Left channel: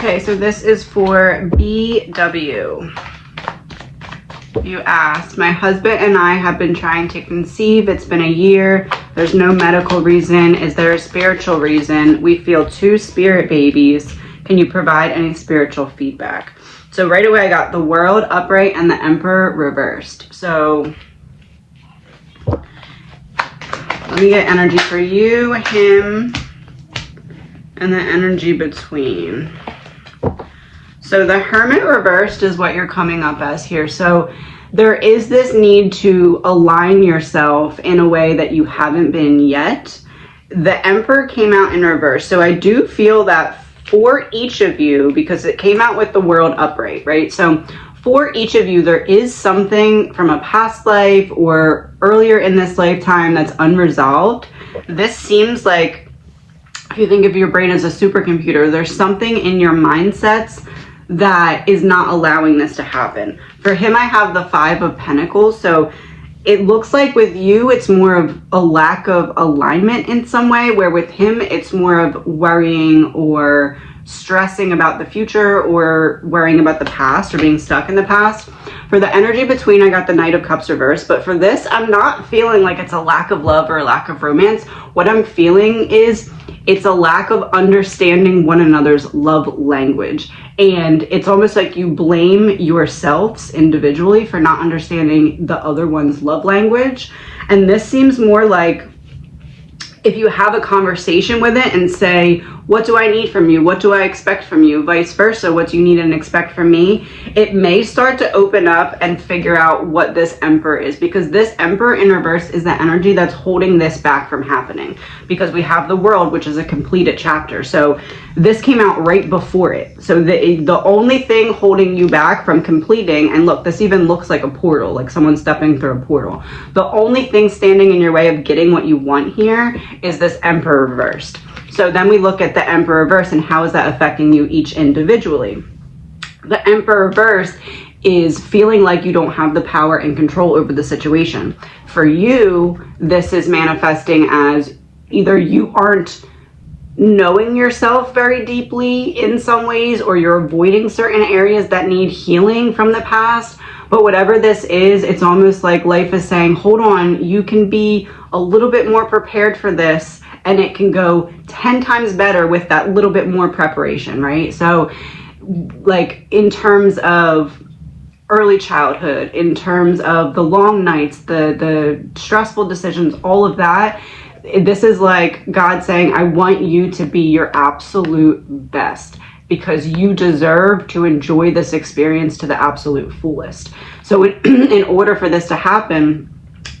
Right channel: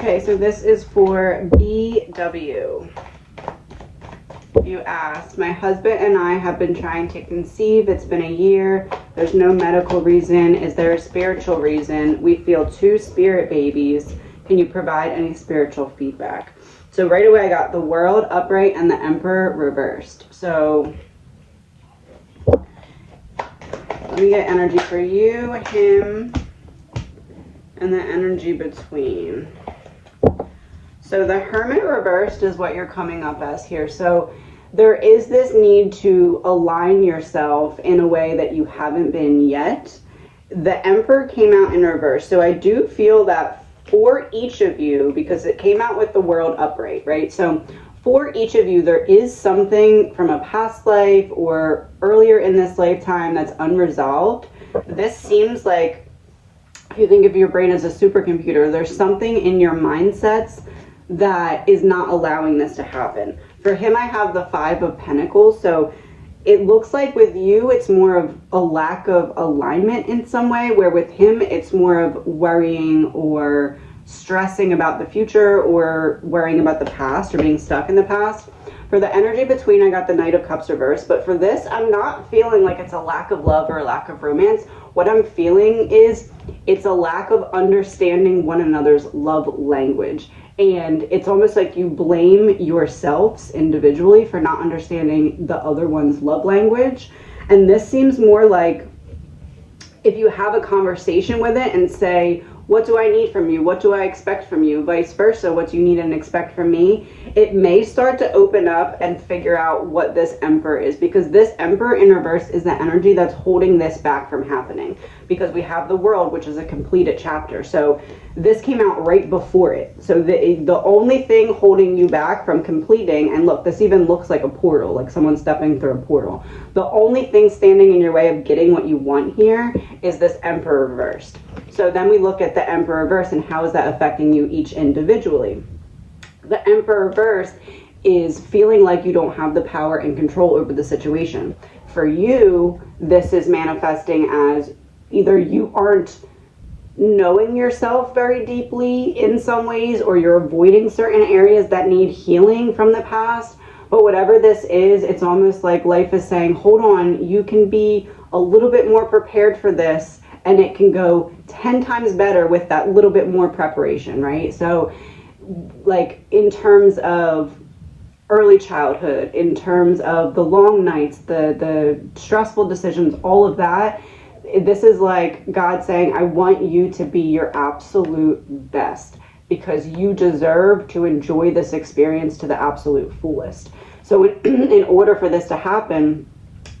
Okay, so this is for BW. You asked, my husband and I have been trying to conceive. It's been a year. There's no medical reason. Is there a spiritual reason? We feel 2 spirit babies. Can you provide any spiritual feedback? So right away I got the World upright and the Emperor reversed. So let me get energy for you, him, and the energy between. So the Hermit reversed is what you're coming up as here. So there is this need to align yourself in a way that you haven't been yet. The Emperor came out in reverse. So I do feel that for each of you, because it came out with the World upright, right? So for each of you, there is something from a past life or earlier in this lifetime that's unresolved. This seems like, if you think of your brain as a supercomputer, there's something in your mindsets that is not allowing this to happen. For him, I have the 5 of Pentacles. So it looks like with you, it's more of a lack of alignment in some way, where with him, it's more of worrying or stressing about the future or worrying about the past or being stuck in the past. For the energy between, I got the Knight of Cups reversed. But for this, I'm not feeling like it's a lack of love or a lack of romance. What I'm feeling is it's a lack of understanding one another's love language. And it's almost like you blame yourselves individually for not understanding the other one's love language. And this seems more like if you have a conversation with it and say, what do I need from you? What do I expect from you? Vice versa, what do you need and expect from me? It may start to open up and figure out what this Emperor is, because this Emperor in reverse is the energy that's holding this back from happening, because we have the World, which is a completed chapter. So this came out right before it. So the only thing holding you back from completing, and look, this even looks like a portal, like someone stepping through a portal. The only thing standing in your way of getting what you want here is this Emperor reversed. So then we look at the Emperor reverse and how is that affecting you each individually. The Emperor reverse is feeling like you don't have the power and control over the situation. For you, this is manifesting as either you aren't knowing yourself very deeply in some ways, or you're avoiding certain areas that need healing from the past. But whatever this is, it's almost like life is saying, hold on, you can be a little bit more prepared for this, and it can go 10 times better with that little bit more preparation, right? So like in terms of early childhood, in terms of the long nights, the stressful decisions, all of that, this is like God saying, I want you to be your absolute best, because you deserve to enjoy this experience to the absolute fullest. So in order for this to happen,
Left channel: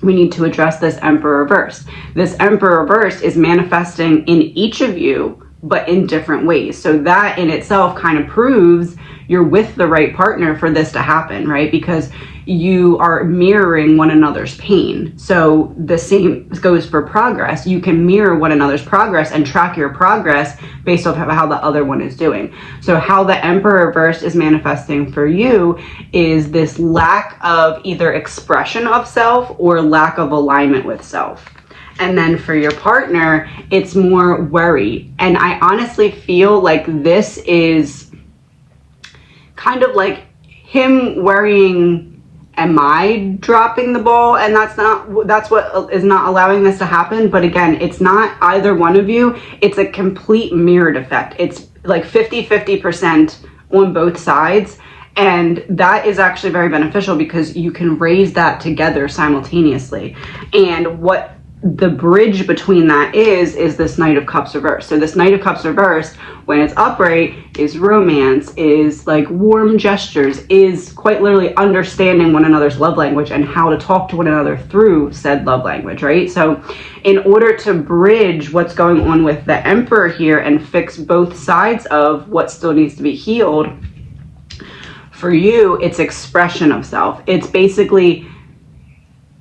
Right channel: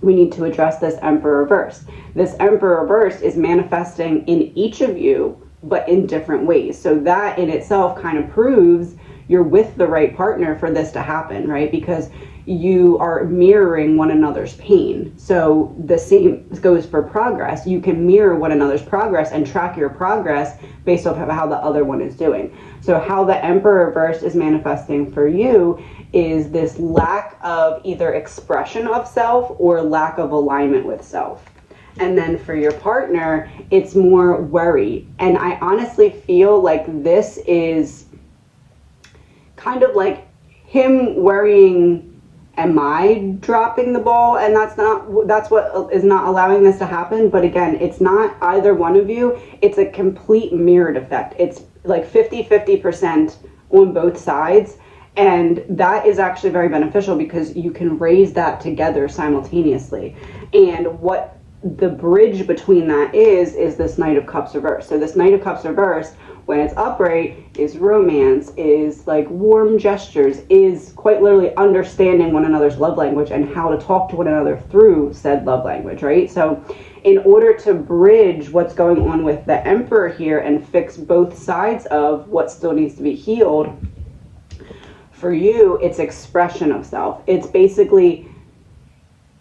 we need to address this Emperor reverse. This Emperor reverse is manifesting in each of you, but in different ways. So that in itself kind of proves you're with the right partner for this to happen, right? Because you are mirroring one another's pain. So the same goes for progress. You can mirror one another's progress and track your progress based off of how the other one is doing. So how the Emperor reverse is manifesting for you is this lack of either expression of self or lack of alignment with self. And then for your partner, it's more worry. And I honestly feel like this is kind of like him worrying, am I dropping the ball? And that's what is not allowing this to happen. But again, it's not either one of you. It's a complete mirrored effect. It's like 50-50% on both sides. And that is actually very beneficial because you can raise that together simultaneously. And what the bridge between that is this Knight of Cups reversed. So this Knight of Cups reversed, when it's upright, is romance, is like warm gestures, is quite literally understanding one another's love language and how to talk to one another through said love language, right? So in order to bridge what's going on with the Emperor here and fix both sides of what still needs to be healed, for you, it's expression of self. It's basically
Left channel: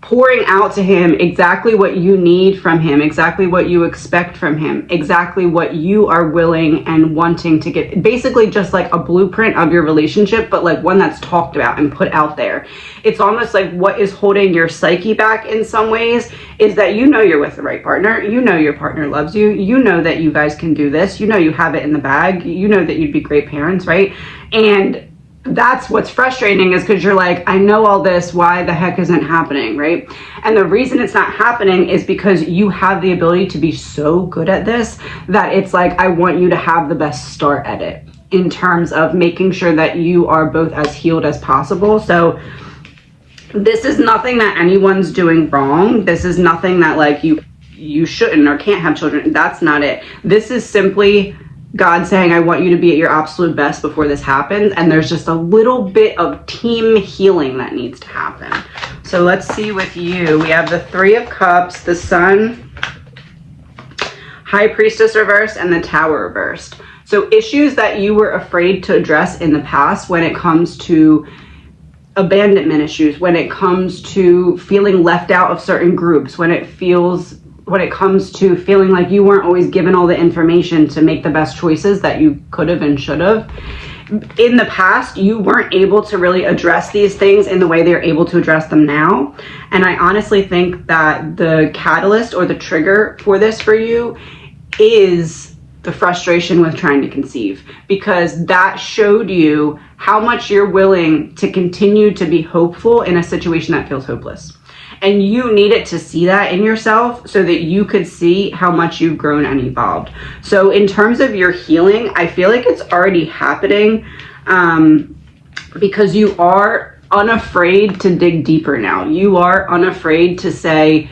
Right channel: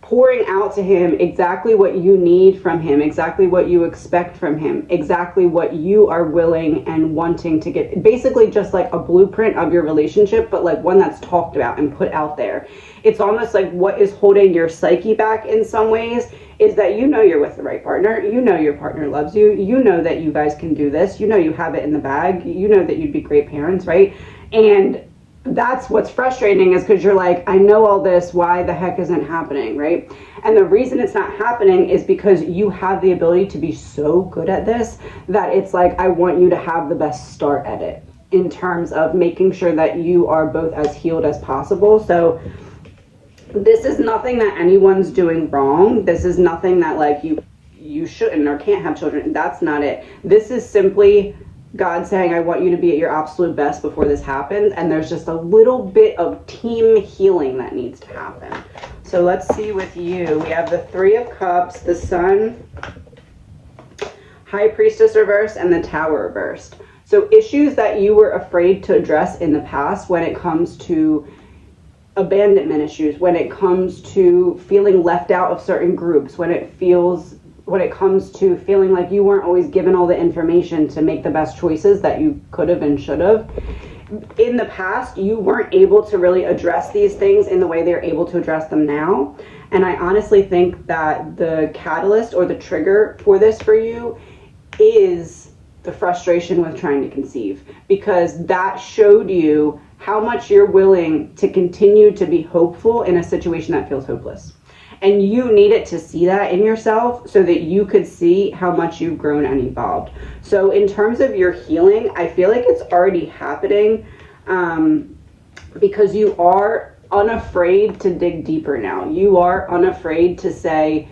pouring out to him exactly what you need from him, exactly what you expect from him, exactly what you are willing and wanting to get. Basically just like a blueprint of your relationship, but like one that's talked about and put out there. It's almost like what is holding your psyche back in some ways is that you know you're with the right partner. You know your partner loves you. You know that you guys can do this. You know you have it in the bag. You know that you'd be great parents, right? And that's what's frustrating, is because you're like, I know all this, why the heck isn't happening, right? And the reason it's not happening is because you have the ability to be so good at this that it's like, I want you to have the best start at it in terms of making sure that you are both as healed as possible. So this is nothing that anyone's doing wrong. This is nothing that like you shouldn't or can't have children. That's not it. This is simply God saying, I want you to be at your absolute best before this happens. And there's just a little bit of team healing that needs to happen. So let's see with you. We have the Three of Cups, the Sun, High Priestess reversed, and the Tower reversed. So issues that you were afraid to address in the past when it comes to abandonment issues, when it comes to feeling left out of certain groups, when it comes to feeling like you weren't always given all the information to make the best choices that you could have and should have. In the past, you weren't able to really address these things in the way they're able to address them now. And I honestly think that the catalyst or the trigger for this for you is the frustration with trying to conceive, because that showed you how much you're willing to continue to be hopeful in a situation that feels hopeless. And you needed to see that in yourself so that you could see how much you've grown and evolved. So in terms of your healing, I feel like it's already happening because you are unafraid to dig deeper now. You are unafraid to say,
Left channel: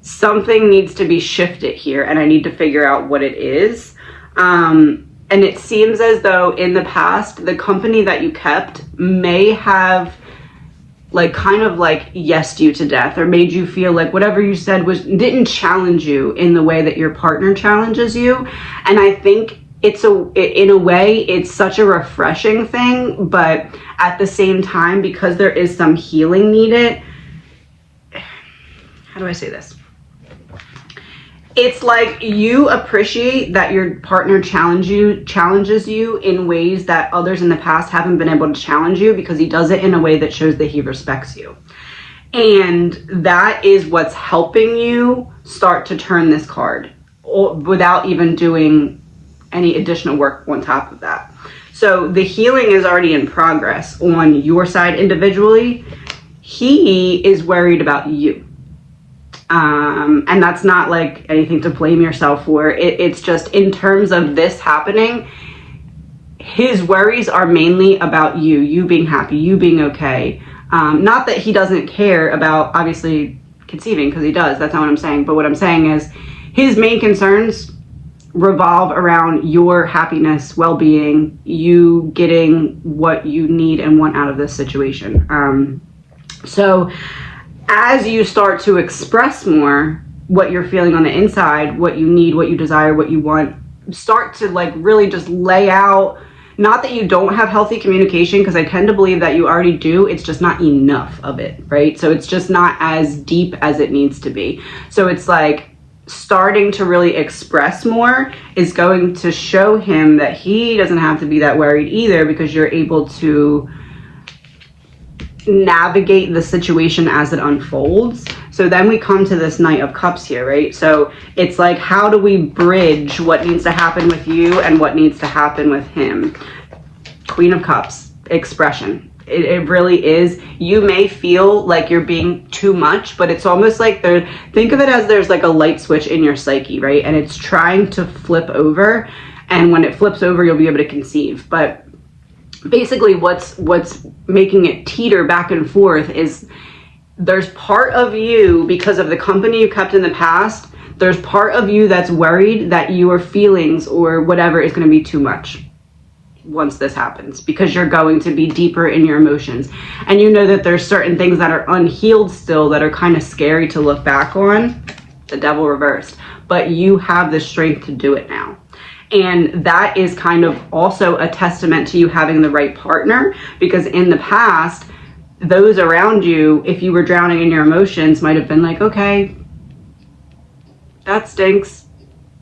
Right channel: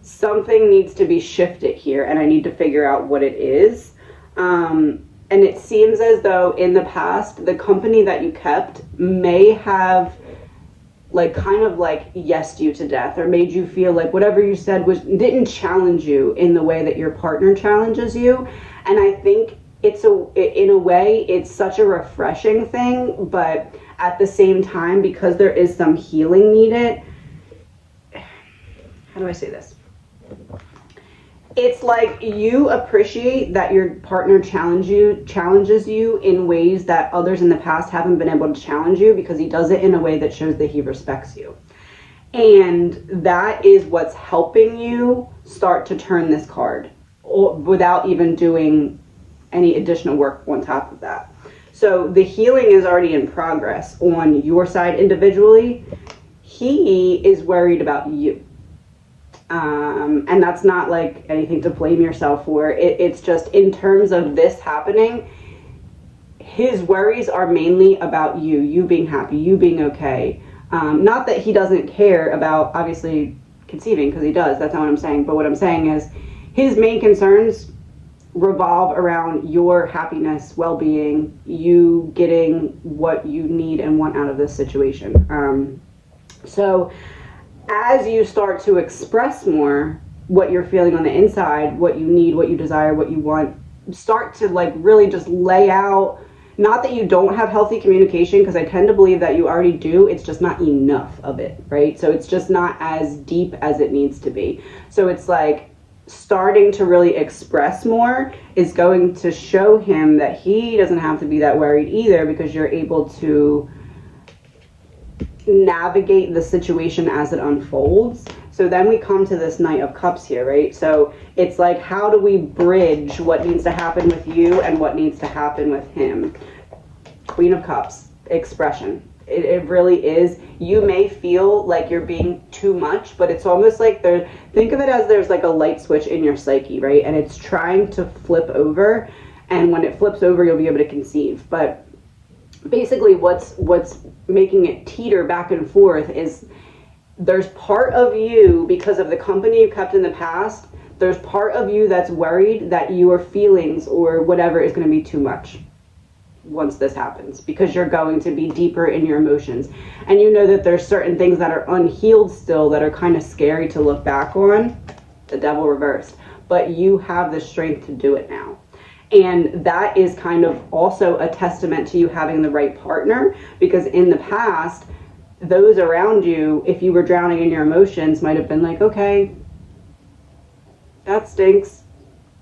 something needs to be shifted here and I need to figure out what it is. And it seems as though in the past, the company that you kept may have like kind of like yesed you to death, or made you feel like whatever you said didn't challenge you in the way that your partner challenges you. And I think in a way it's such a refreshing thing, but at the same time, because there is some healing needed, how do I say this? It's like you appreciate that your partner challenges you in ways that others in the past haven't been able to challenge you, because he does it in a way that shows that he respects you. And that is what's helping you start to turn this card without even doing any additional work on top of that. So the healing is already in progress on your side individually. He is worried about you. And that's not like anything to blame yourself for. It's just in terms of this happening, his worries are mainly about you being happy, you being okay. Not that he doesn't care about obviously conceiving, because he does. That's not what I'm saying. But what I'm saying is his main concerns revolve around your happiness, well-being, you getting what you need and want out of this situation. So as you start to express more what you're feeling on the inside, what you need, what you desire, what you want, start to like really just lay out, not that you don't have healthy communication, because I tend to believe that you already do, it's just not enough of it, right? So it's just not as deep as it needs to be. So it's like starting to really express more is going to show him that he doesn't have to be that worried either, because you're able to navigate the situation as it unfolds. So then we come to this Knight of Cups here, right? So it's like, how do we bridge what needs to happen with you and what needs to happen with him? Queen of Cups, expression. It really is. You may feel like you're being too much, but it's almost like think of it as there's like a light switch in your psyche, right? And it's trying to flip over. And when it flips over, you'll be able to conceive. But basically what's making it teeter back and forth is there's part of you, because of the company you kept in the past, there's part of you that's worried that your feelings or whatever is going to be too much once this happens, because you're going to be deeper in your emotions. And you know that there's certain things that are unhealed still that are kind of scary to look back on, the Devil reversed, but you have the strength to do it now. And that is kind of also a testament to you having the right partner, because in the past, those around you, if you were drowning in your emotions, might have been like, okay, that stinks.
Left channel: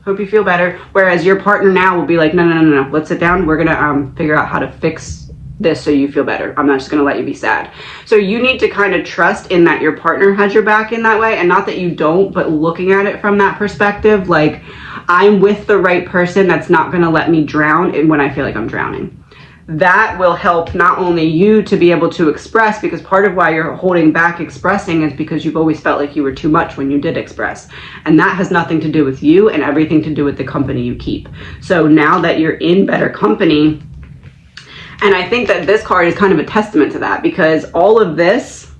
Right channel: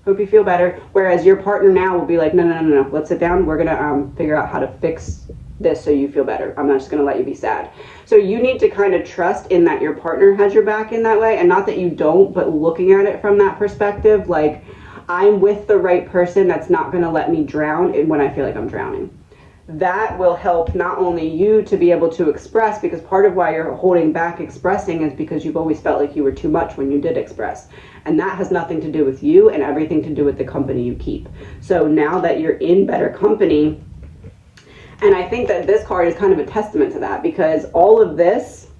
Hope you feel better. Whereas your partner now will be like, no. Let's sit down. We're going to figure out how to fix this so you feel better. I'm not just going to let you be sad. So you need to kind of trust in that your partner has your back in that way. And not that you don't, but looking at it from that perspective, like, I'm with the right person that's not going to let me drown when I feel like I'm drowning. That will help not only you to be able to express, because part of why you're holding back expressing is because you've always felt like you were too much when you did express. And that has nothing to do with you and everything to do with the company you keep. So now that you're in better company, and I think that this card is kind of a testament to that, because all of this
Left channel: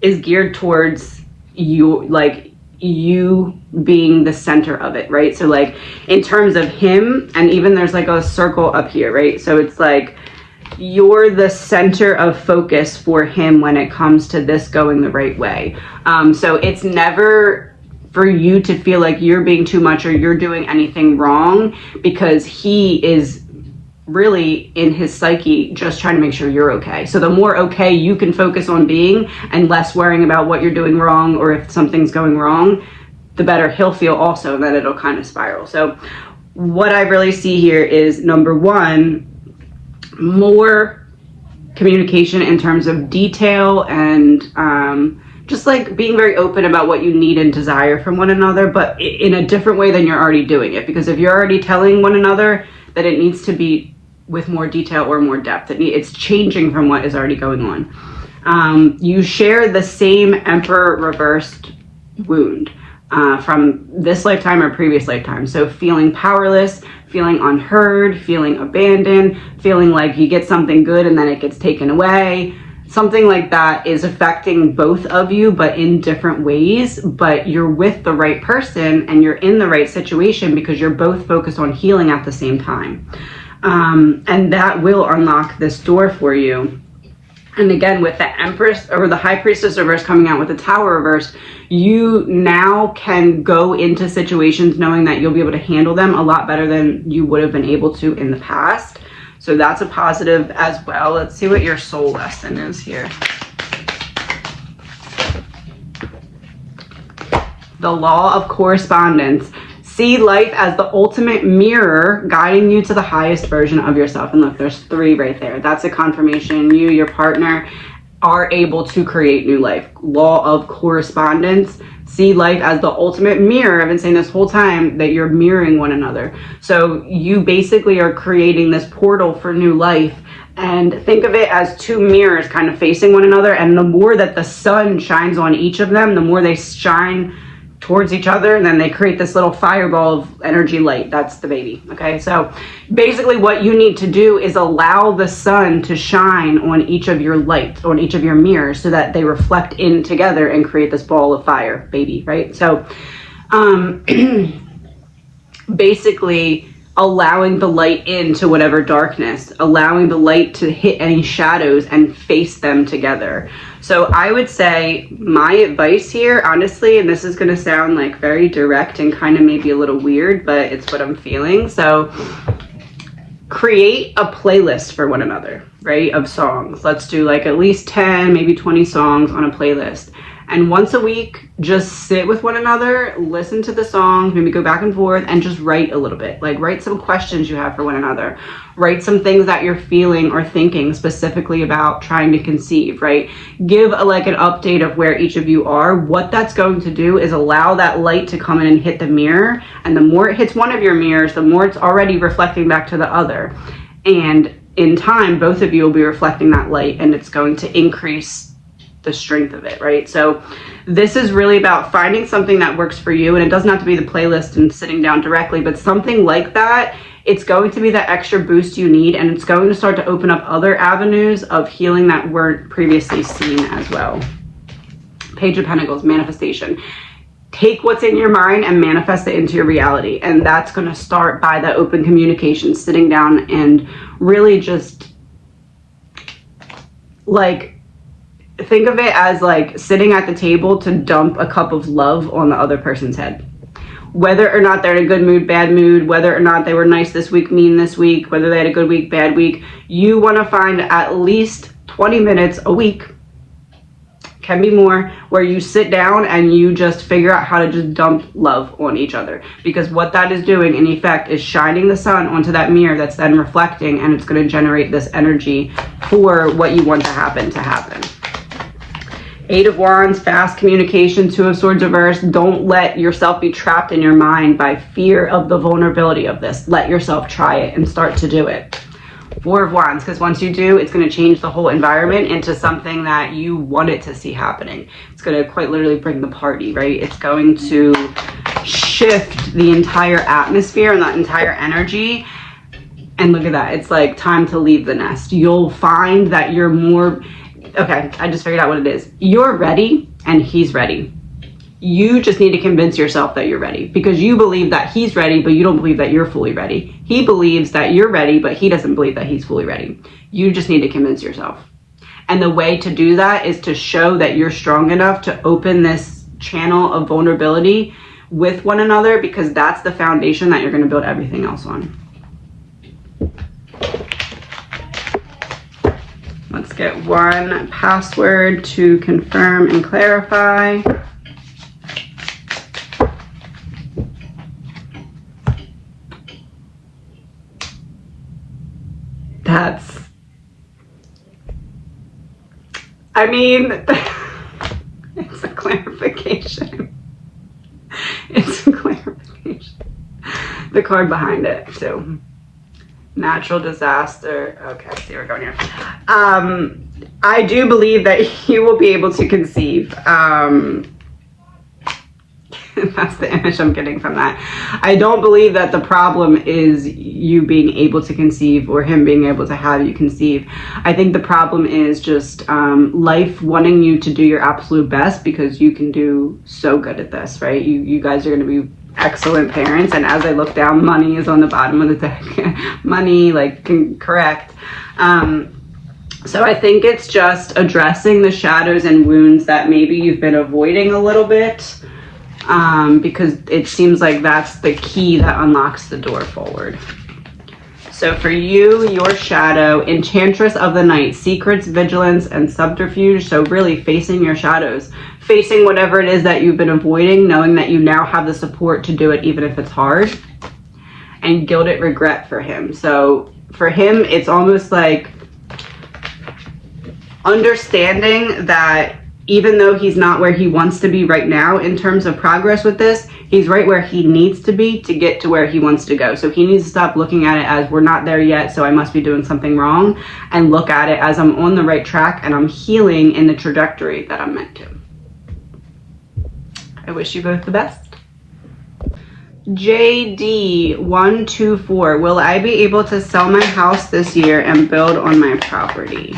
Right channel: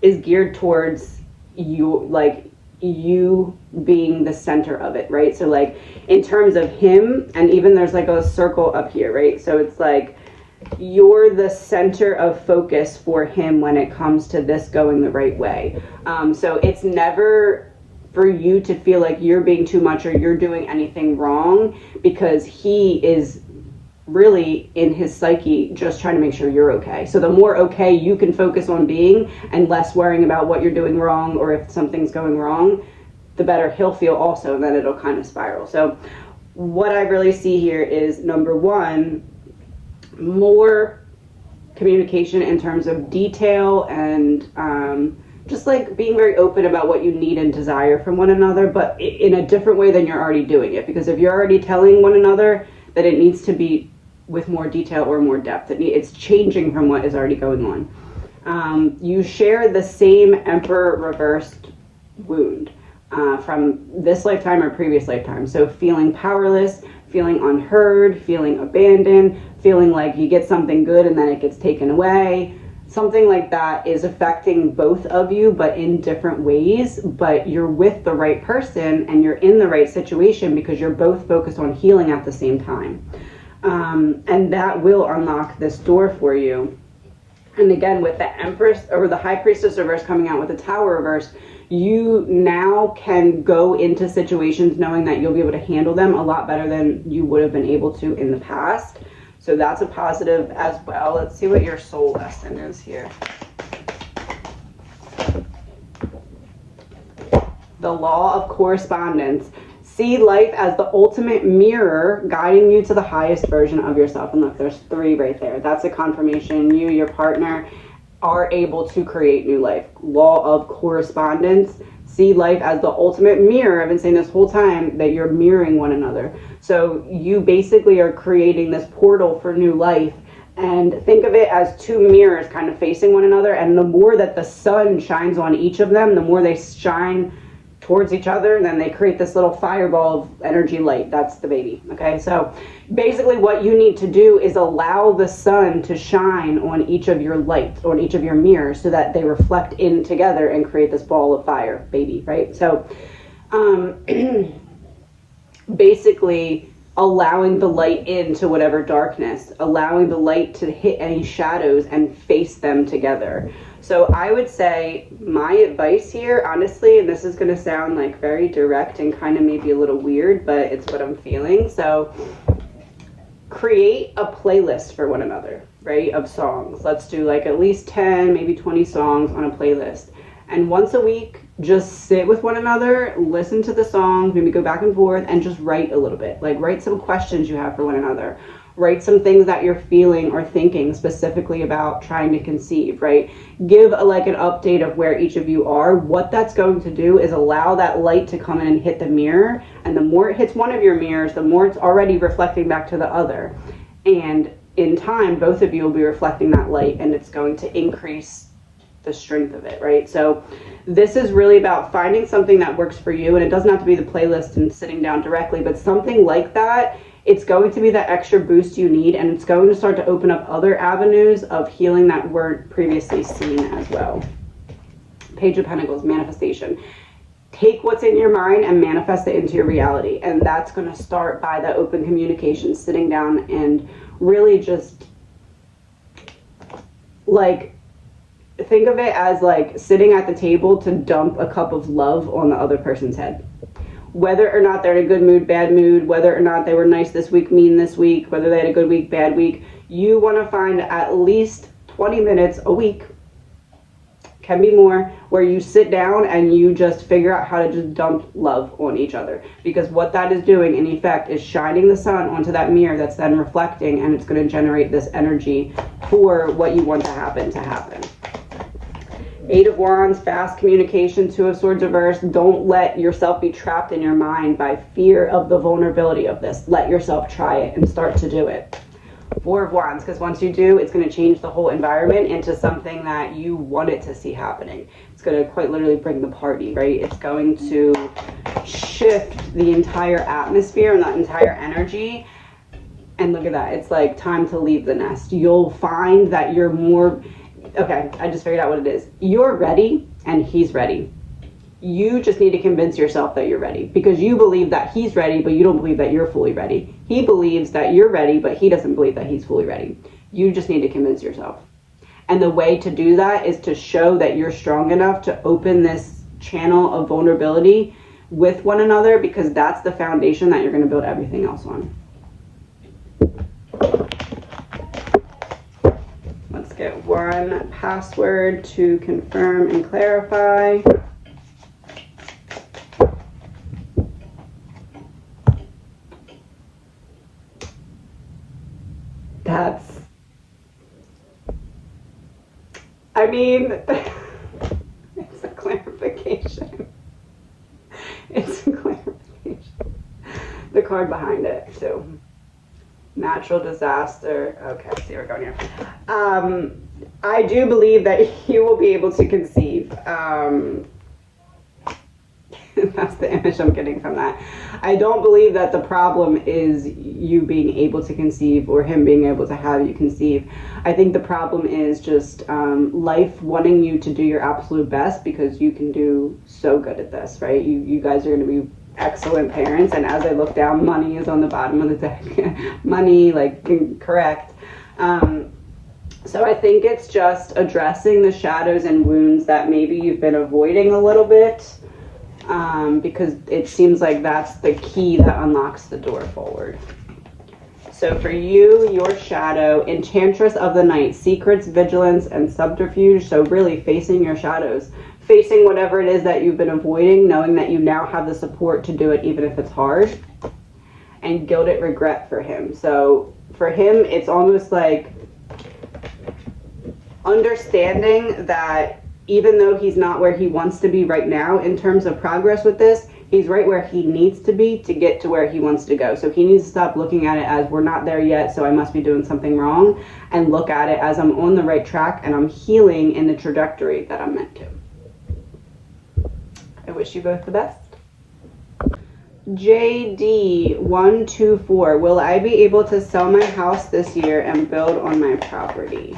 is geared towards you, like, you being the center of it, right? So like in terms of him, and even there's like a circle up here, right? So it's like you're the center of focus for him when it comes to this going the right way. So it's never for you to feel like you're being too much or you're doing anything wrong, because he is really in his psyche just trying to make sure you're okay. So the more okay you can focus on being and less worrying about what you're doing wrong or if something's going wrong, the better he'll feel also, and then it'll kind of spiral. So what I really see here is, number one, more communication in terms of detail and just like being very open about what you need and desire from one another, but in a different way than you're already doing it. Because if you're already telling one another that it needs to be with more detail or more depth, it's changing from what is already going on. You share the same Emperor reversed wound from this lifetime or previous lifetime. So feeling powerless, feeling unheard, feeling abandoned, feeling like you get something good and then it gets taken away. Something like that is affecting both of you, but in different ways. But you're with the right person and you're in the right situation because you're both focused on healing at the same time. And that will unlock this door for you. And again, with the Empress or the High Priestess reverse coming out with the Tower reverse, you now can go into situations knowing that you'll be able to handle them a lot better than you would have been able to in the past. So that's a positive as well. Let's see what your soul lesson is here. The law of correspondence. See life as the ultimate mirror guiding you to the highest version of yourself. And look, there's 3 right there. That's a confirmation. You, your partner, are able to create new life. Law of correspondence. See life as the ultimate mirror. I've been saying this whole time that you're mirroring one another. So you basically are creating this portal for new life. And think of it as 2 mirrors kind of facing one another. And the more that the sun shines on each of them, the more they shine towards each other, and then they create this little fireball of energy light. That's the baby. Okay, so basically what you need to do is allow the sun to shine on each of your lights, on each of your mirrors, so that they reflect in together and create this ball of fire, baby, right? So basically allowing the light into whatever darkness, allowing the light to hit any shadows and face them together. So I would say my advice here, honestly, and this is going to sound like very direct and kind of maybe a little weird, but it's what I'm feeling. So create a playlist for one another, right? Of songs. Let's do like at least 10, maybe 20 songs on a playlist. And once a week, just sit with one another, listen to the songs, maybe go back and forth, and just write a little bit. Like, write some questions you have for one another. Write some things that you're feeling or thinking specifically about trying to conceive, right? Give like an update of where each of you are. What that's going to do is allow that light to come in and hit the mirror. And the more it hits one of your mirrors, the more it's already reflecting back to the other. And in time, both of you will be reflecting that light, and it's going to increase the strength of it, right? So this is really about finding something that works for you, and it doesn't have to be the playlist and sitting down directly, but something like that. It's going to be that extra boost you need, and it's going to start to open up other avenues of healing that weren't previously seen as well. Page of Pentacles, manifestation. Take what's in your mind and manifest it into your reality, and that's going to start by the open communication, sitting down and really just like think of it as like sitting at the table to dump a cup of love on the other person's head. Whether or not they're in a good mood, bad mood, whether or not they were nice this week, mean this week, whether they had a good week, bad week, you want to find at least 20 minutes a week, can be more, where you sit down and you just figure out how to just dump love on each other. Because what that is doing in effect is shining the sun onto that mirror that's then reflecting, and it's going to generate this energy for what you want to happen. Eight of Wands, fast communication. Two of Swords reverse. Don't let yourself be trapped in your mind by fear of the vulnerability of this. Let yourself try it and start to do it. Four of Wands, because once you do, it's going to change the whole environment into something that you wanted to see happening. It's going to quite literally bring the party, right? It's going to shift the entire atmosphere and that entire energy. And look at that. It's like time to leave the nest. You'll find that you're more... Okay, I just figured out what it is. You're ready and he's ready. You just need to convince yourself that you're ready, because you believe that he's ready, but you don't believe that you're fully ready. He believes that you're ready, but he doesn't believe that he's fully ready. You just need to convince yourself. And the way to do that is to show that you're strong enough to open this channel of vulnerability with one another, because that's the foundation that you're going to build everything else on. Let's get one password to confirm and clarify. That's, I mean, it's a clarification. It's a clarification. The card behind it, too. Natural disaster. Okay, I see where we're going here. I do believe that you will be able to conceive. That's the image I'm getting from that. I don't believe that the problem is you being able to conceive or him being able to have you conceive. I think the problem is just life wanting you to do your absolute best, because you can do so good at this, right? You guys are going to be excellent parents. And as I look down, money is on the bottom of the deck. Money, like, correct. So I think it's just addressing the shadows and wounds that maybe you've been avoiding a little bit. Because it seems like that's the key that unlocks the door forward. So for you, your shadow, Enchantress of the Night, secrets, vigilance, and subterfuge. So really facing your shadows, facing whatever it is that you've been avoiding, knowing that you now have the support to do it even if it's hard. And gilded regret for him. So for him, it's almost like understanding that even though he's not where he wants to be right now in terms of progress with this, he's right where he needs to be to get to where he wants to go. So he needs to stop looking at it as we're not there yet, so I must be doing something wrong, and look at it as I'm on the right track and I'm healing in the trajectory that I'm meant to. I wish you both the best. JD124, will I be able to sell my house this year and build on my property?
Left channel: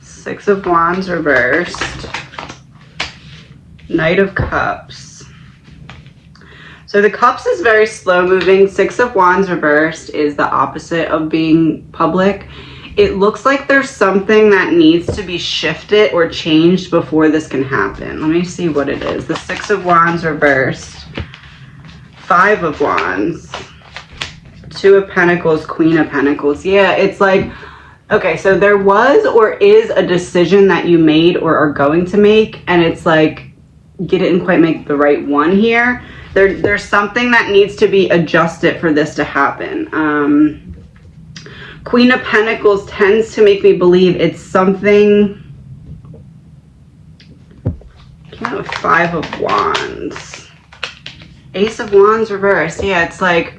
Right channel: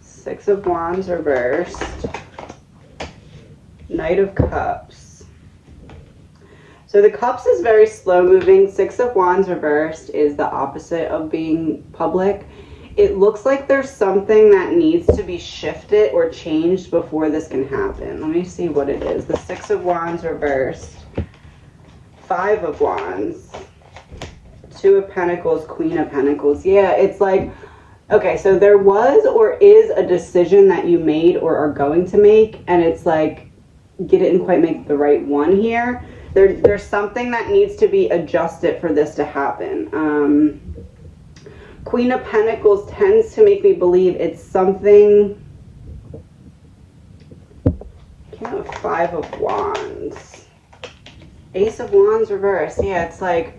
Six of Wands reversed. Knight of Cups. So the Cups is very slow moving. Six of Wands reversed is the opposite of being public. It looks like there's something that needs to be shifted or changed before this can happen. Let me see what it is. The Six of Wands reversed. Five of Wands. Two of Pentacles, Queen of Pentacles. Yeah, it's like, okay, so there was or is a decision that you made or are going to make, and it's like you didn't quite make the right one here. There's something that needs to be adjusted for this to happen. Queen of Pentacles tends to make me believe it's something. Came with Five of Wands. Ace of Wands reversed. Yeah, it's like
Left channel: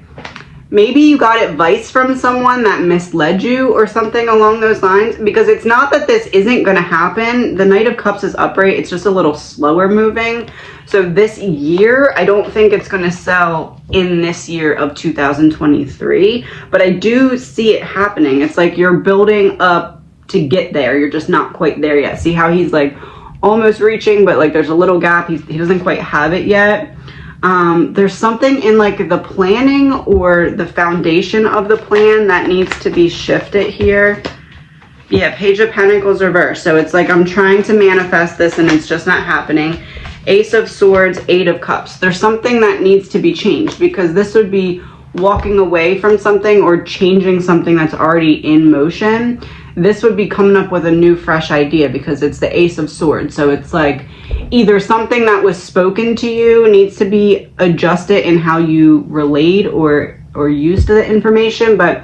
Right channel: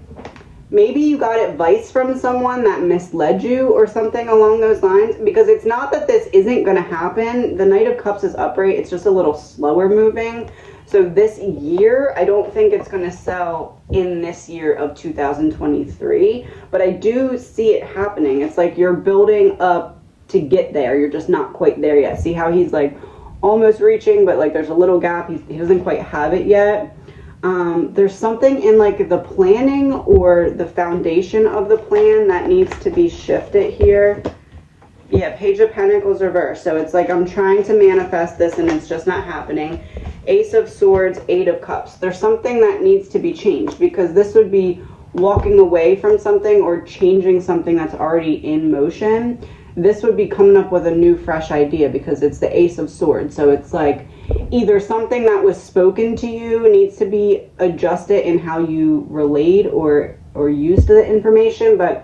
maybe you got advice from someone that misled you or something along those lines, because it's not that this isn't going to happen. The Knight of Cups is upright. It's just a little slower moving. So this year, I don't think it's going to sell in this year of 2023, but I do see it happening. It's like you're building up to get there. You're just not quite there yet. See how he's like almost reaching, but like there's a little gap. He doesn't quite have it yet. There's something in like the planning or the foundation of the plan that needs to be shifted here. Yeah, Page of Pentacles reversed. So it's like I'm trying to manifest this and it's just not happening. Ace of Swords, Eight of Cups. There's something that needs to be changed, because this would be walking away from something or changing something that's already in motion. This would be coming up with a new fresh idea because it's the Ace of Swords. So it's like either something that was spoken to you needs to be adjusted in how you relate or use the information, but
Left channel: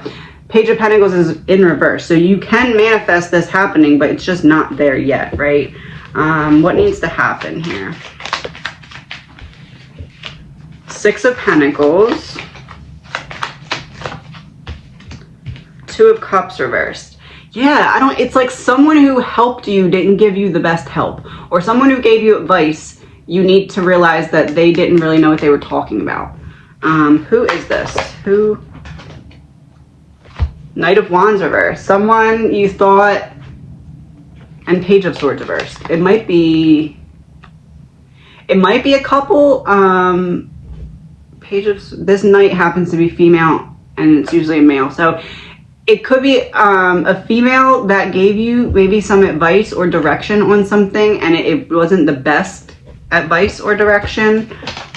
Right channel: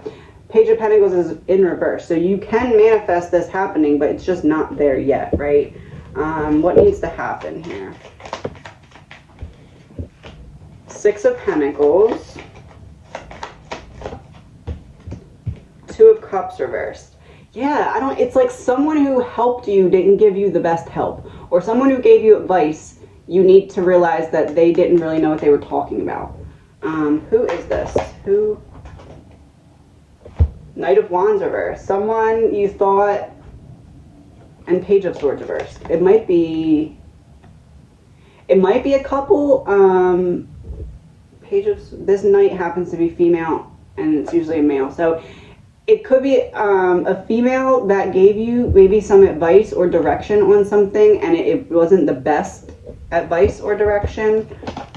Page of Pentacles is in reverse. So you can manifest this happening, but it's just not there yet, right? What needs to happen here? Six of Pentacles. Two of Cups reversed. Yeah, it's like someone who helped you didn't give you the best help, or someone who gave you advice, you need to realize that they didn't really know what they were talking about. Who is this? Who? Knight of Wands reversed. Someone you thought, and Page of Swords reversed. It might be a couple. This knight happens to be female, and it's usually a male. So it could be a female that gave you maybe some advice or direction on something, and it wasn't the best advice or direction.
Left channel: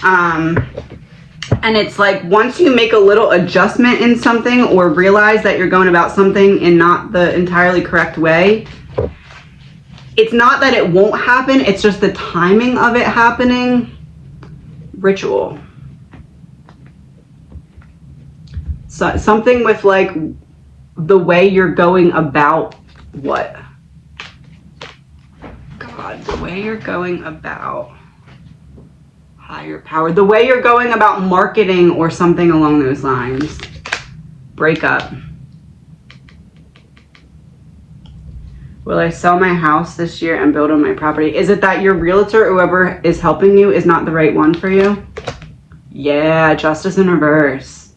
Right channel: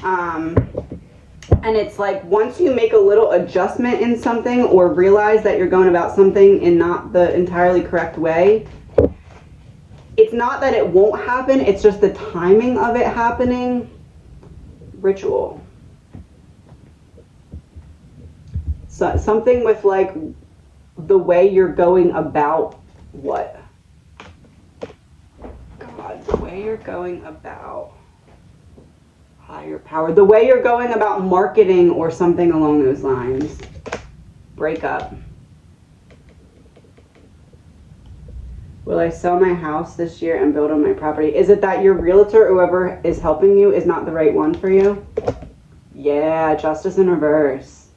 And it's like once you make a little adjustment in something or realize that you're going about something in not the entirely correct way, it's not that it won't happen, it's just the timing of it happening. Ritual. So, something with like the way you're going about what? God, the way you're going about higher power. The way you're going about marketing or something along those lines. Breakup. Will I sell my house this year and build on my property? Is it that your realtor, whoever is helping you, is not the right one for you? Yeah, Justice in reverse.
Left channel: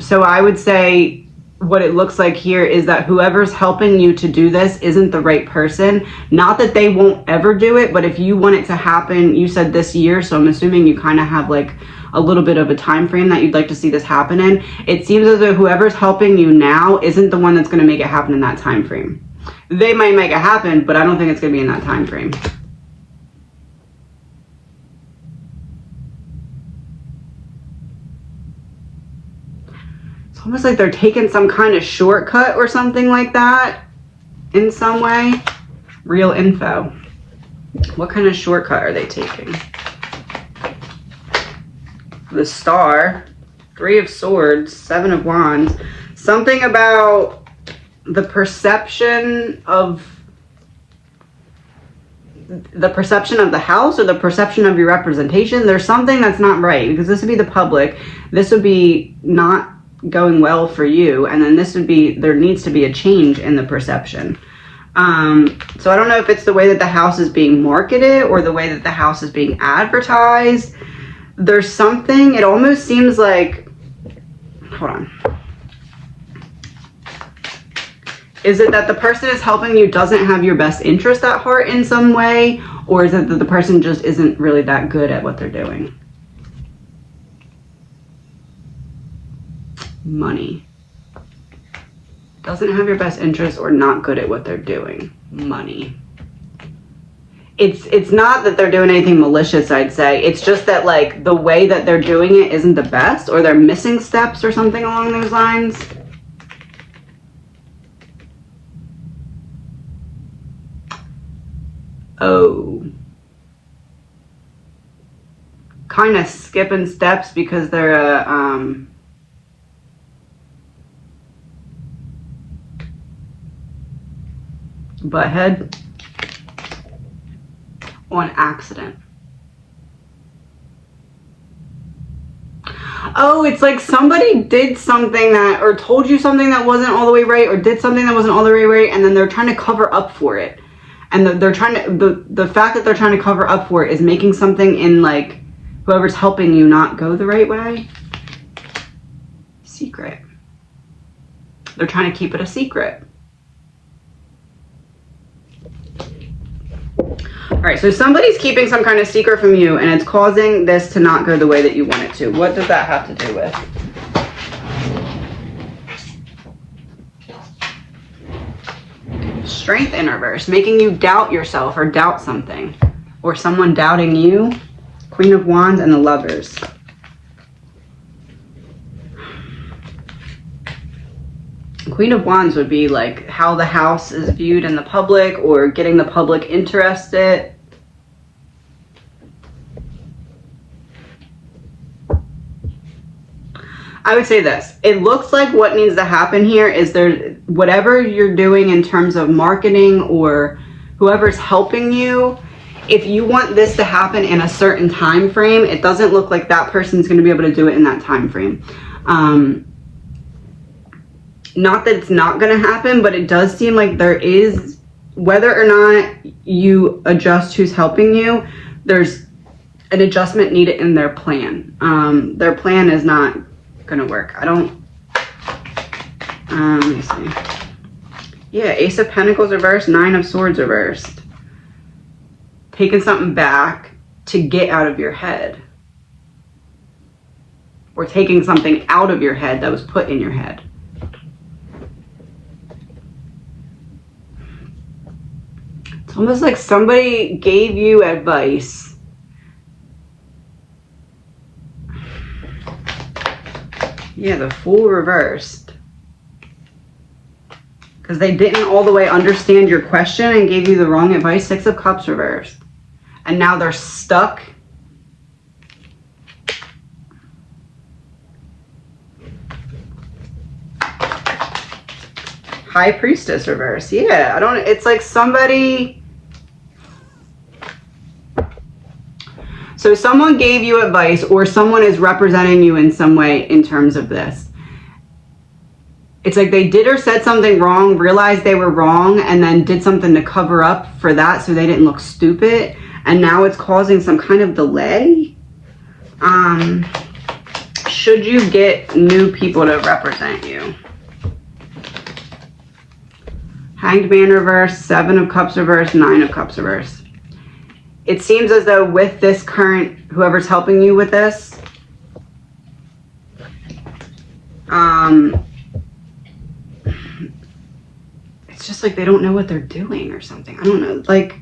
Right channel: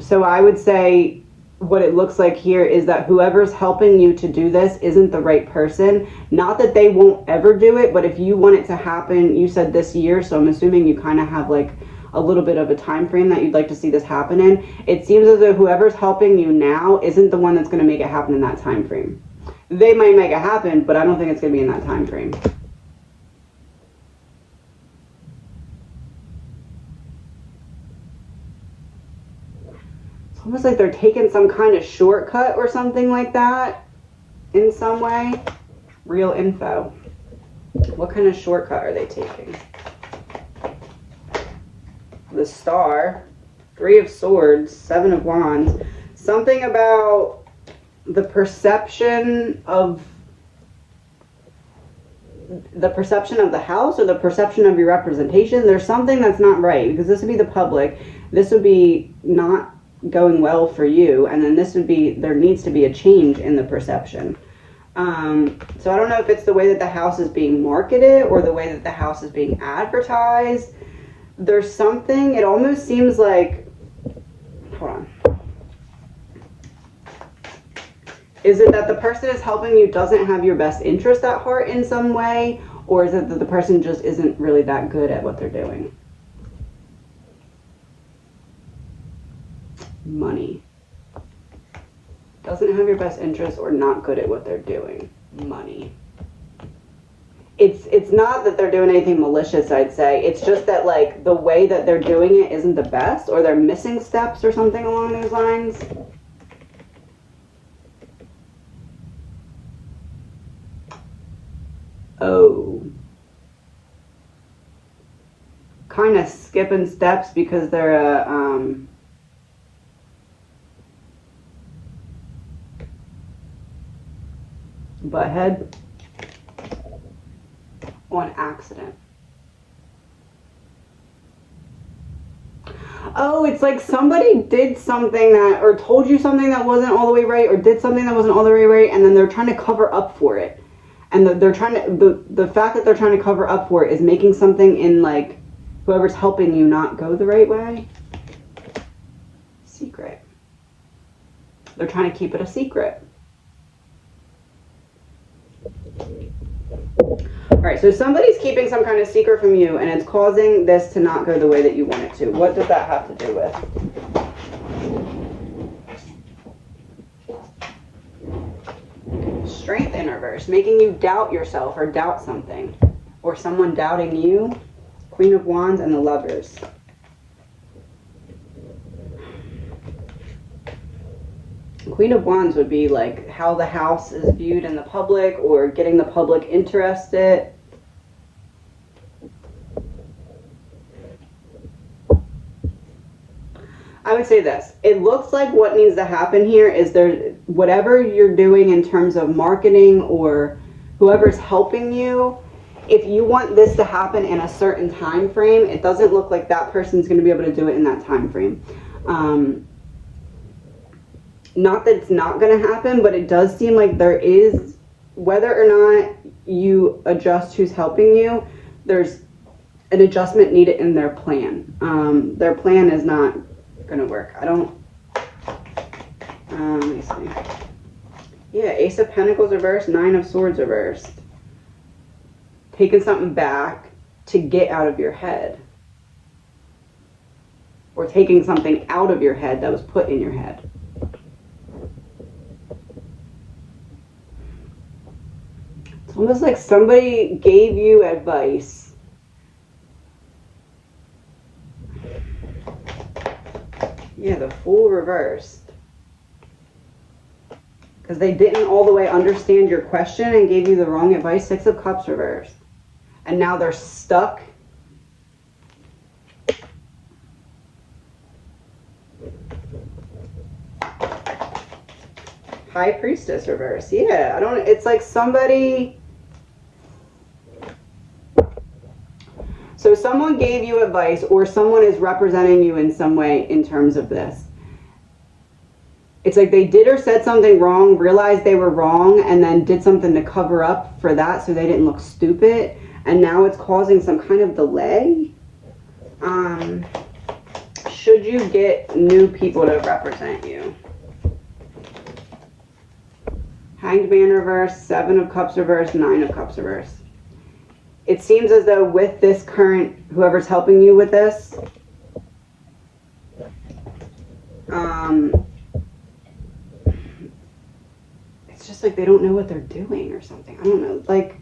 So I would say what it looks like here is that whoever's helping you to do this isn't the right person. Not that they won't ever do it, but if you want it to happen, you said this year, so I'm assuming you kind of have like a little bit of a time frame that you'd like to see this happen in. It seems as though whoever's helping you now isn't the one that's going to make it happen in that time frame. They might make it happen, but I don't think it's going to be in that time frame. Almost like they're taking some kind of shortcut or something like that in some way. Real info. What kind of shortcut are they taking? The Star, Three of Swords, Seven of Wands. Something about the perception of the house or the perception of your representation. There's something that's not right, because this would be the public. This would be not going well for you, and then this would be, there needs to be a change in the perception. So I don't know if it's the way that the house is being marketed or the way that the house is being advertised. There's something, it almost seems like, hold on. Is it that the person is helping you doesn't have your best interest at heart in some way, or is it that the person just isn't really that good at what they're doing? Money. Doesn't have your best interest or not good at what they're doing. Money. It's not that they're doing anything malicious, I'd say. It's just that like the way that they're doing it isn't the best, or they're missing steps or something along those lines. Oh. Kind of skipping steps because they're a butthead on accident. Oh, it's like somebody did something that, or told you something that wasn't all the way right, or did something that wasn't all the way right, and then they're trying to cover up for it. And they're trying to, the fact that they're trying to cover up for it is making something in like whoever's helping you not go the right way. Secret. They're trying to keep it a secret. All right, so somebody's keeping some kind of secret from you, and it's causing this to not go the way that you want it to. What does that have to do with? Strength in reverse, making you doubt yourself or doubt something, or someone doubting you. Queen of Wands and the Lovers. Queen of Wands would be like how the house is viewed in the public or getting the public interested. I would say this. It looks like what needs to happen here is there, whatever you're doing in terms of marketing or whoever's helping you, if you want this to happen in a certain time frame, it doesn't look like that person's going to be able to do it in that time frame. Not that it's not going to happen, but it does seem like there is, whether or not you adjust who's helping you, there's an adjustment needed in their plan. Their plan is not going to work. I don't, let me see. Yeah, Ace of Pentacles reversed, Nine of Swords reversed. Taking something back to get out of your head. Or taking something out of your head that was put in your head. It's almost like somebody gave you advice. Yeah, the Fool reversed. Because they didn't all the way understand your question and gave you the wrong advice. Six of Cups reversed. And now they're stuck. High Priestess reverse. Yeah, I don't, it's like somebody, so someone gave you advice or someone is representing you in some way in terms of this. It's like they did or said something wrong, realized they were wrong, and then did something to cover up for that so they didn't look stupid. And now it's causing some kind of delay. Should you get new people to represent you? Hanged Man reverse, Seven of Cups reverse, Nine of Cups reverse. It seems as though with this current, whoever's helping you with this, it's just like they don't know what they're doing or something. I don't know, like,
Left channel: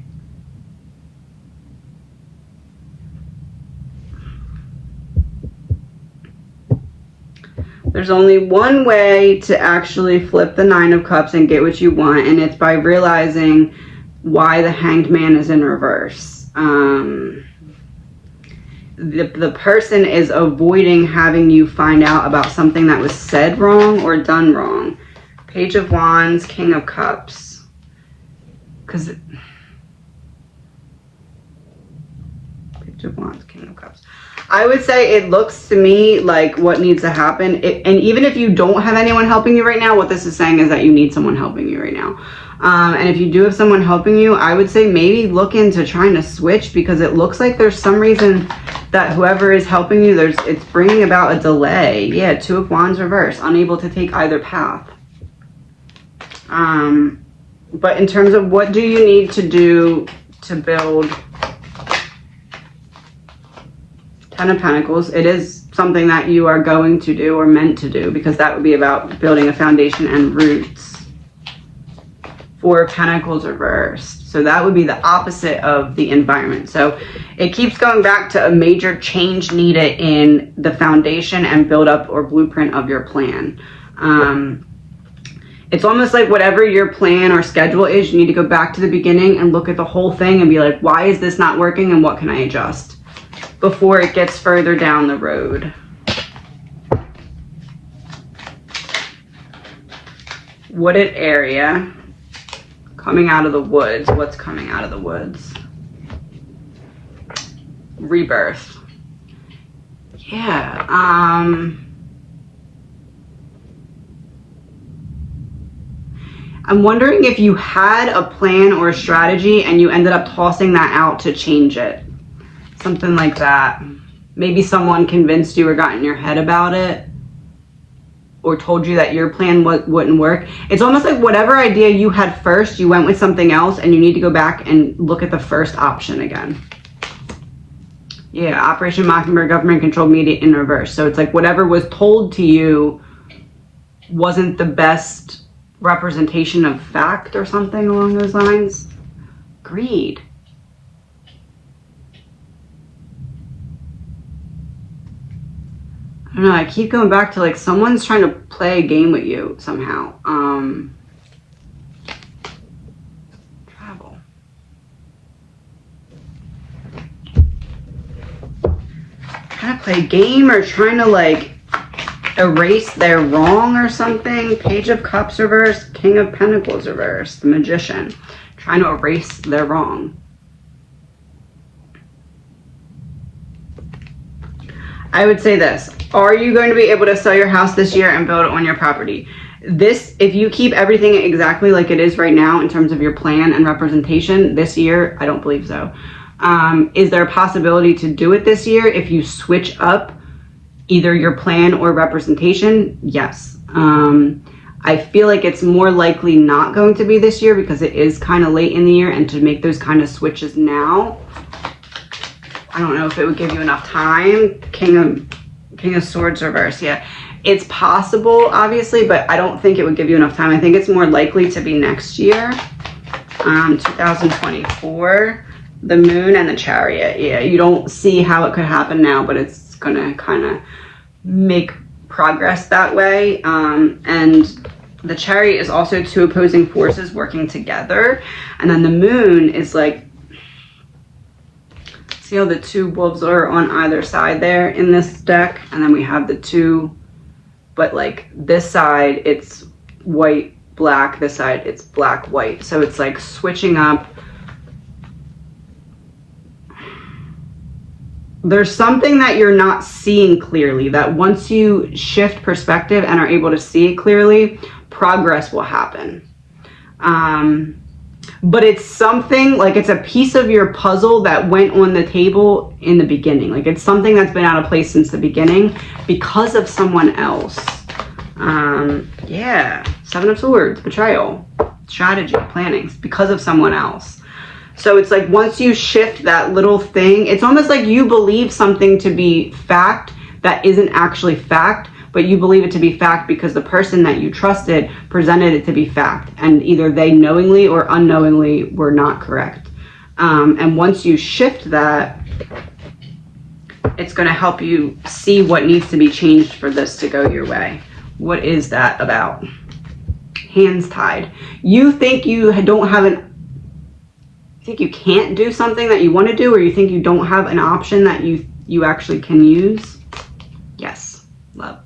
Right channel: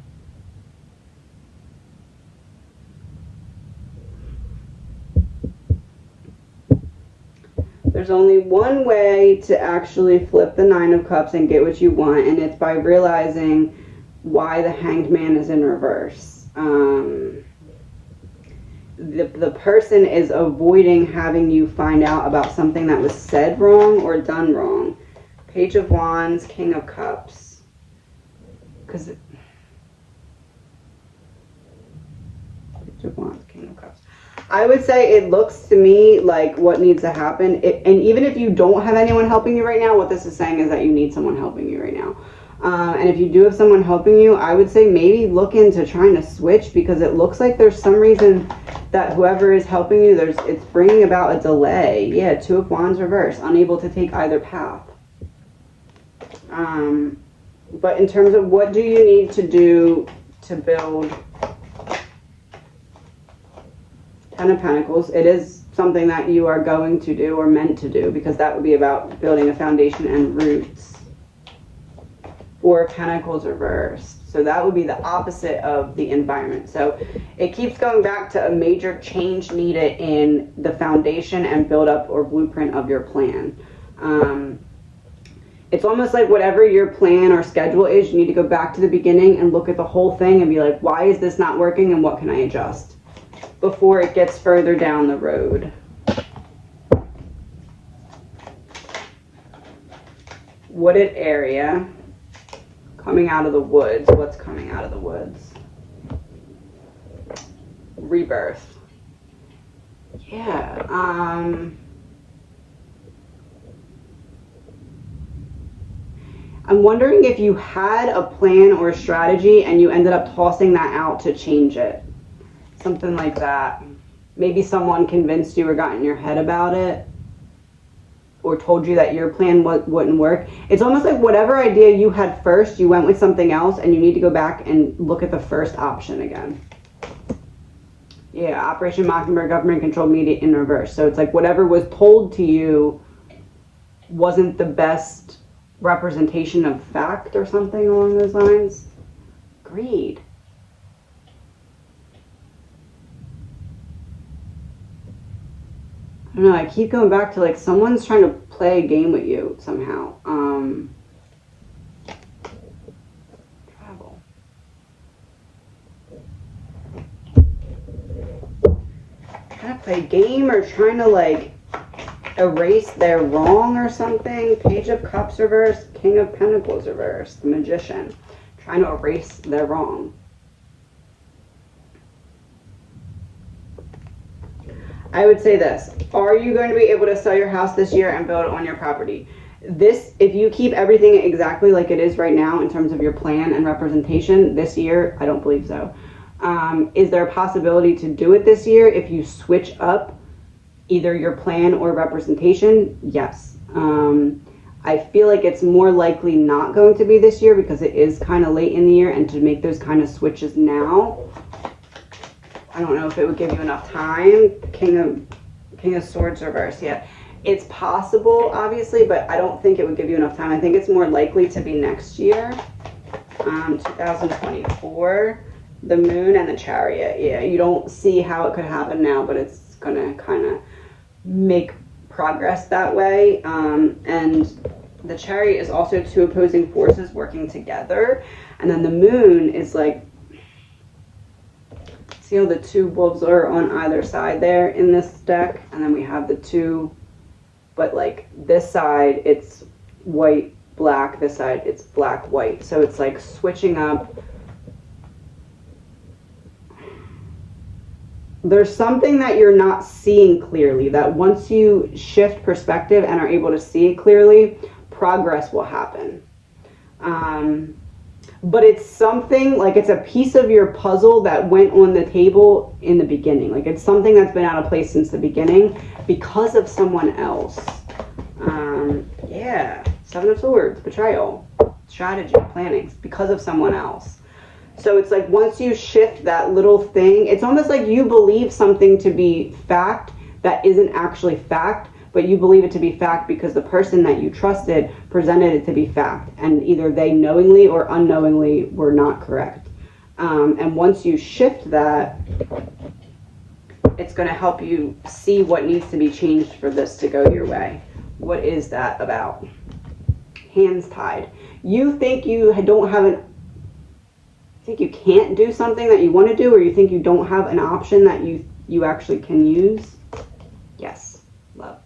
there's only one way to actually flip the Nine of Cups and get what you want, and it's by realizing why the Hanged Man is in reverse. The person is avoiding having you find out about something that was said wrong or done wrong. Page of Wands, King of Cups. Because Page of Wands, King of Cups. I would say it looks to me like what needs to happen, and even if you don't have anyone helping you right now, what this is saying is that you need someone helping you right now. And if you do have someone helping you, I would say maybe look into trying to switch, because it looks like there's some reason that whoever is helping you, it's bringing about a delay. Yeah, Two of Wands reverse, unable to take either path. But in terms of what do you need to do to build Ten of Pentacles, it is something that you are going to do or meant to do, because that would be about building a foundation and roots. Four of Pentacles reversed. So that would be the opposite of the environment. So it keeps going back to a major change needed in the foundation and build up or blueprint of your plan. It's almost like whatever your plan or schedule is, you need to go back to the beginning and look at the whole thing and be like, why is this not working and what can I adjust before it gets further down the road. Wooded area. Coming out of the woods. What's coming out of the woods? Rebirth. Yeah. I'm wondering if you had a plan or a strategy and you ended up tossing that out to change it. Something like that. Maybe someone convinced you or got in your head about it, or told you that your plan wouldn't work. It's almost like whatever idea you had first, you went with something else, and you need to go back and look at the first option again. Yeah, Operation Mockingbird, government controlled media in reverse. So it's like whatever was told to you wasn't the best representation of fact or something along those lines. Greed. don't know, I keep going back to like someone's trying to play a game with you somehow. Travel. Trying to play a game or trying to like erase their wrong or something. Page of Cups reversed, King of Pentacles reversed, the Magician. Trying to erase their wrong. I would say this. Are you going to be able to sell your house this year and build on your property? This, if you keep everything exactly like it is right now in terms of your plan and representation this year, I don't believe so. Is there a possibility to do it this year if you switch up either your plan or representation? Yes. I feel like it's more likely not going to be this year because it is kind of late in the year, and to make those kind of switches now, I don't know if it would give you enough time. King of Swords reverse. Yeah, it's possible, obviously, but I don't think it would give you enough time. I think it's more likely to be next year, 2024. The Moon and the Chariot. Yeah, you don't see how it could happen now, but it's gonna kind of make progress that way. And the Chariot is also two opposing forces working together, and then the Moon is like, see how the two wolves are on either side there in this deck, and then we have the two, but like this side it's white black, this side it's black white, so it's like switching up. There's something that you're not seeing clearly, that once you shift perspective and are able to see it clearly, progress will happen. But it's something, like it's a piece of your puzzle that went on the table in the beginning. Like it's something that's been out of place since the beginning because of someone else. Yeah, Seven of Swords, betrayal, strategy, planning, because of someone else. So it's like once you shift that little thing, it's almost like you believe something to be fact that isn't actually fact, but you believe it to be fact because the person that you trusted presented it to be fact, and either they knowingly or unknowingly were not correct. And once you shift that, it's going to help you see what needs to be changed for this to go your way. What is that about? Hands tied. You think you don't have you think you can't do something that you want to do, or you think you don't have an option that you actually can use? Yes, love.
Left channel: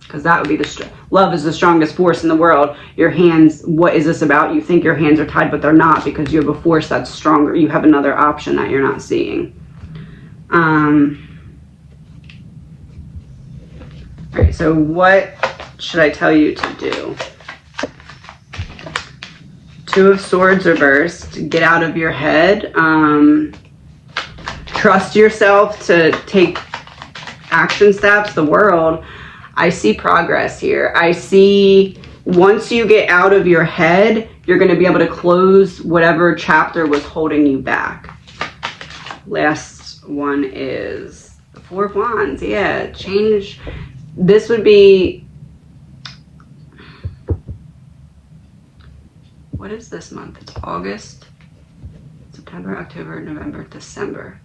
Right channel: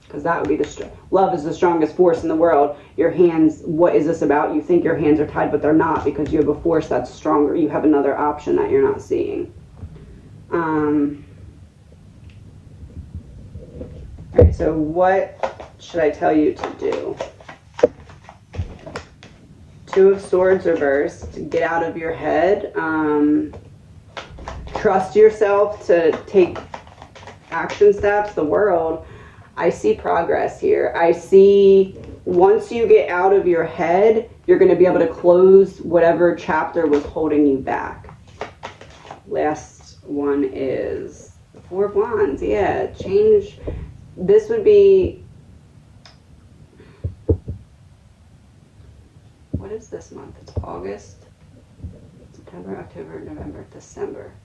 Because that would be love is the strongest force in the world. Your hands, what is this about? You think your hands are tied, but they're not, because you have a force that's stronger. You have another option that you're not seeing. All right, so what should I tell you to do? Two of Swords reversed. Get out of your head. Trust yourself to take action steps. The World. I see progress here. I see once you get out of your head, you're going to be able to close whatever chapter was holding you back. Last one is the Four of Wands. Yeah, change. This would be, what is this month? It's August, September, October, November, December.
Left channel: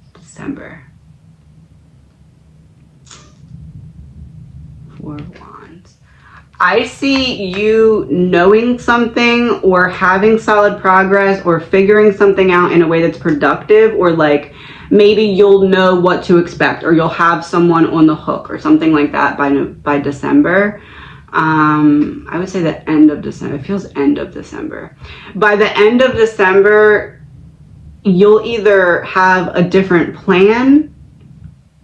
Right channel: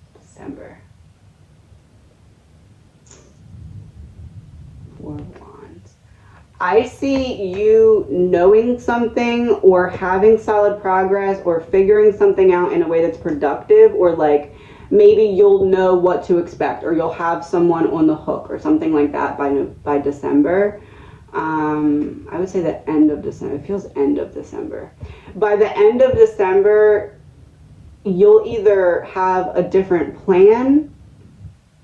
Four of Wands. I see you knowing something or having solid progress or figuring something out in a way that's productive, or like maybe you'll know what to expect, or you'll have someone on the hook or something like that by December. I would say the end of December. It feels end of December. By the end of December, you'll either have a different plan,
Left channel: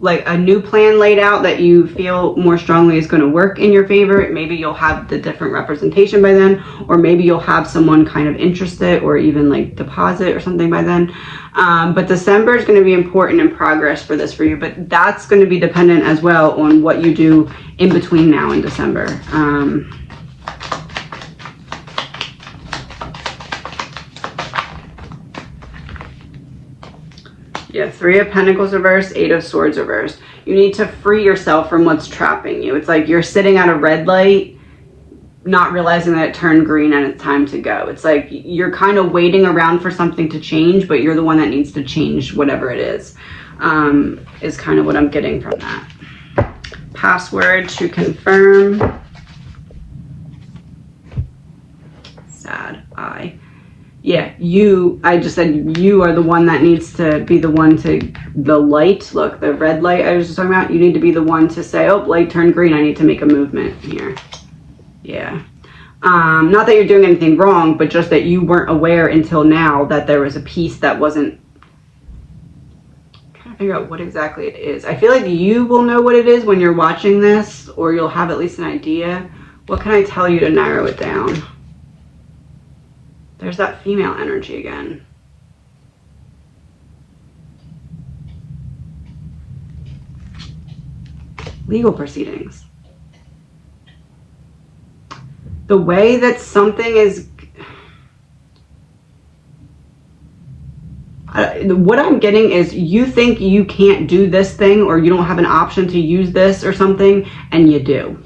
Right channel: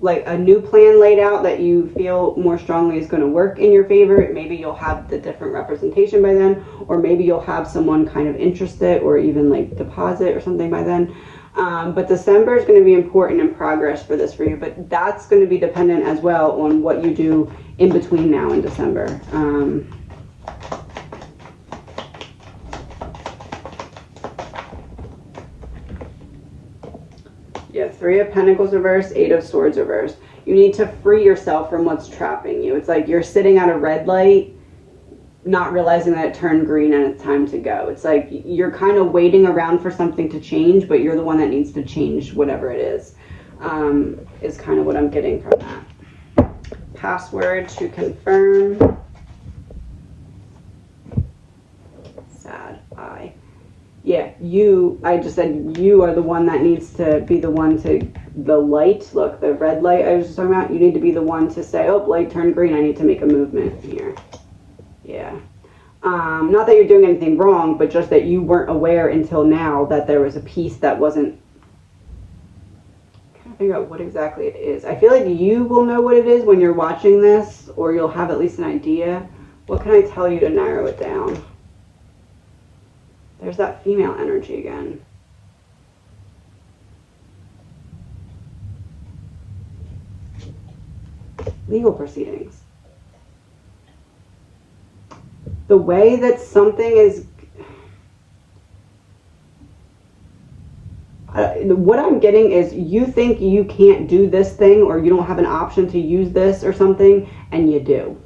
like a new plan laid out that you feel more strongly is going to work in your favor. Maybe you'll have the different representation by then, or maybe you'll have someone kind of interested or even like deposit or something by then. But December is going to be important in progress for this for you, but that's going to be dependent as well on what you do in between now and December. Yeah, Three of Pentacles reversed, Eight of Swords reversed. You need to free yourself from what's trapping you. It's like you're sitting at a red light, not realizing that it turned green and it's time to go. It's like you're kind of waiting around for something to change, but you're the one that needs to change whatever it is kind of what I'm getting from that. Password to confirm. Sad eye. Yeah, I just said you are the one that needs to be the one to, the light, look, the red light I was just talking about, you need to be the one to say, oh, light turned green, I need to make a movement here. Yeah. Not that you're doing anything wrong, but just that you weren't aware until now that there was a piece that wasn't, I'm trying to figure out what exactly it is. I feel like you will know what it is when you're watching this, or you'll have at least an idea. What can I tell you to narrow it down? There's that female energy again. Legal proceedings. The way that something is, what I'm getting is you think you can't do this thing, or you don't have an option to use this or something, and you do.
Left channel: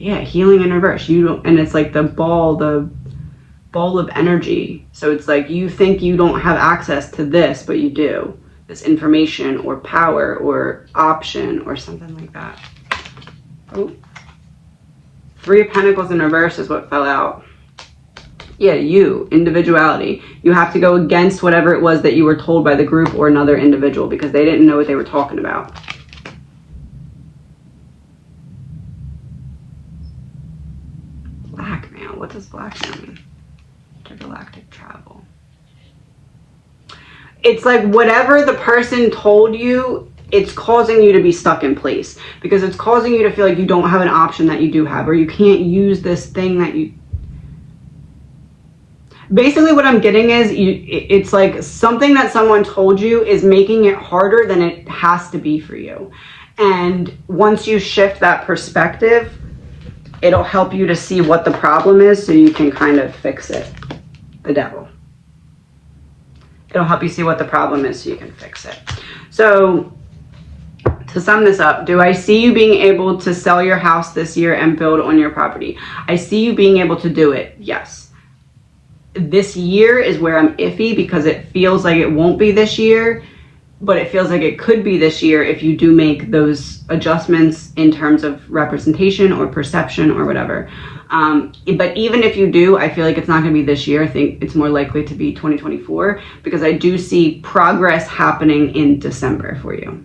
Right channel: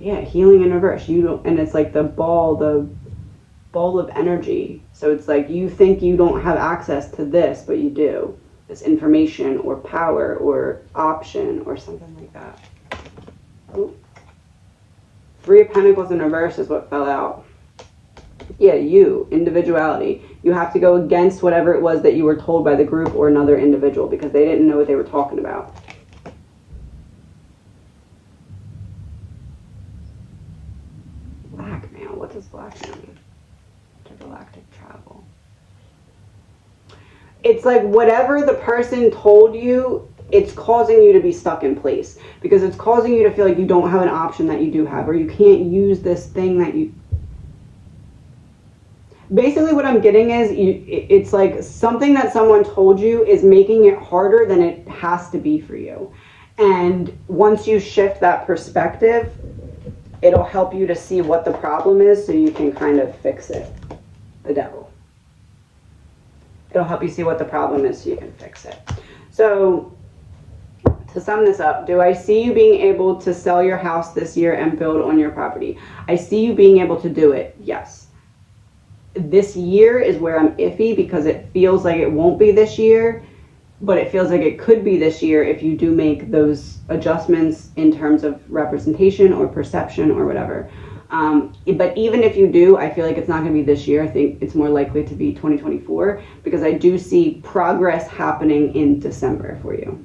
Yeah, healing in reverse. You don't, and it's like the ball of energy. So it's like you think you don't have access to this, but you do. This information or power or option or something like that. Oh. 3 of Pentacles in reverse is what fell out. Yeah, you, individuality. You have to go against whatever it was that you were told by the group or another individual because they didn't know what they were talking about. Blackmail. What does blackmail mean? Intergalactic travel. It's like whatever the person told you, it's causing you to be stuck in place because it's causing you to feel like you don't have an option that you do have, or you can't use this thing that you... Basically what I'm getting is it's like something that someone told you is making it harder than it has to be for you. And once you shift that perspective, it'll help you to see what the problem is so you can kind of fix it. The devil. It'll help you see what the problem is so you can fix it. So to sum this up, do I see you being able to sell your house this year and build on your property? I see you being able to do it, yes. This year is where I'm iffy because it feels like it won't be this year, but it feels like it could be this year if you do make those adjustments in terms of representation or perception or whatever. But even if you do, I feel like it's not going to be this year. I think it's more likely to be 2024 because I do see progress happening in December for you.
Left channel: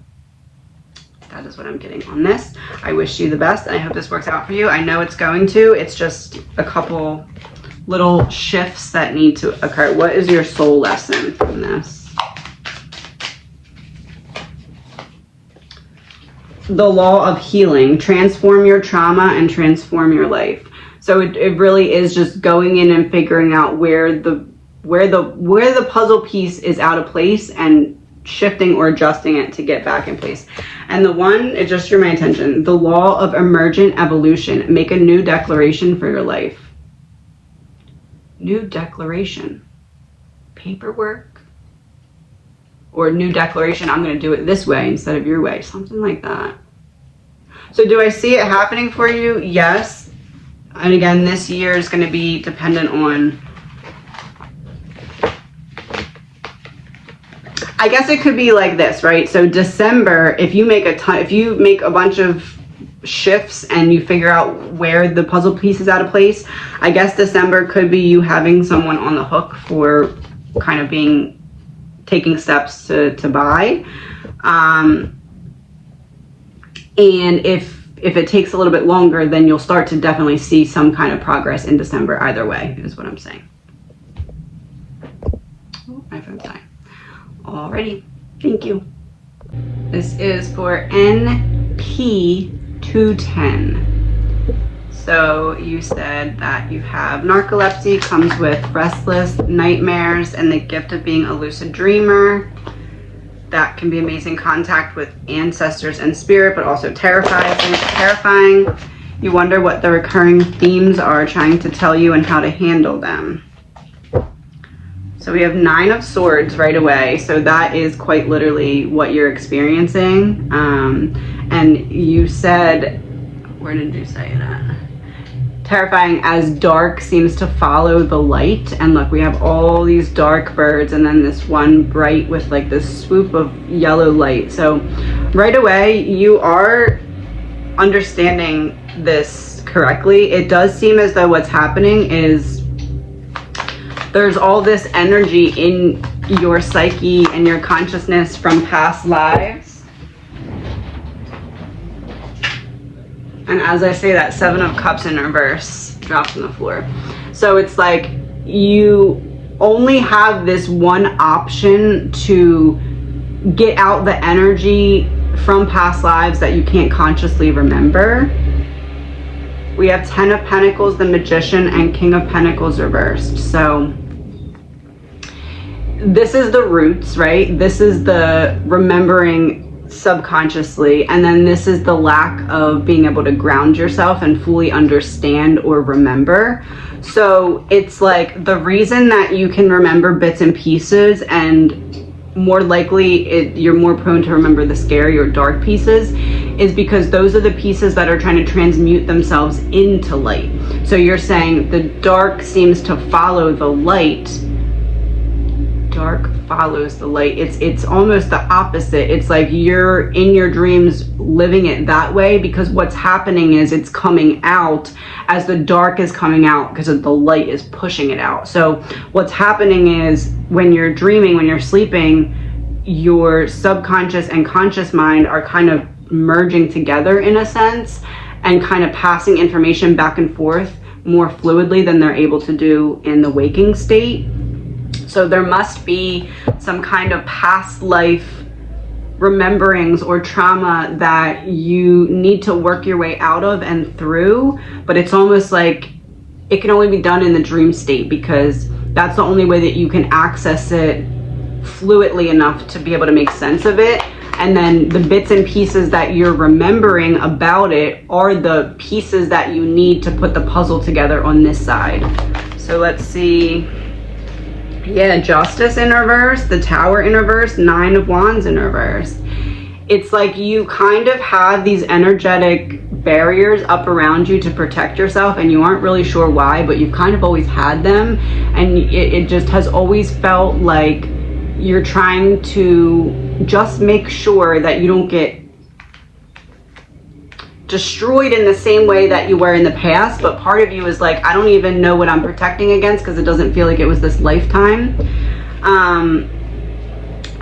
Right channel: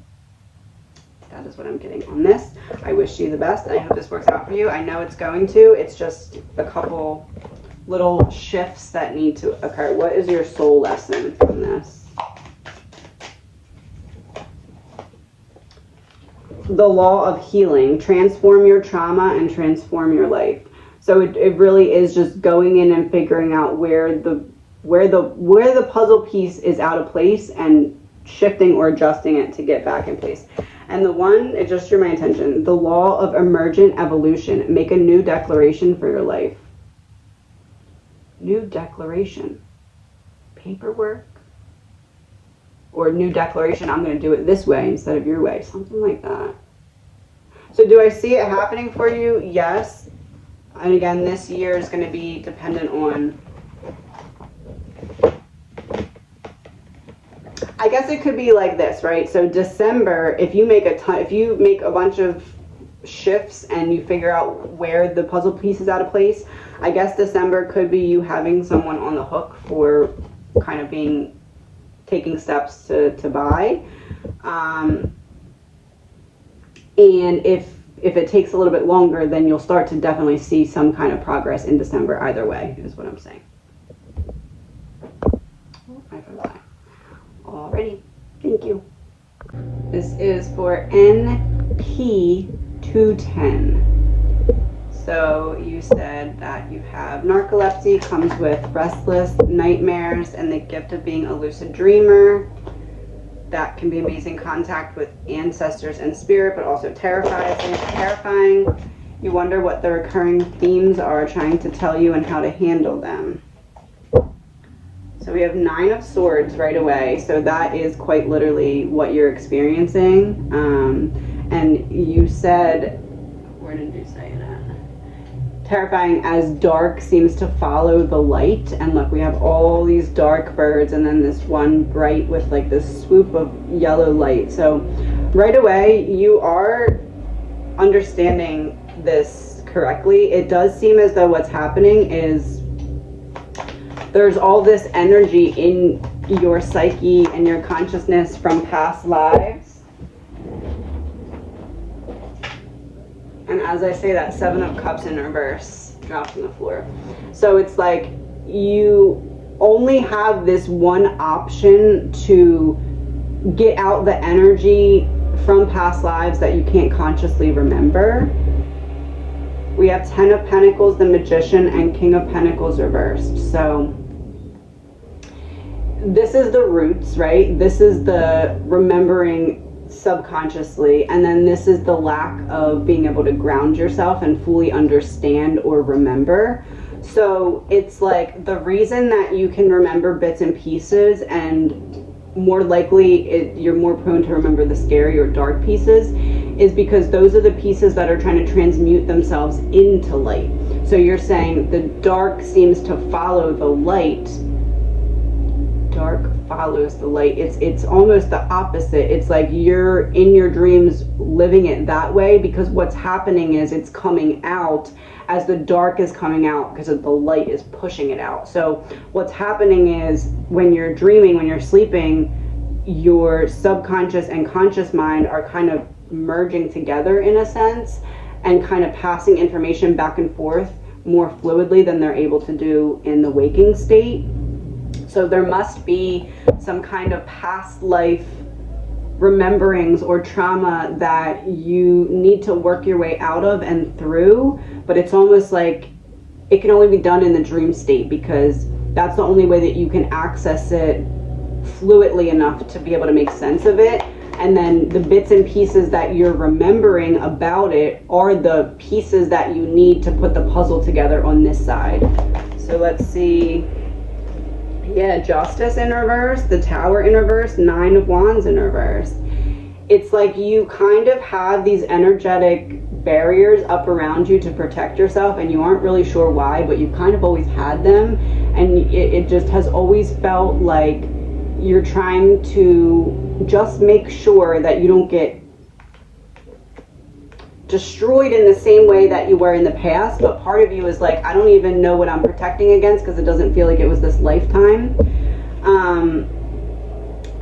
That is what I'm getting on this. I wish you the best, and I hope this works out for you. I know it's going to. It's just a couple little shifts that need to occur. What is your soul lesson from this? The law of healing. Transform your trauma and transform your life. So it really is just going in and figuring out where the puzzle piece is out of place and shifting or adjusting it to get back in place. And the one, it just drew my attention, the law of emergent evolution. Make a new declaration for your life. New declaration. Paperwork. Or new declaration, I'm going to do it this way instead of your way. Something like that. So do I see it happening for you? Yes. And again, this year is going to be dependent on, I guess it could be like this, right? So December, if you make a bunch of shifts and you figure out where the puzzle piece is out of place, I guess December could be you having someone on the hook for kind of taking steps to buy. And if it takes a little bit longer, then you'll start to definitely see some kind of progress in December either way, is what I'm saying. Oh, my phone's dying. Alrighty, thank you. This is for NP210. So you said that you have narcolepsy, comes with restless nightmares, and the gift of being a lucid dreamer. That can be amazing contact with ancestors and spirit, but also terrifying. You wonder what the recurring themes are trying to tell you and how to handle them. So we have 9 of Swords right away. So that is quite literally what you're experiencing. And you said, where did you say that? Terrifying as dark seems to follow the light. And look, we have all these dark birds and then this one bright with like this swoop of yellow light. So right away, you are understanding this correctly. It does seem as though what's happening is there's all this energy in your psyche and your consciousness from past lives. And as I say that, 7 of Cups in reverse drops on the floor. So it's like you only have this one option to get out the energy from past lives that you can't consciously remember. We have 10 of Pentacles, the Magician, and King of Pentacles reversed. So this is the roots, right? This is the remembering subconsciously, and then this is the lack of being able to ground yourself and fully understand or remember. So it's like the reason that you can remember bits and pieces, and more likely you're more prone to remember the scary or dark pieces, is because those are the pieces that are trying to transmute themselves into light. So you're saying the dark seems to follow the light. Dark follows the light. It's almost the opposite. It's like you're in your dreams living it that way, because what's happening is it's coming out as the dark is coming out because the light is pushing it out. So what's happening is when you're dreaming, when you're sleeping, your subconscious and conscious mind are kind of merging together in a sense, and kind of passing information back and forth more fluidly than they're able to do in the waking state. So there must be some kind of past life rememberings or trauma that you need to work your way out of and through, but it's almost like it can only be done in the dream state, because that's the only way that you can access it fluidly enough to be able to make sense of it. And then the bits and pieces that you're remembering about it are the pieces that you need to put the puzzle together on this side. So let's see. Yeah, Justice in reverse, the Tower in reverse, 9 of Wands in reverse. It's like you kind of have these energetic barriers up around you to protect yourself, and you aren't really sure why, but you've kind of always had them, and it just has always felt like you're trying to just make sure that you don't get destroyed in the same way that you were in the past. But part of you is like, I don't even know what I'm protecting against, because it doesn't feel like it was this lifetime.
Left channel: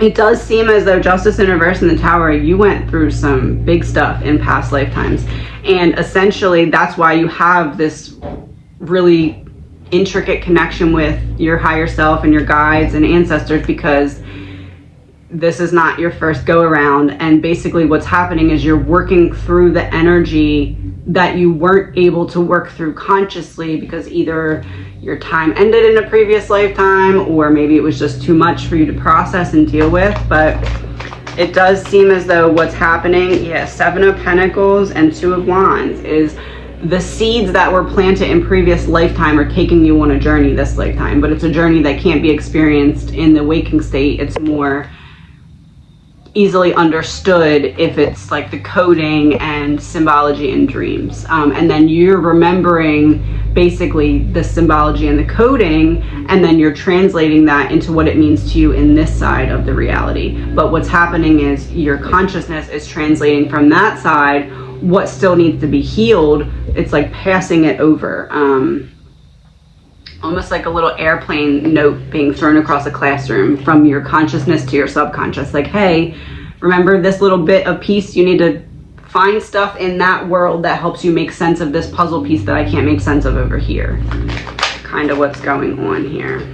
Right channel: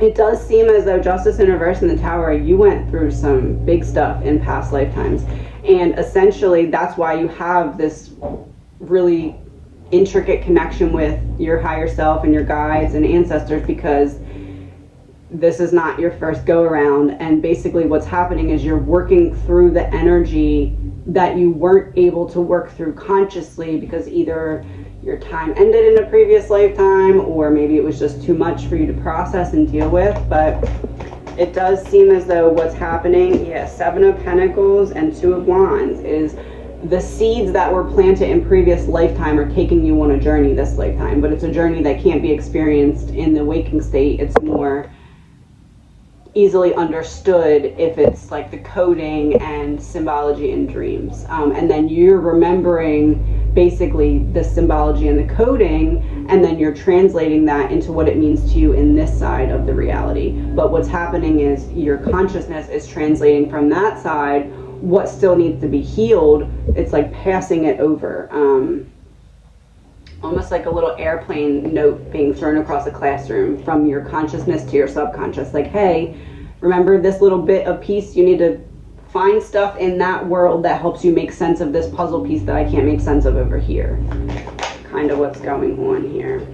It does seem as though Justice in reverse in the Tower, you went through some big stuff in past lifetimes, and essentially that's why you have this really intricate connection with your higher self and your guides and ancestors, because this is not your first go around. And basically what's happening is you're working through the energy that you weren't able to work through consciously, because either your time ended in a previous lifetime, or maybe it was just too much for you to process and deal with. But it does seem as though what's happening, yeah, 7 of Pentacles and 2 of Wands, is the seeds that were planted in previous lifetime are taking you on a journey this lifetime, but it's a journey that can't be experienced in the waking state. It's more easily understood if it's like the coding and symbology in dreams. And then you're remembering basically the symbology and the coding, and then you're translating that into what it means to you in this side of the reality. But what's happening is your consciousness is translating from that side what still needs to be healed. It's like passing it over. Almost like a little airplane note being thrown across a classroom from your consciousness to your subconscious. Like, hey, remember this little bit of piece? You need to find stuff in that world that helps you make sense of this puzzle piece that I can't make sense of over here. Kind of what's going on here.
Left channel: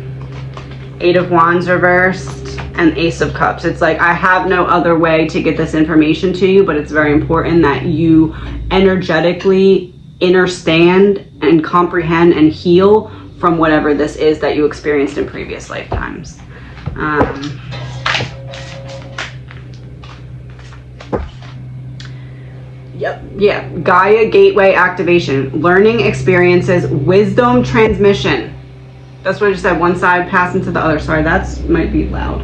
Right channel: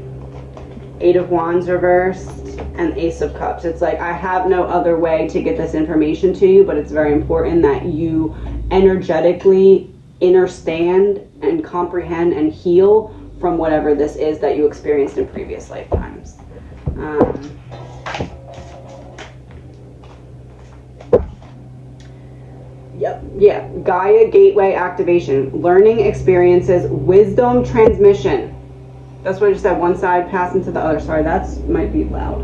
8 of Wands reversed and Ace of Cups. It's like, I have no other way to get this information to you, but it's very important that you energetically understand and comprehend and heal from whatever this is that you experienced in previous lifetimes. Yep, yeah, Gaia Gateway activation, learning experiences, wisdom transmission. That's what I just said, one side passing to the other. Sorry, that's might be loud.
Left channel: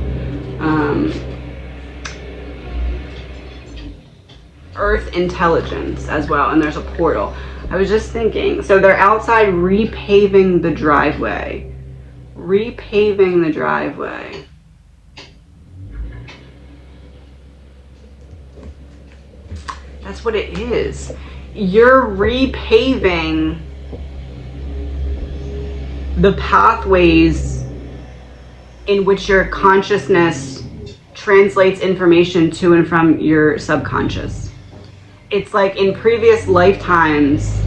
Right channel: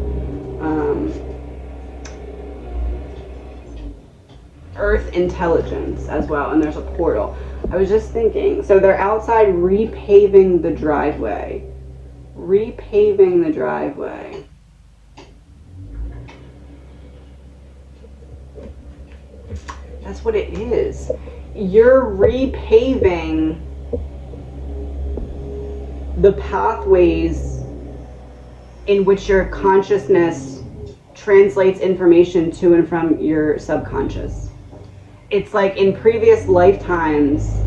Earth intelligence as well, and there's a portal. I was just thinking, so they're outside repaving the driveway. Repaving the driveway. That's what it is. You're repaving the pathways in which your consciousness translates information to and from your subconscious. It's like in previous lifetimes,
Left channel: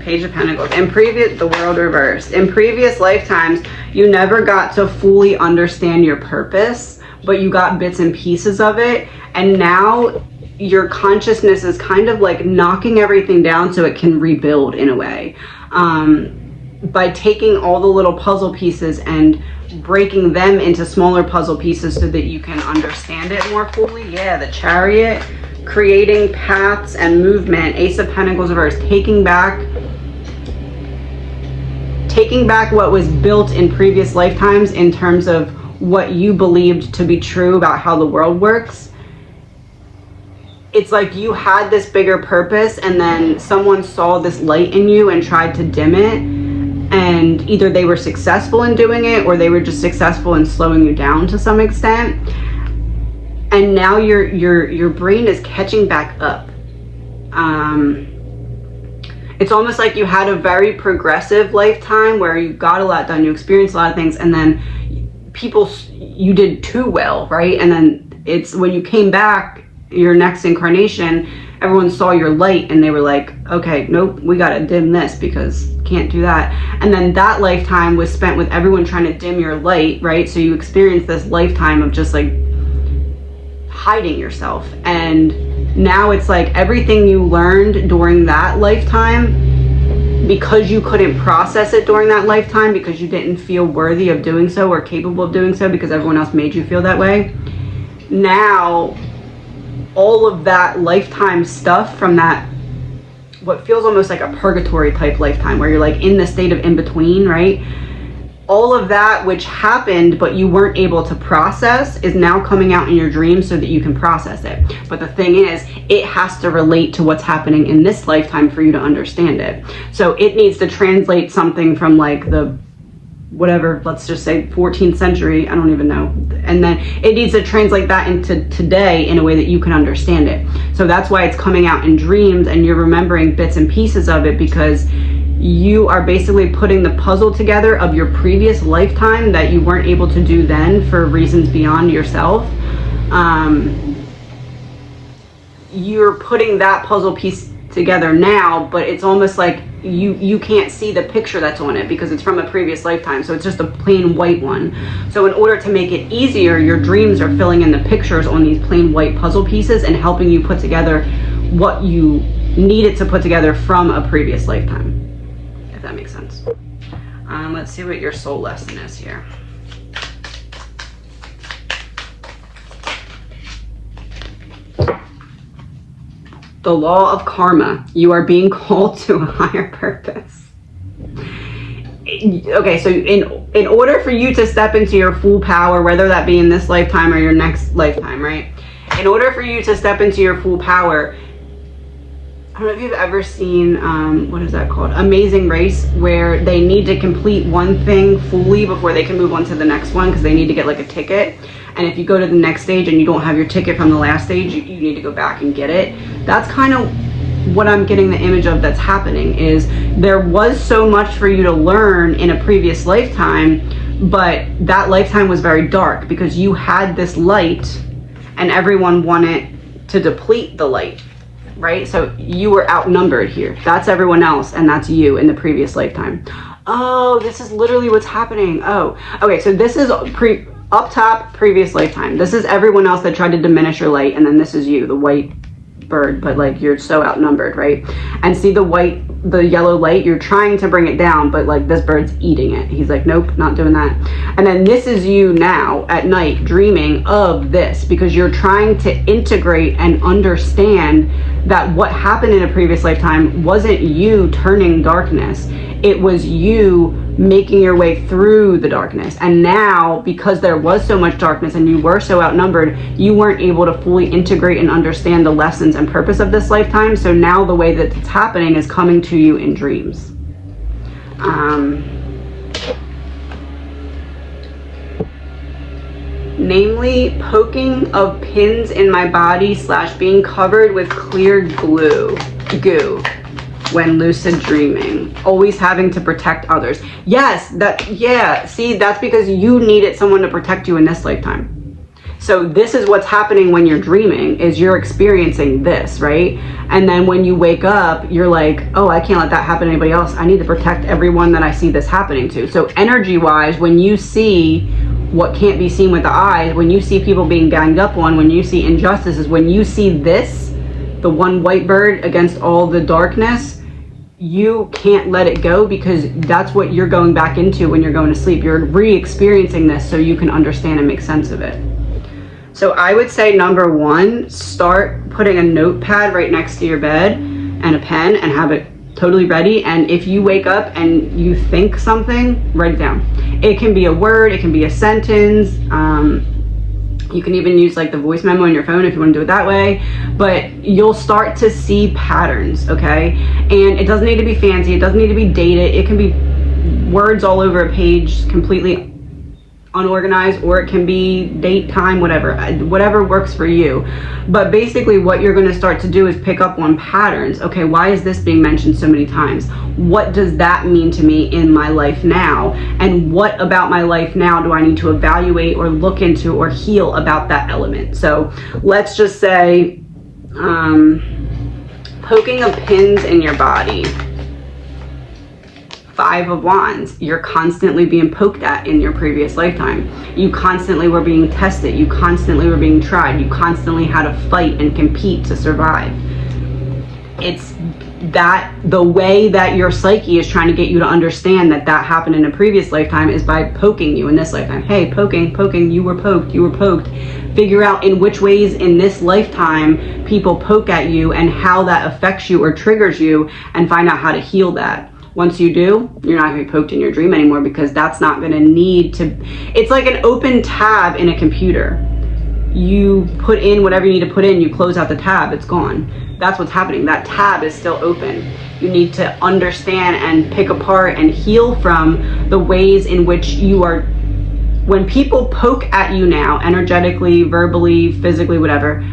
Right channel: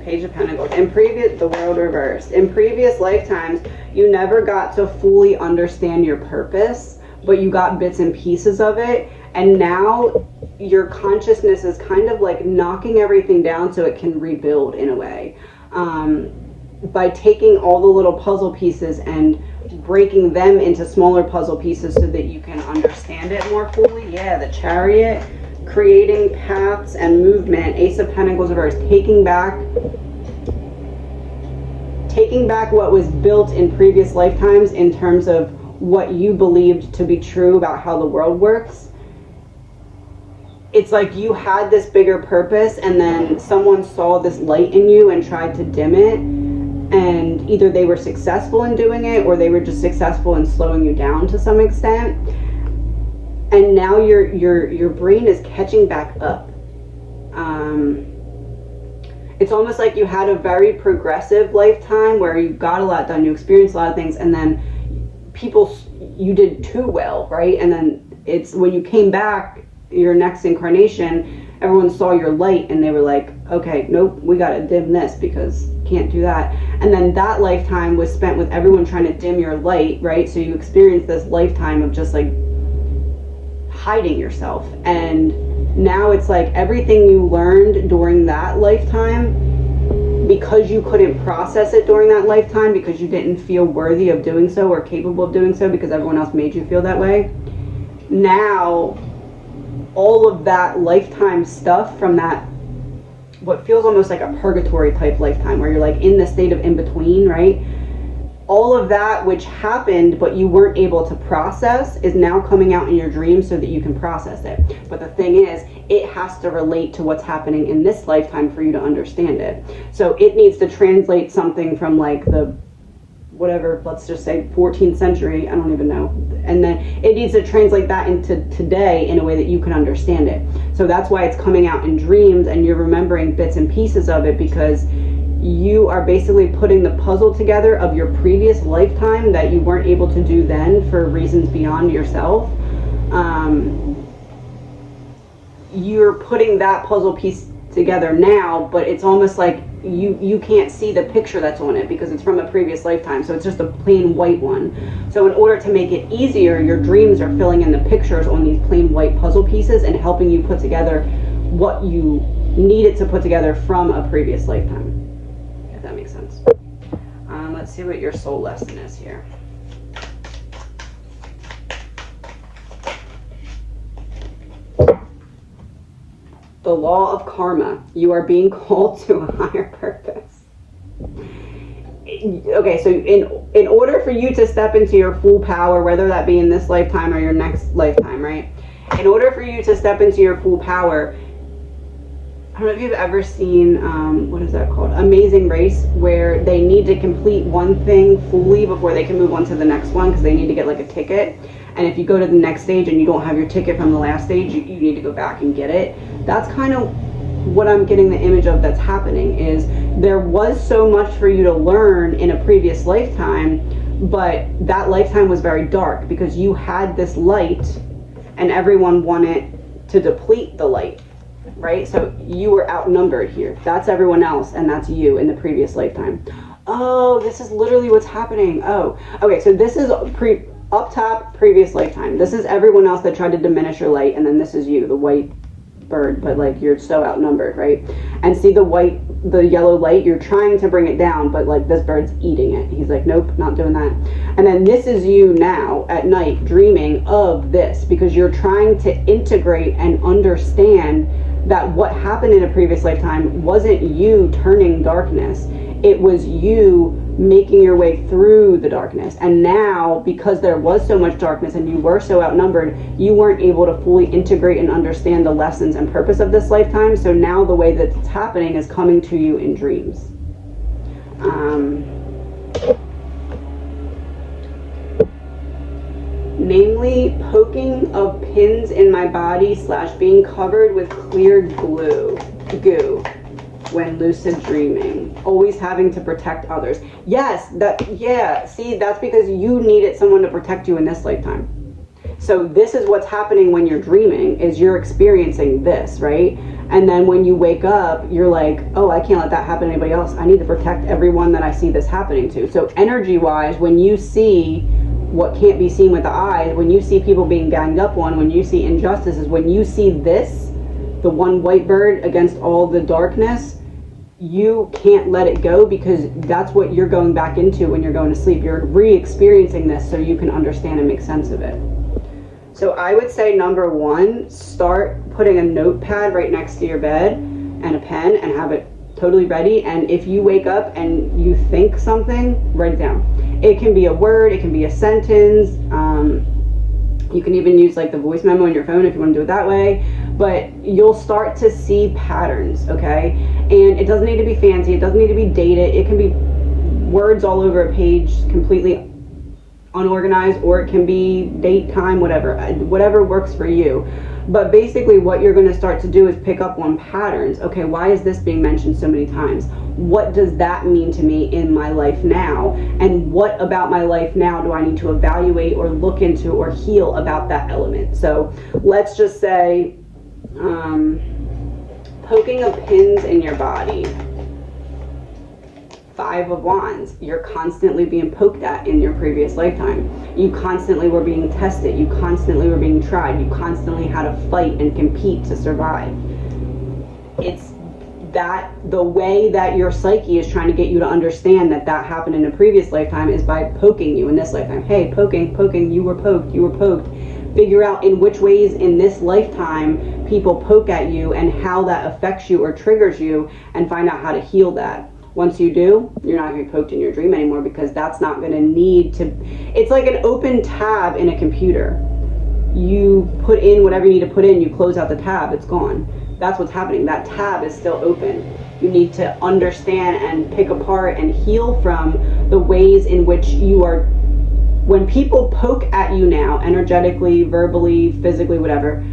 Page of Pentacles, the world reversed. In previous lifetimes, you never got to fully understand your purpose, but you got bits and pieces of it. And now your consciousness is kind of like knocking everything down so it can rebuild in a way. By taking all the little puzzle pieces and breaking them into smaller puzzle pieces so that you can understand it more fully. Yeah, the Chariot, creating paths and movement. Ace of Pentacles reversed, taking back what was built in previous lifetimes in terms of what you believed to be true about how the world works. It's like you had this bigger purpose and then someone saw this light in you and tried to dim it, and either they were successful in doing it or they were just successful in slowing you down to some extent. And now your brain is catching back up. It's almost like you had a very progressive lifetime where you got a lot done, you experienced a lot of things, and then you did too well, right? And then it's when you came back, your next incarnation, everyone saw your light and they were like, okay, nope, we gotta dim this because can't do that. And then that lifetime was spent with everyone trying to dim your light, right? So you experienced this lifetime of just like hiding yourself. And now it's like everything you learned during that lifetime, because you couldn't process it during that lifetime, because you didn't feel worthy of doing so or capable of doing so because everyone else made you feel that way. Now, all of that lifetime stuff from that, what feels almost like a purgatory type lifetime where you're like in the state of in between, right? All of that which happened but you weren't able to process is now coming out in your dreams so that you can process it. But the thing is, it has to relate to what's happening in this lifetime for you to understand it. So it needs to translate something from like the whatever, let's just say 14th century, I don't even know. And then it needs to translate that into today in a way that you can understand it. So that's why it's coming out in dreams and you're remembering bits and pieces of it, because you are basically putting the puzzle together of your previous lifetime that you weren't able to do then for reasons beyond yourself. You're putting that puzzle piece together now, but it's almost like you can't see the picture that's on it because it's from a previous lifetime, so it's just a plain white one. So in order to make it easier, your dreams are filling in the pictures on these plain white puzzle pieces and helping you put together what you needed to put together from a previous lifetime, if that makes sense. Let's see what your soul lesson is here. The law of karma. You are being called to a higher purpose. Okay, so in order for you to step into your full power, whether that be in this lifetime or your next lifetime, right? In order for you to step into your full power, I don't know if you've ever seen, what is that called? Amazing Race, where they need to complete one thing fully before they can move on to the next one because they need to get like a ticket. And if you go to the next stage and you don't have your ticket from the last stage, you need to go back and get it. That's kind of what I'm getting the image of that's happening, is there was so much for you to learn in a previous lifetime, but that lifetime was very dark because you had this light and everyone wanted to deplete the light, right? So you were outnumbered here. That's everyone else and that's you in the previous lifetime. Oh, this is literally what's happening. Oh, okay, so this is up top, previous lifetime. This is everyone else that tried to diminish your light, and then this is you, the white bird, but like you're so outnumbered, right? And see the yellow light, you're trying to bring it down, but like this bird's eating it. He's like, nope, not doing that. And then this is you now at night dreaming of this because you're trying to integrate and understand that what happened in a previous lifetime wasn't you turning darkness. It was you making your way through the darkness. And now, because there was so much darkness and you were so outnumbered, you weren't able to fully integrate and understand the lessons and purpose of this lifetime. So now the way that it's happening is coming to you in dreams. definitely poking of pins in my body / being covered with clear goo when lucid dreaming. Always having to protect others. Yes, see, that's because you needed someone to protect you in this lifetime. So this is what's happening when you're dreaming, is you're experiencing this, right? And then when you wake up, you're like, oh, I can't let that happen to anybody else. I need to protect everyone that I see this happening to. So energy-wise, when you see what can't be seen with the eyes, when you see people being ganged up on, when you see injustices, when you see this, the one white bird against all the darkness, you can't let it go, because that's what you're going back into when you're going to sleep. You're re-experiencing this so you can understand and make sense of it. So I would say, number one, start putting a notepad right next to your bed and a pen, and have it totally ready. And if you wake up and you think something, write it down. It can be a word, it can be a sentence. You can even use like the voice memo on your phone if you want to do it that way, but you'll start to see patterns, okay? And it doesn't need to be fancy, it doesn't need to be dated. It can be words all over a page, completely unorganized, or it can be date, time, whatever works for you. But basically what you're going to start to do is pick up on patterns. Okay, why is this being mentioned so many times? What does that mean to me in my life now? And what about my life now do I need to evaluate or look into or heal about that element? So let's just say poking of pins in your body. 5 of Wands, you're constantly being poked at in your previous lifetime. You constantly were being tested. You constantly were being tried. You constantly had to fight and compete to survive. It's that the way that your psyche is trying to get you to understand that that happened in a previous lifetime is by poking you in this lifetime. Hey, poking, you were poked. Figure out in which ways in this lifetime people poke at you and how that affects you or triggers you, and find out how to heal that. Once you do, you're not going to be poked in your dream anymore, because that's not going to need to. It's like an open tab in a computer. You put in whatever you need to put in, you close out the tab, it's gone. That's what's happening. That tab is still open. You need to understand and pick apart and heal from the ways in which you are. When people poke at you now, energetically, verbally, physically, whatever,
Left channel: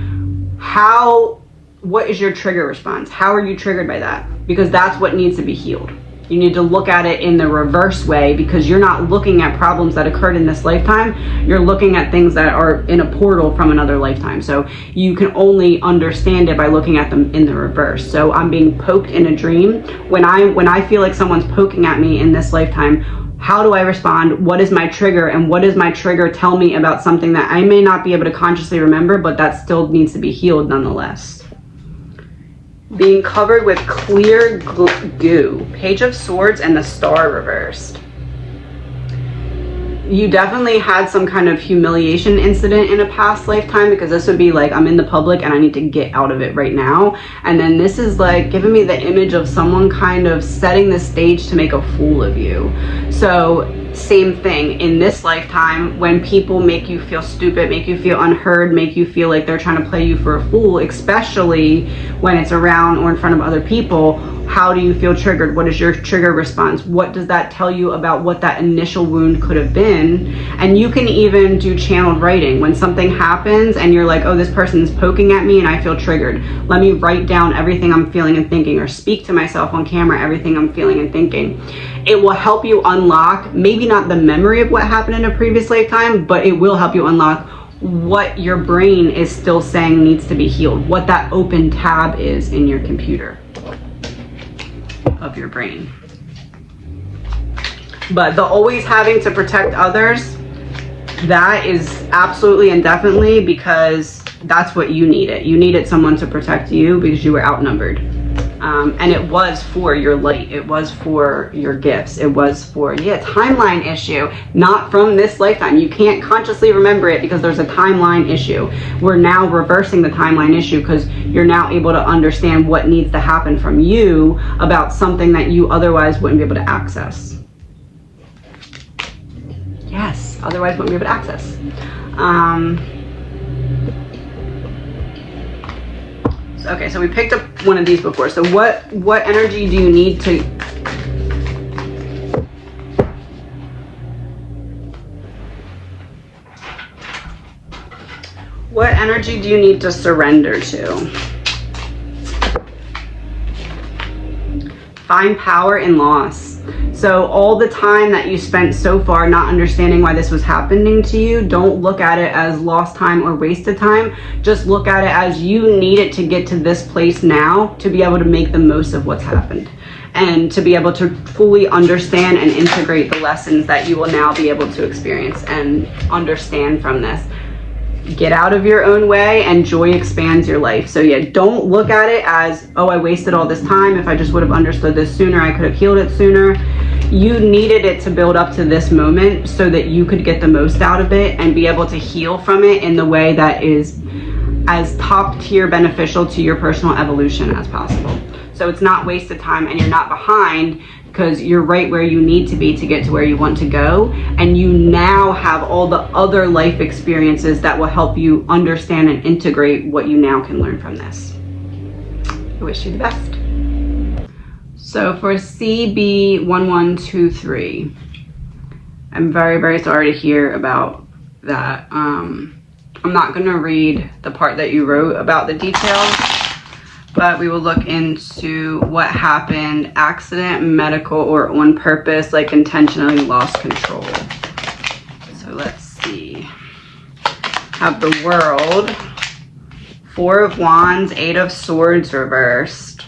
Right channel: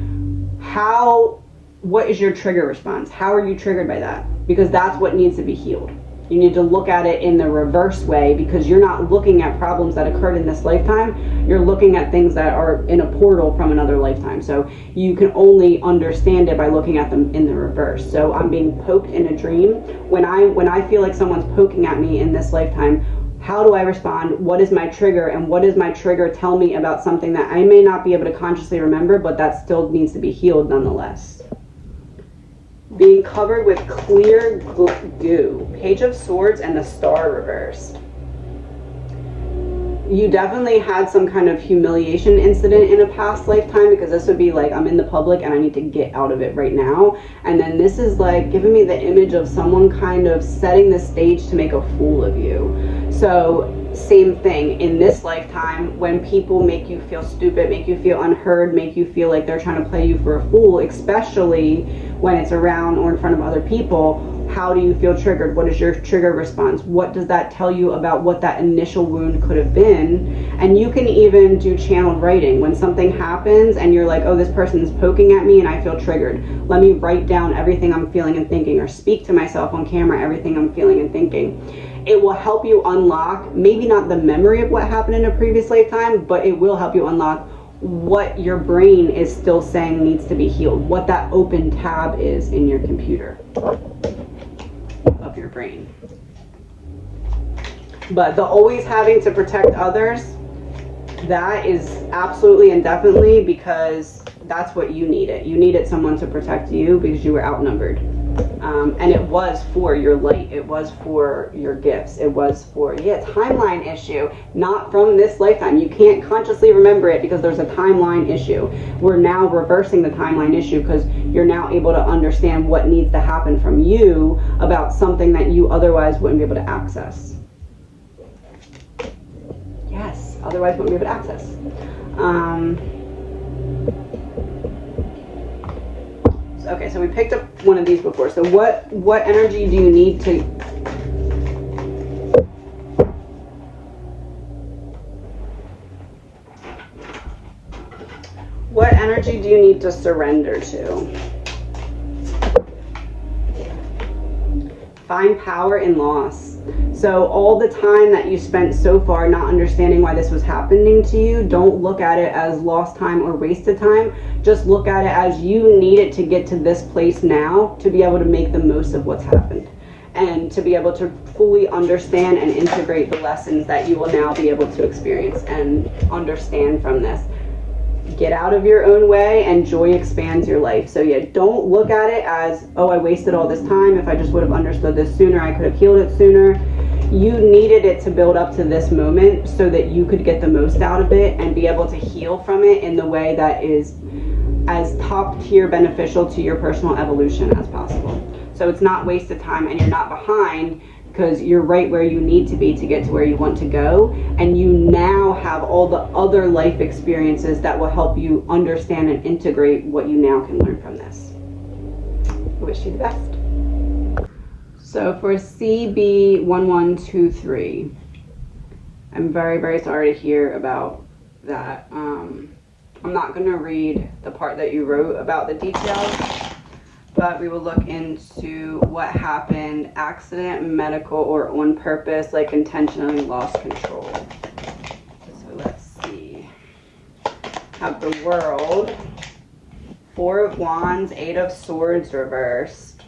what is your trigger response? How are you triggered by that? Because that's what needs to be healed. You need to look at it in the reverse way, because you're not looking at problems that occurred in this lifetime. You're looking at things that are in a portal from another lifetime. So you can only understand it by looking at them in the reverse. So I'm being poked in a dream. When I feel like someone's poking at me in this lifetime, how do I respond? What is my trigger? And what does my trigger tell me about something that I may not be able to consciously remember, but that still needs to be healed nonetheless? Being covered with clear goo. Page of Swords and the Star reversed. You definitely had some kind of humiliation incident in a past lifetime, because this would be like, I'm in the public and I need to get out of it right now. And then this is like giving me the image of someone kind of setting the stage to make a fool of you. So same thing in this lifetime, when people make you feel stupid, make you feel unheard, make you feel like they're trying to play you for a fool, especially when it's around or in front of other people. How do you feel triggered? What is your trigger response? What does that tell you about what that initial wound could have been? And you can even do channeled writing. When something happens and you're like, oh, this person is poking at me and I feel triggered. Let me write down everything I'm feeling and thinking, or speak to myself on camera everything I'm feeling and thinking. It will help you unlock, maybe not the memory of what happened in a previous lifetime, but it will help you unlock what your brain is still saying needs to be healed, what that open tab is in your computer of your brain. But the always having to protect others, that is absolutely and definitely because that's what you needed. You needed someone to protect you because you were outnumbered. And it was for your light. It was for your gifts. It was for, timeline issue, not from this lifetime. You can't consciously remember it because there's a timeline issue. We're now reversing the timeline issue because you're now able to understand what needs to happen from you about something that you otherwise wouldn't be able to access. Yes, otherwise wouldn't be able to access. Okay, so we picked up one of these before. So what energy do you need to... energy do you need to surrender to? Find power in loss. So all the time that you spent so far not understanding why this was happening to you, don't look at it as lost time or wasted time. Just look at it as you need it to get to this place now to be able to make the most of what's happened and to be able to fully understand and integrate the lessons that you will now be able to experience and understand from this. Get out of your own way, and joy expands your life. So yeah, don't look at it as, oh, I wasted all this time. If I just would have understood this sooner, I could have healed it sooner. You needed it to build up to this moment so that you could get the most out of it and be able to heal from it in the way that is as top tier beneficial to your personal evolution as possible. So it's not wasted time, and you're not behind, because you're right where you need to be to get to where you want to go. And you now have all the other life experiences that will help you understand and integrate what you now can learn from this. I wish you the best. So for CB1123, I'm very, very sorry to hear about that. I'm not going to read the part that you wrote about the details, but we will look into what happened, accident, medical, or on purpose, like intentionally lost control. So let's see. Have the World, 4 of Wands, 8 of Swords reversed.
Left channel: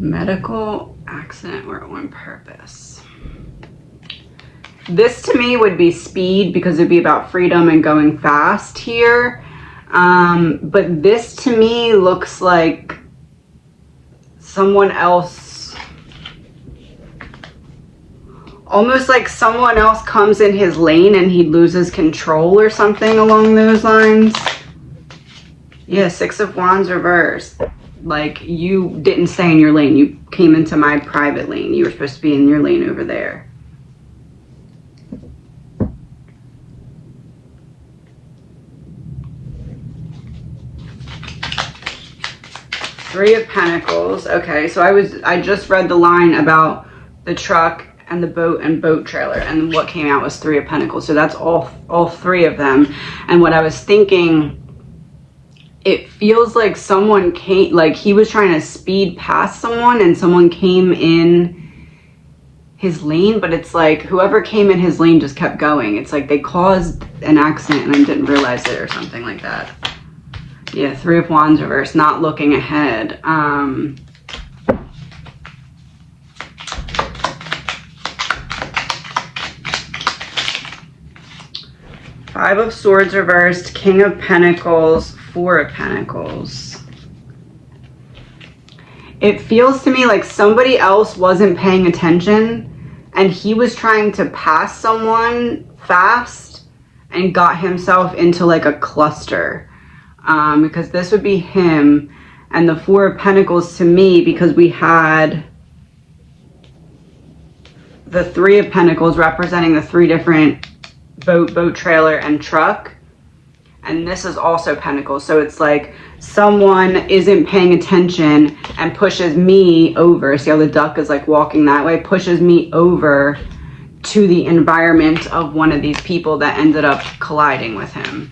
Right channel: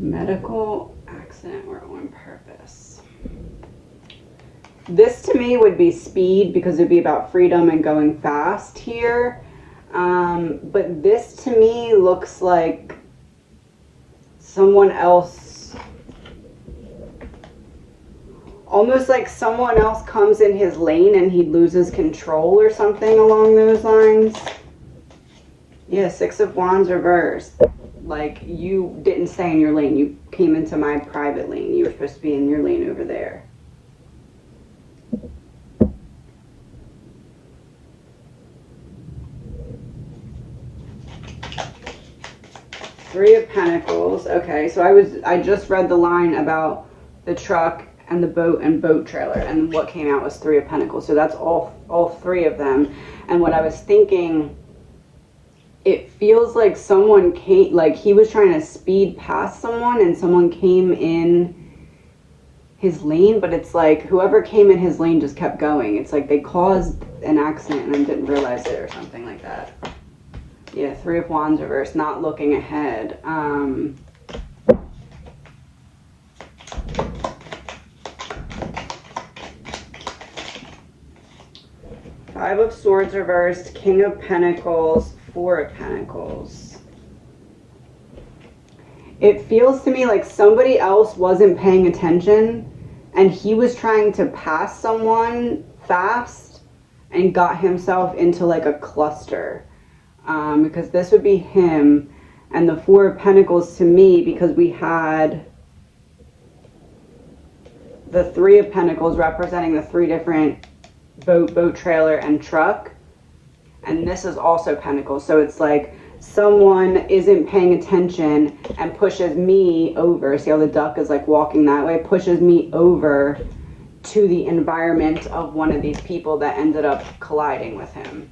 Medical, accident, or on purpose. This to me would be speed, because it'd be about freedom and going fast here. But this to me looks like someone else, almost like someone else comes in his lane and he loses control or something along those lines. Yeah, 6 of Wands reversed. Like, you didn't stay in your lane. You came into my private lane. You were supposed to be in your lane over there. Three of Pentacles. Okay, so I just read the line about the truck and the boat and boat trailer, and what came out was 3 of Pentacles. So that's all 3 of them. And what I was thinking, it feels like someone came, like he was trying to speed past someone and someone came in his lane, but it's like whoever came in his lane just kept going. It's like they caused an accident and I didn't realize it or something like that. Yeah, 3 of Wands reversed, not looking ahead. 5 of Swords reversed, King of Pentacles, 4 of Pentacles. It feels to me like somebody else wasn't paying attention and he was trying to pass someone fast and got himself into like a cluster. Because this would be him, and the 4 of Pentacles to me, because we had the 3 of Pentacles representing the 3 different boat trailer and truck, and this is also Pentacles. So it's like someone isn't paying attention and pushes me over. See how the duck is like walking that way? Pushes me over to the environment of one of these people that ended up colliding with him.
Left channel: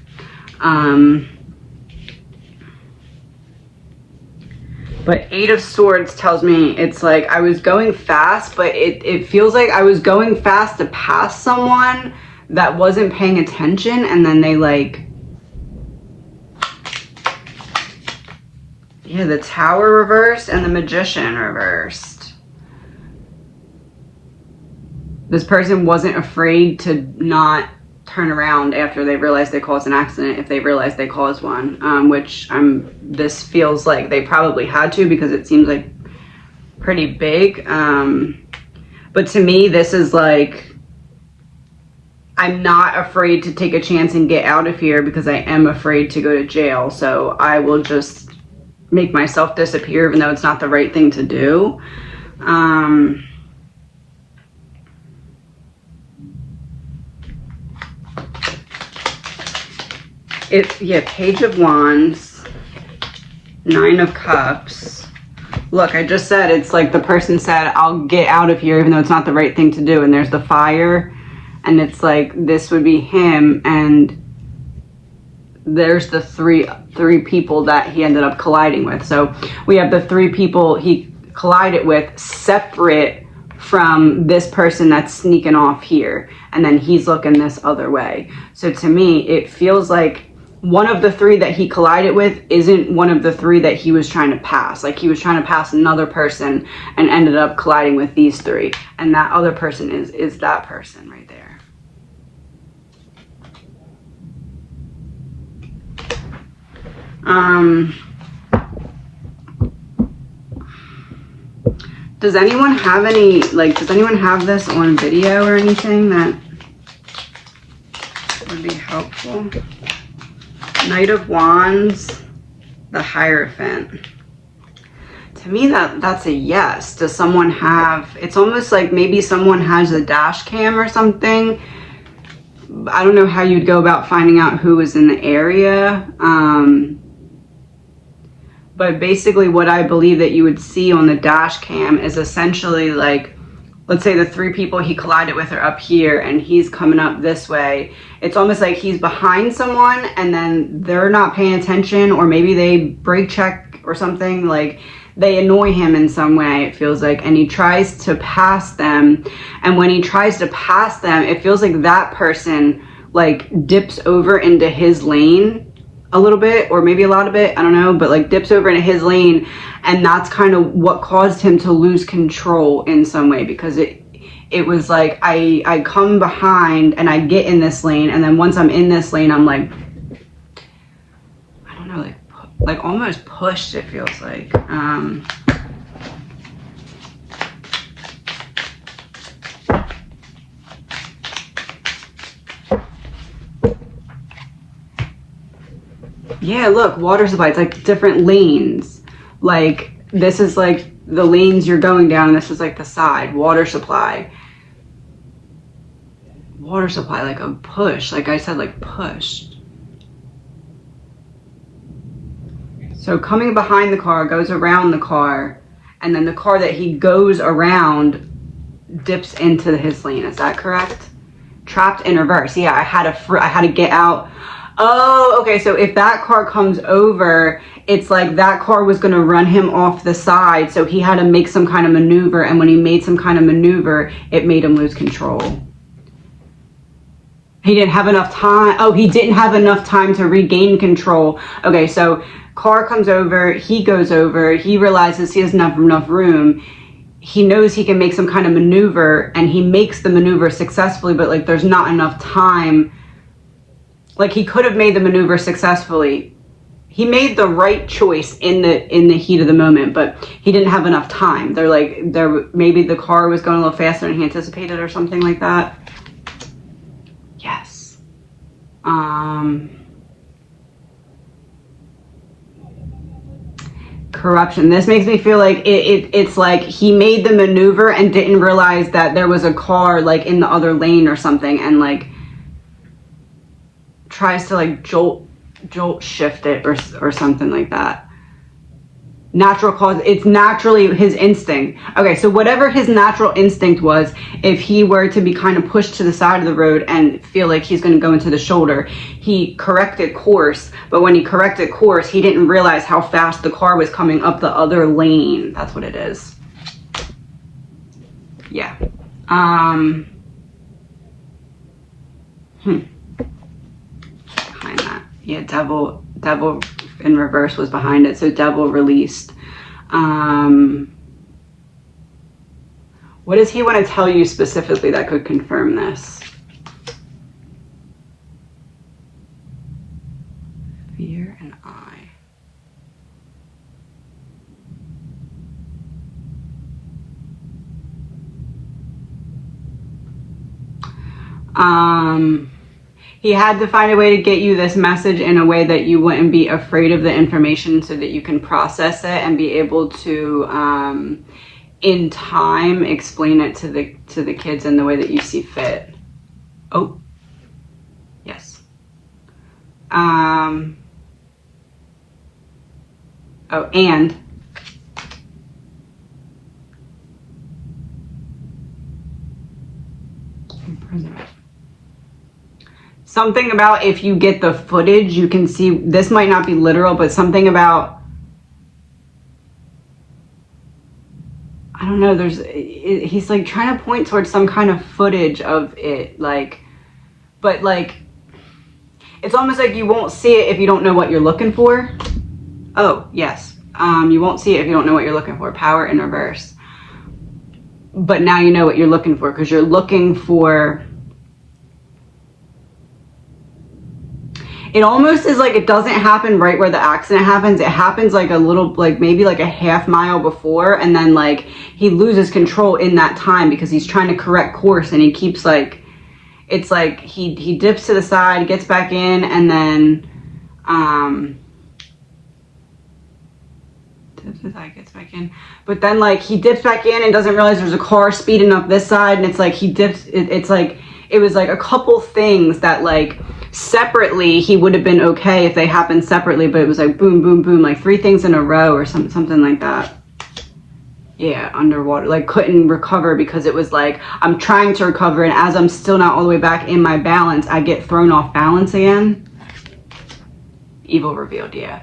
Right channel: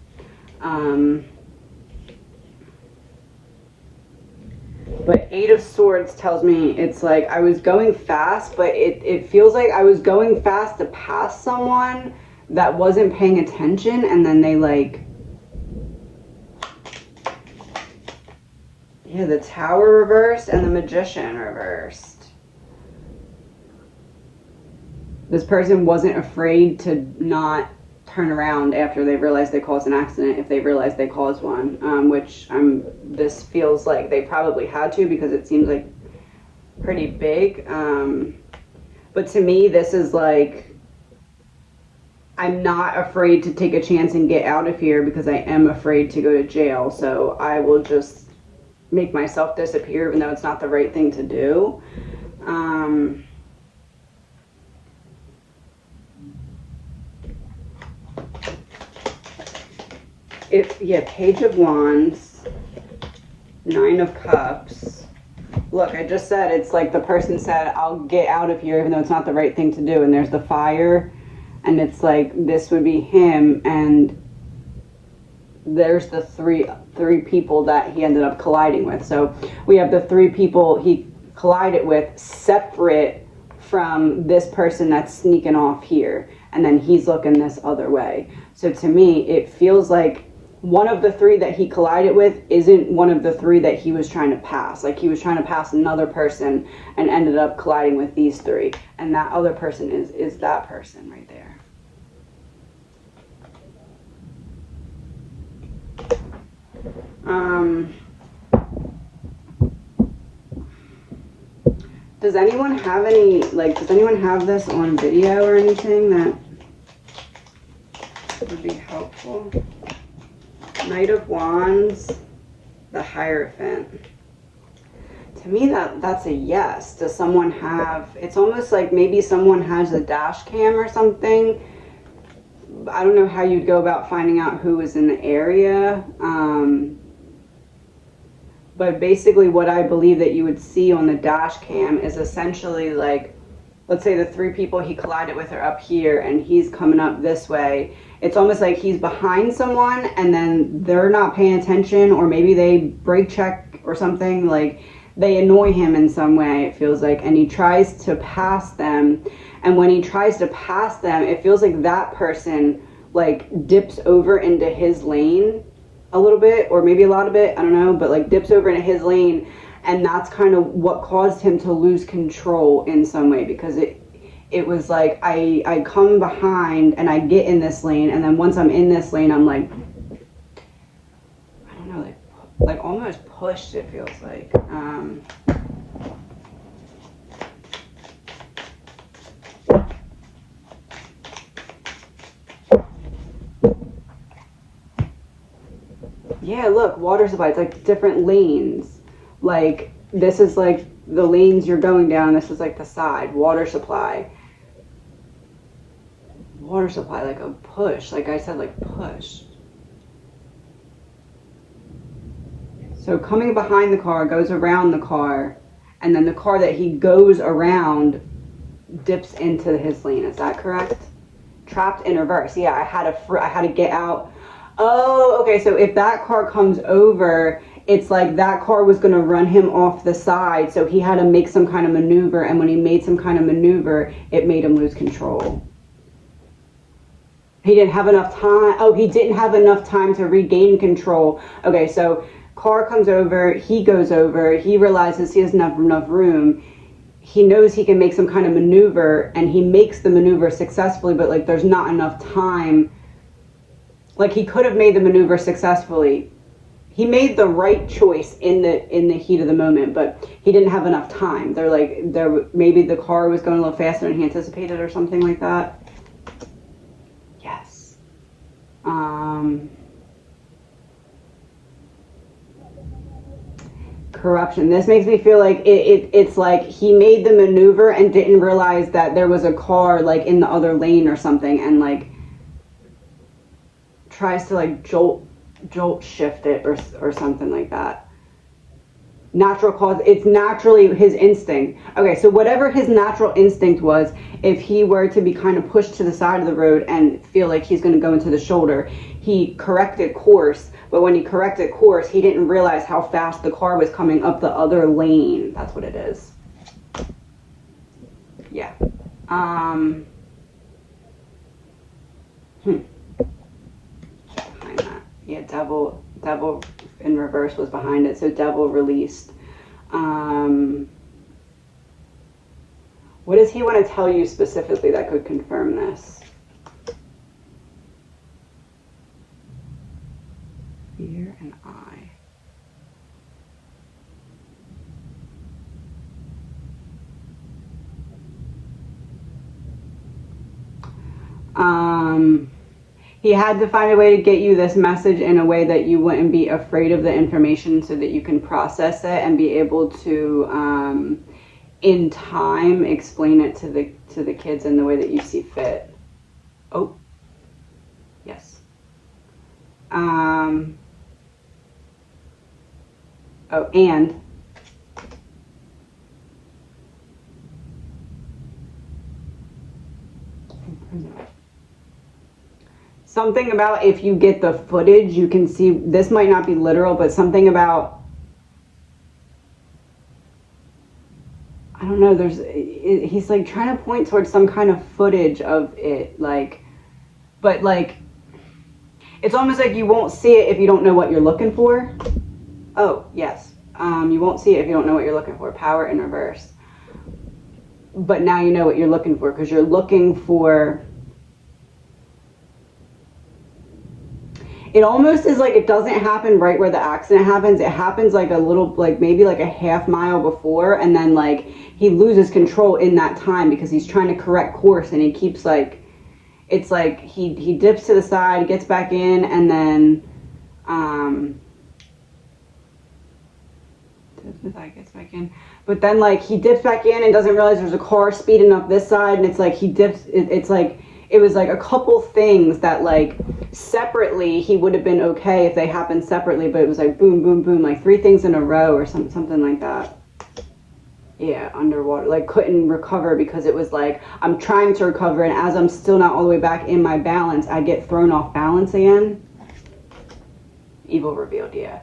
But 8 of Swords tells me it's like I was going fast, but it feels like I was going fast to pass someone that wasn't paying attention, and then they like, yeah, the Tower reversed and the Magician reversed. This person wasn't afraid to not turn around after they realized they caused an accident, if they realized they caused one, which this feels like they probably had to, because it seems like pretty big. But to me, this is like, I'm not afraid to take a chance and get out of here because I am afraid to go to jail. So I will just make myself disappear, even though it's not the right thing to do. Yeah, Page of Wands, 9 of Cups. Look, I just said it's like the person said, I'll get out of here even though it's not the right thing to do. And there's the fire and it's like this would be him, and there's the three people that he ended up colliding with. So we have the 3 people he collided with separate from this person that's sneaking off here, and then he's looking this other way. So to me, it feels like one of the 3 that he collided with isn't one of the 3 that he was trying to pass. Like he was trying to pass another person and ended up colliding with these 3, and that other person is that person right there. Does anyone have any, like, does anyone have this on video or anything that would be helpful? Knight of Wands, the Hierophant. To me, that's a yes. Does someone have, it's almost like maybe someone has a dash cam or something. I don't know how you'd go about finding out who was in the area. But basically what I believe that you would see on the dash cam is essentially like, let's say the 3 people he collided with are up here and he's coming up this way. It's almost like he's behind someone and then they're not paying attention, or maybe they brake check or something, like they annoy him in some way, it feels like, and he tries to pass them. And when he tries to pass them, it feels like that person like dips over into his lane a little bit, or maybe a lot of it, I don't know, but like dips over into his lane, and that's kind of what caused him to lose control in some way, because it was like I come behind and I get in this lane, and then once I'm in this lane, I'm like, I don't know, like almost pushed, it feels like. Yeah, look, water supply. It's like different lanes. Like this is like the lanes you're going down, and this is like the side. Water supply. Water supply, like a push. Like I said, like pushed. So coming behind the car, goes around the car, and then the car that he goes around dips into his lane. Is that correct? Trapped in reverse. Yeah, I had to get out. Oh, okay, so if that car comes over, it's like that car was going to run him off the side, so he had to make some kind of maneuver, and when he made some kind of maneuver, it made him lose control. He didn't have enough time. Oh, he didn't have enough time to regain control. Okay, so car comes over, he goes over, he realizes he doesn't have enough room. He knows he can make some kind of maneuver, and he makes the maneuver successfully, but like there's not enough time. Like he could have made the maneuver successfully. He made the right choice in the heat of the moment, but he didn't have enough time. Maybe the car was going a little faster than he anticipated or something like that. Yes. Corruption. This makes me feel like it's like he made the maneuver and didn't realize that there was a car like in the other lane or something, and like tries to like jolt shift it or something like that. Natural cause, it's naturally his instinct. Okay, so whatever his natural instinct was, if he were to be kind of pushed to the side of the road and feel like he's going to go into the shoulder, he corrected course, but when he corrected course, he didn't realize how fast the car was coming up the other lane. That's what it is. Yeah. Behind that. Yeah, devil in reverse was behind it, so devil released. What does he want to tell you specifically that could confirm this? Fear and I. He had to find a way to get you this message in a way that you wouldn't be afraid of the information, so that you can process it and be able to, in time, explain it to the kids in the way that you see fit. Oh, yes. Oh, and Something about, if you get the footage, you can see, this might not be literal, but something about, I don't know, he's like trying to point towards some kind of footage of it, like, but like, it's almost like you won't see it if you don't know what you're looking for. Oh, yes. You won't see it if you don't know what you're looking for. Power in reverse. But now you know what you're looking for, because you're looking for, it almost is like it doesn't happen right where the accident happens. It happens like a little, like maybe like a half mile before, and then like he loses control in that time because he's trying to correct course, and he keeps like, it's like he dips to the side, gets back in, and then dips to the side, gets back in. But then like he dips back in and doesn't realize there's a car speeding up this side, and it's like he dips, it's like, it was like a couple things that like separately he would have been okay if they happened separately, but it was like boom, boom, boom, like 3 things in a row or something like that. Yeah, underwater, like couldn't recover because it was like, I'm trying to recover, and as I'm still not all the way back in my balance, I get thrown off balance again. Evil revealed, yeah.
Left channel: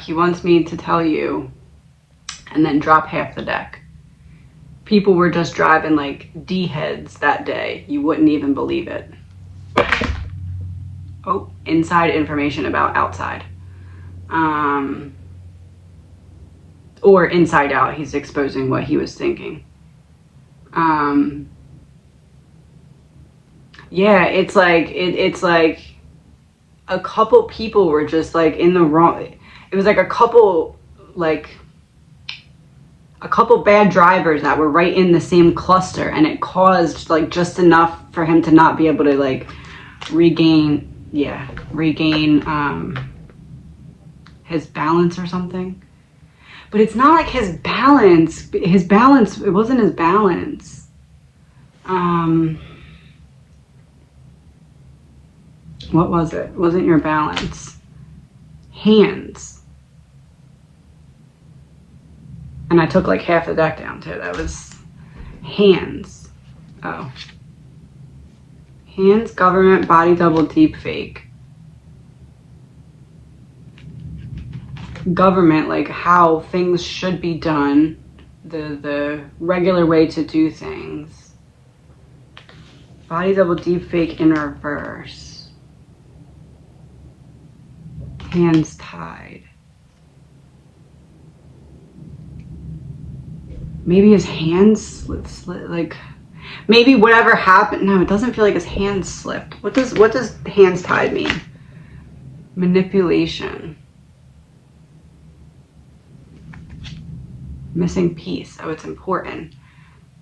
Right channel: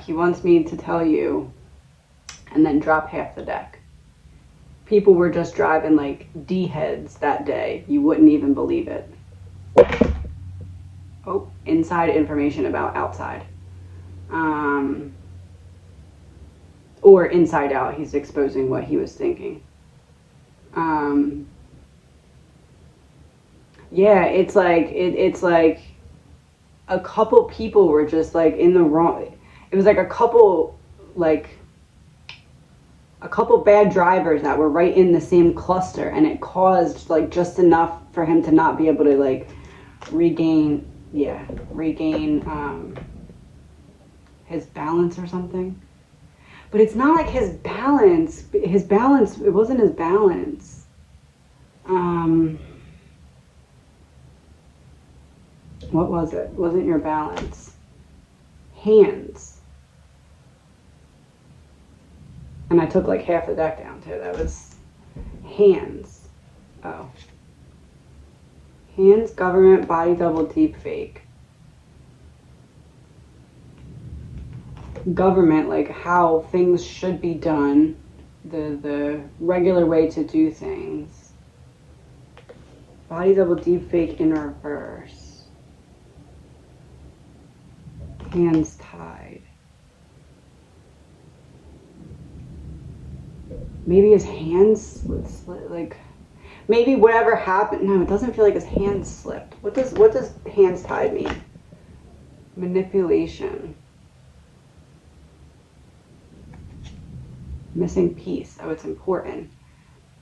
He wants me to tell you, and then drop half the deck. People were just driving like D-heads that day. You wouldn't even believe it. Oh, inside information about outside. Or inside out, he's exposing what he was thinking. Yeah, it's like, it's like a couple people were just like in the wrong, it was like a couple bad drivers that were right in the same cluster, and it caused like just enough for him to not be able to like regain his balance or something. But it's not like his balance, it wasn't his balance. What was it? It wasn't your balance. Hands. And I took like half the deck down too. That was hands. Oh. Hands, government, body double, deep fake. Government, like how things should be done. The regular way to do things. Body double, deep fake in reverse. Hands tied. Maybe his hands slit, like maybe whatever happened. No, it doesn't feel like his hands slipped. What does hands tied mean? Manipulation. Missing piece. Oh, it's important.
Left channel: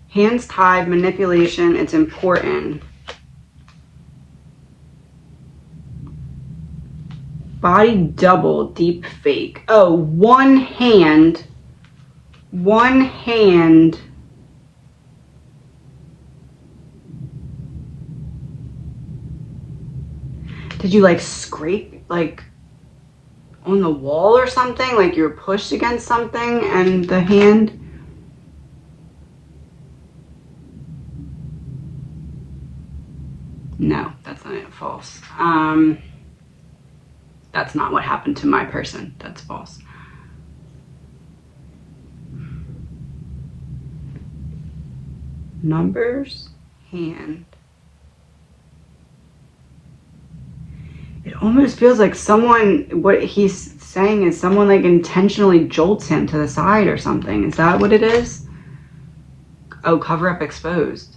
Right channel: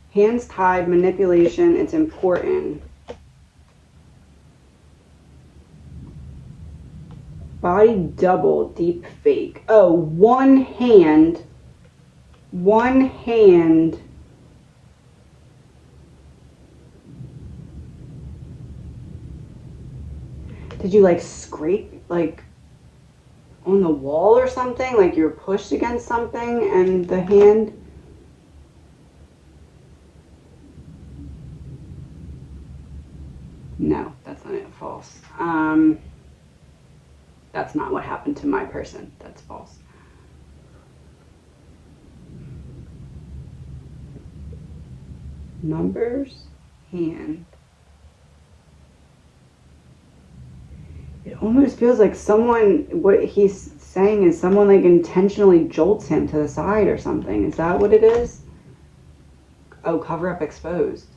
Hands tied, manipulation, it's important. Body double, deep fake. Oh, one hand. Did you like scrape like on the wall or something? Like you were pushed against something and the hand? No, that's not it. False. That's not what happened to my person. That's false. Numbers, hand. It almost feels like someone, what he's saying is someone like intentionally jolts him to the side or something. Is that what it is? Oh, cover up exposed.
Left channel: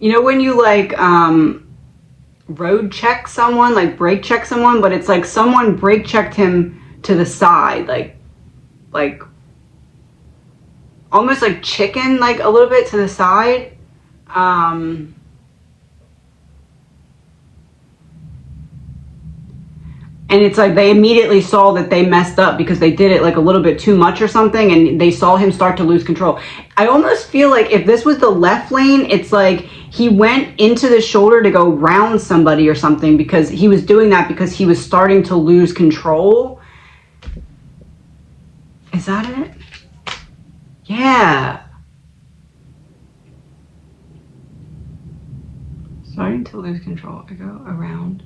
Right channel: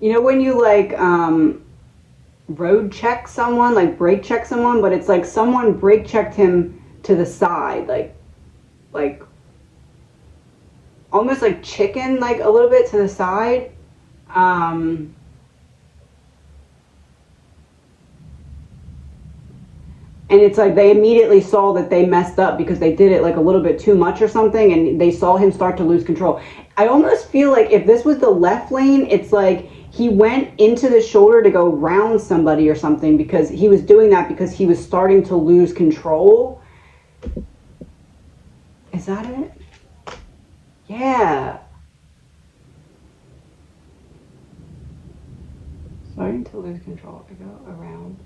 You know when you like road check someone, like brake check someone, but it's like someone brake checked him to the side, like almost like chicken, like a little bit to the side. And it's like they immediately saw that they messed up because they did it like a little bit too much or something, and they saw him start to lose control. I almost feel like if this was the left lane, it's like he went into the shoulder to go round somebody or something, because he was doing that because he was starting to lose control. Is that it? Yeah. Starting to lose control. I go around.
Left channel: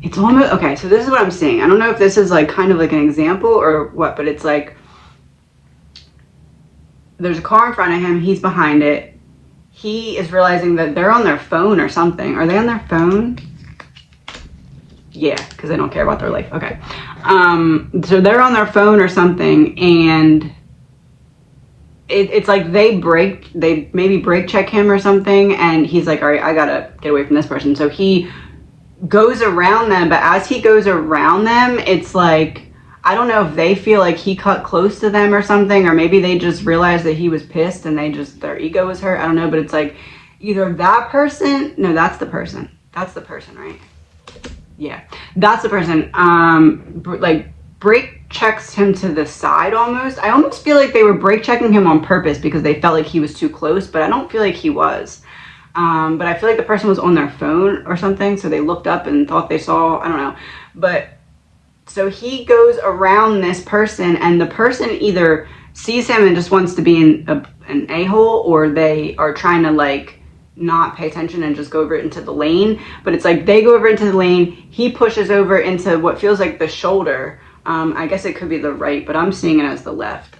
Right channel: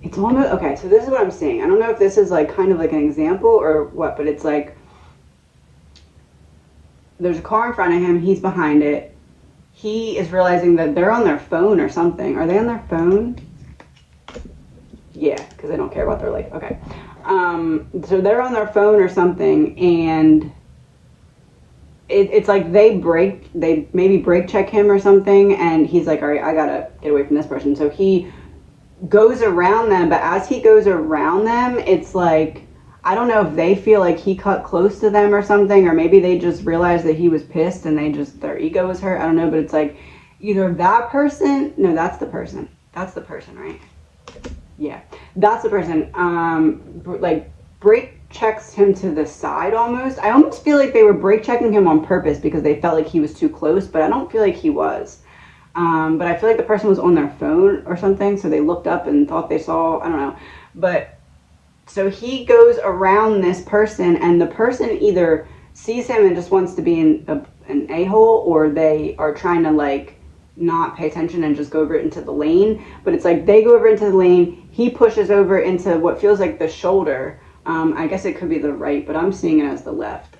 It's almost, okay, so this is what I'm seeing. I don't know if this is like kind of like an example or what, but it's like there's a car in front of him, he's behind it. He is realizing that they're on their phone or something. Are they on their phone? Yeah, because they don't care about their life. Okay. So they're on their phone or something, and it's like they maybe brake check him or something, and he's like, all right, I gotta get away from this person. So he goes around them, but as he goes around them, it's like, I don't know if they feel like he cut close to them or something, or maybe they just realized that he was pissed and their ego was hurt. I don't know, but it's like either that person, no, that's the person, right? Yeah, that's the person. Like brake checks him to the side almost. I almost feel like they were brake checking him on purpose because they felt like he was too close, but I don't feel like he was. But I feel like the person was on their phone or something, so they looked up and thought they saw, I don't know. But so he goes around this person, and the person either sees him and just wants to be an a-hole, or they are trying to like not pay attention and just go over into the lane. But it's like they go over into the lane, he pushes over into what feels like the shoulder. I guess it could be the right, but I'm seeing it as the left.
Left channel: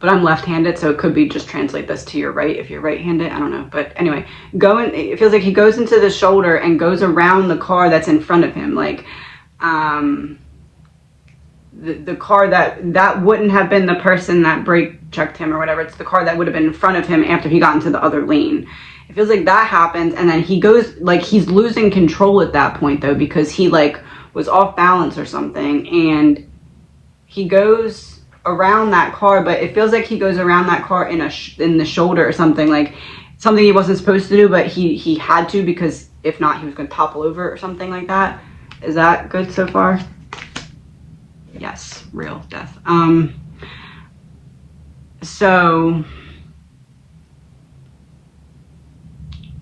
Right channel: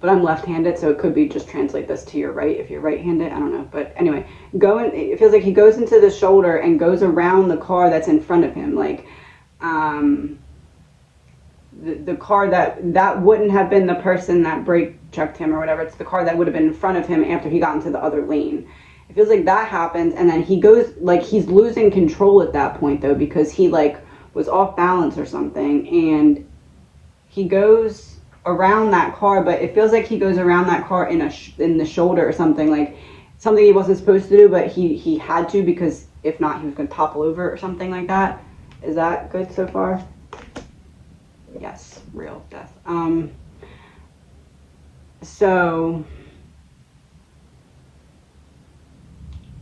But I'm left-handed, so it could be just translate this to your right if you're right-handed. I don't know. But anyway, it feels like he goes into the shoulder and goes around the car that's in front of him. Like the car that wouldn't have been the person that brake checked him or whatever. It's the car that would have been in front of him after he got into the other lane. It feels like that happens, and then he goes, like he's losing control at that point though, because he like was off balance or something, and he goes around that car, but it feels like he goes around that car in the shoulder or something, like something he wasn't supposed to do, but he had to, because if not he was going to topple over or something like that. Is that good so far? Yes, real death. So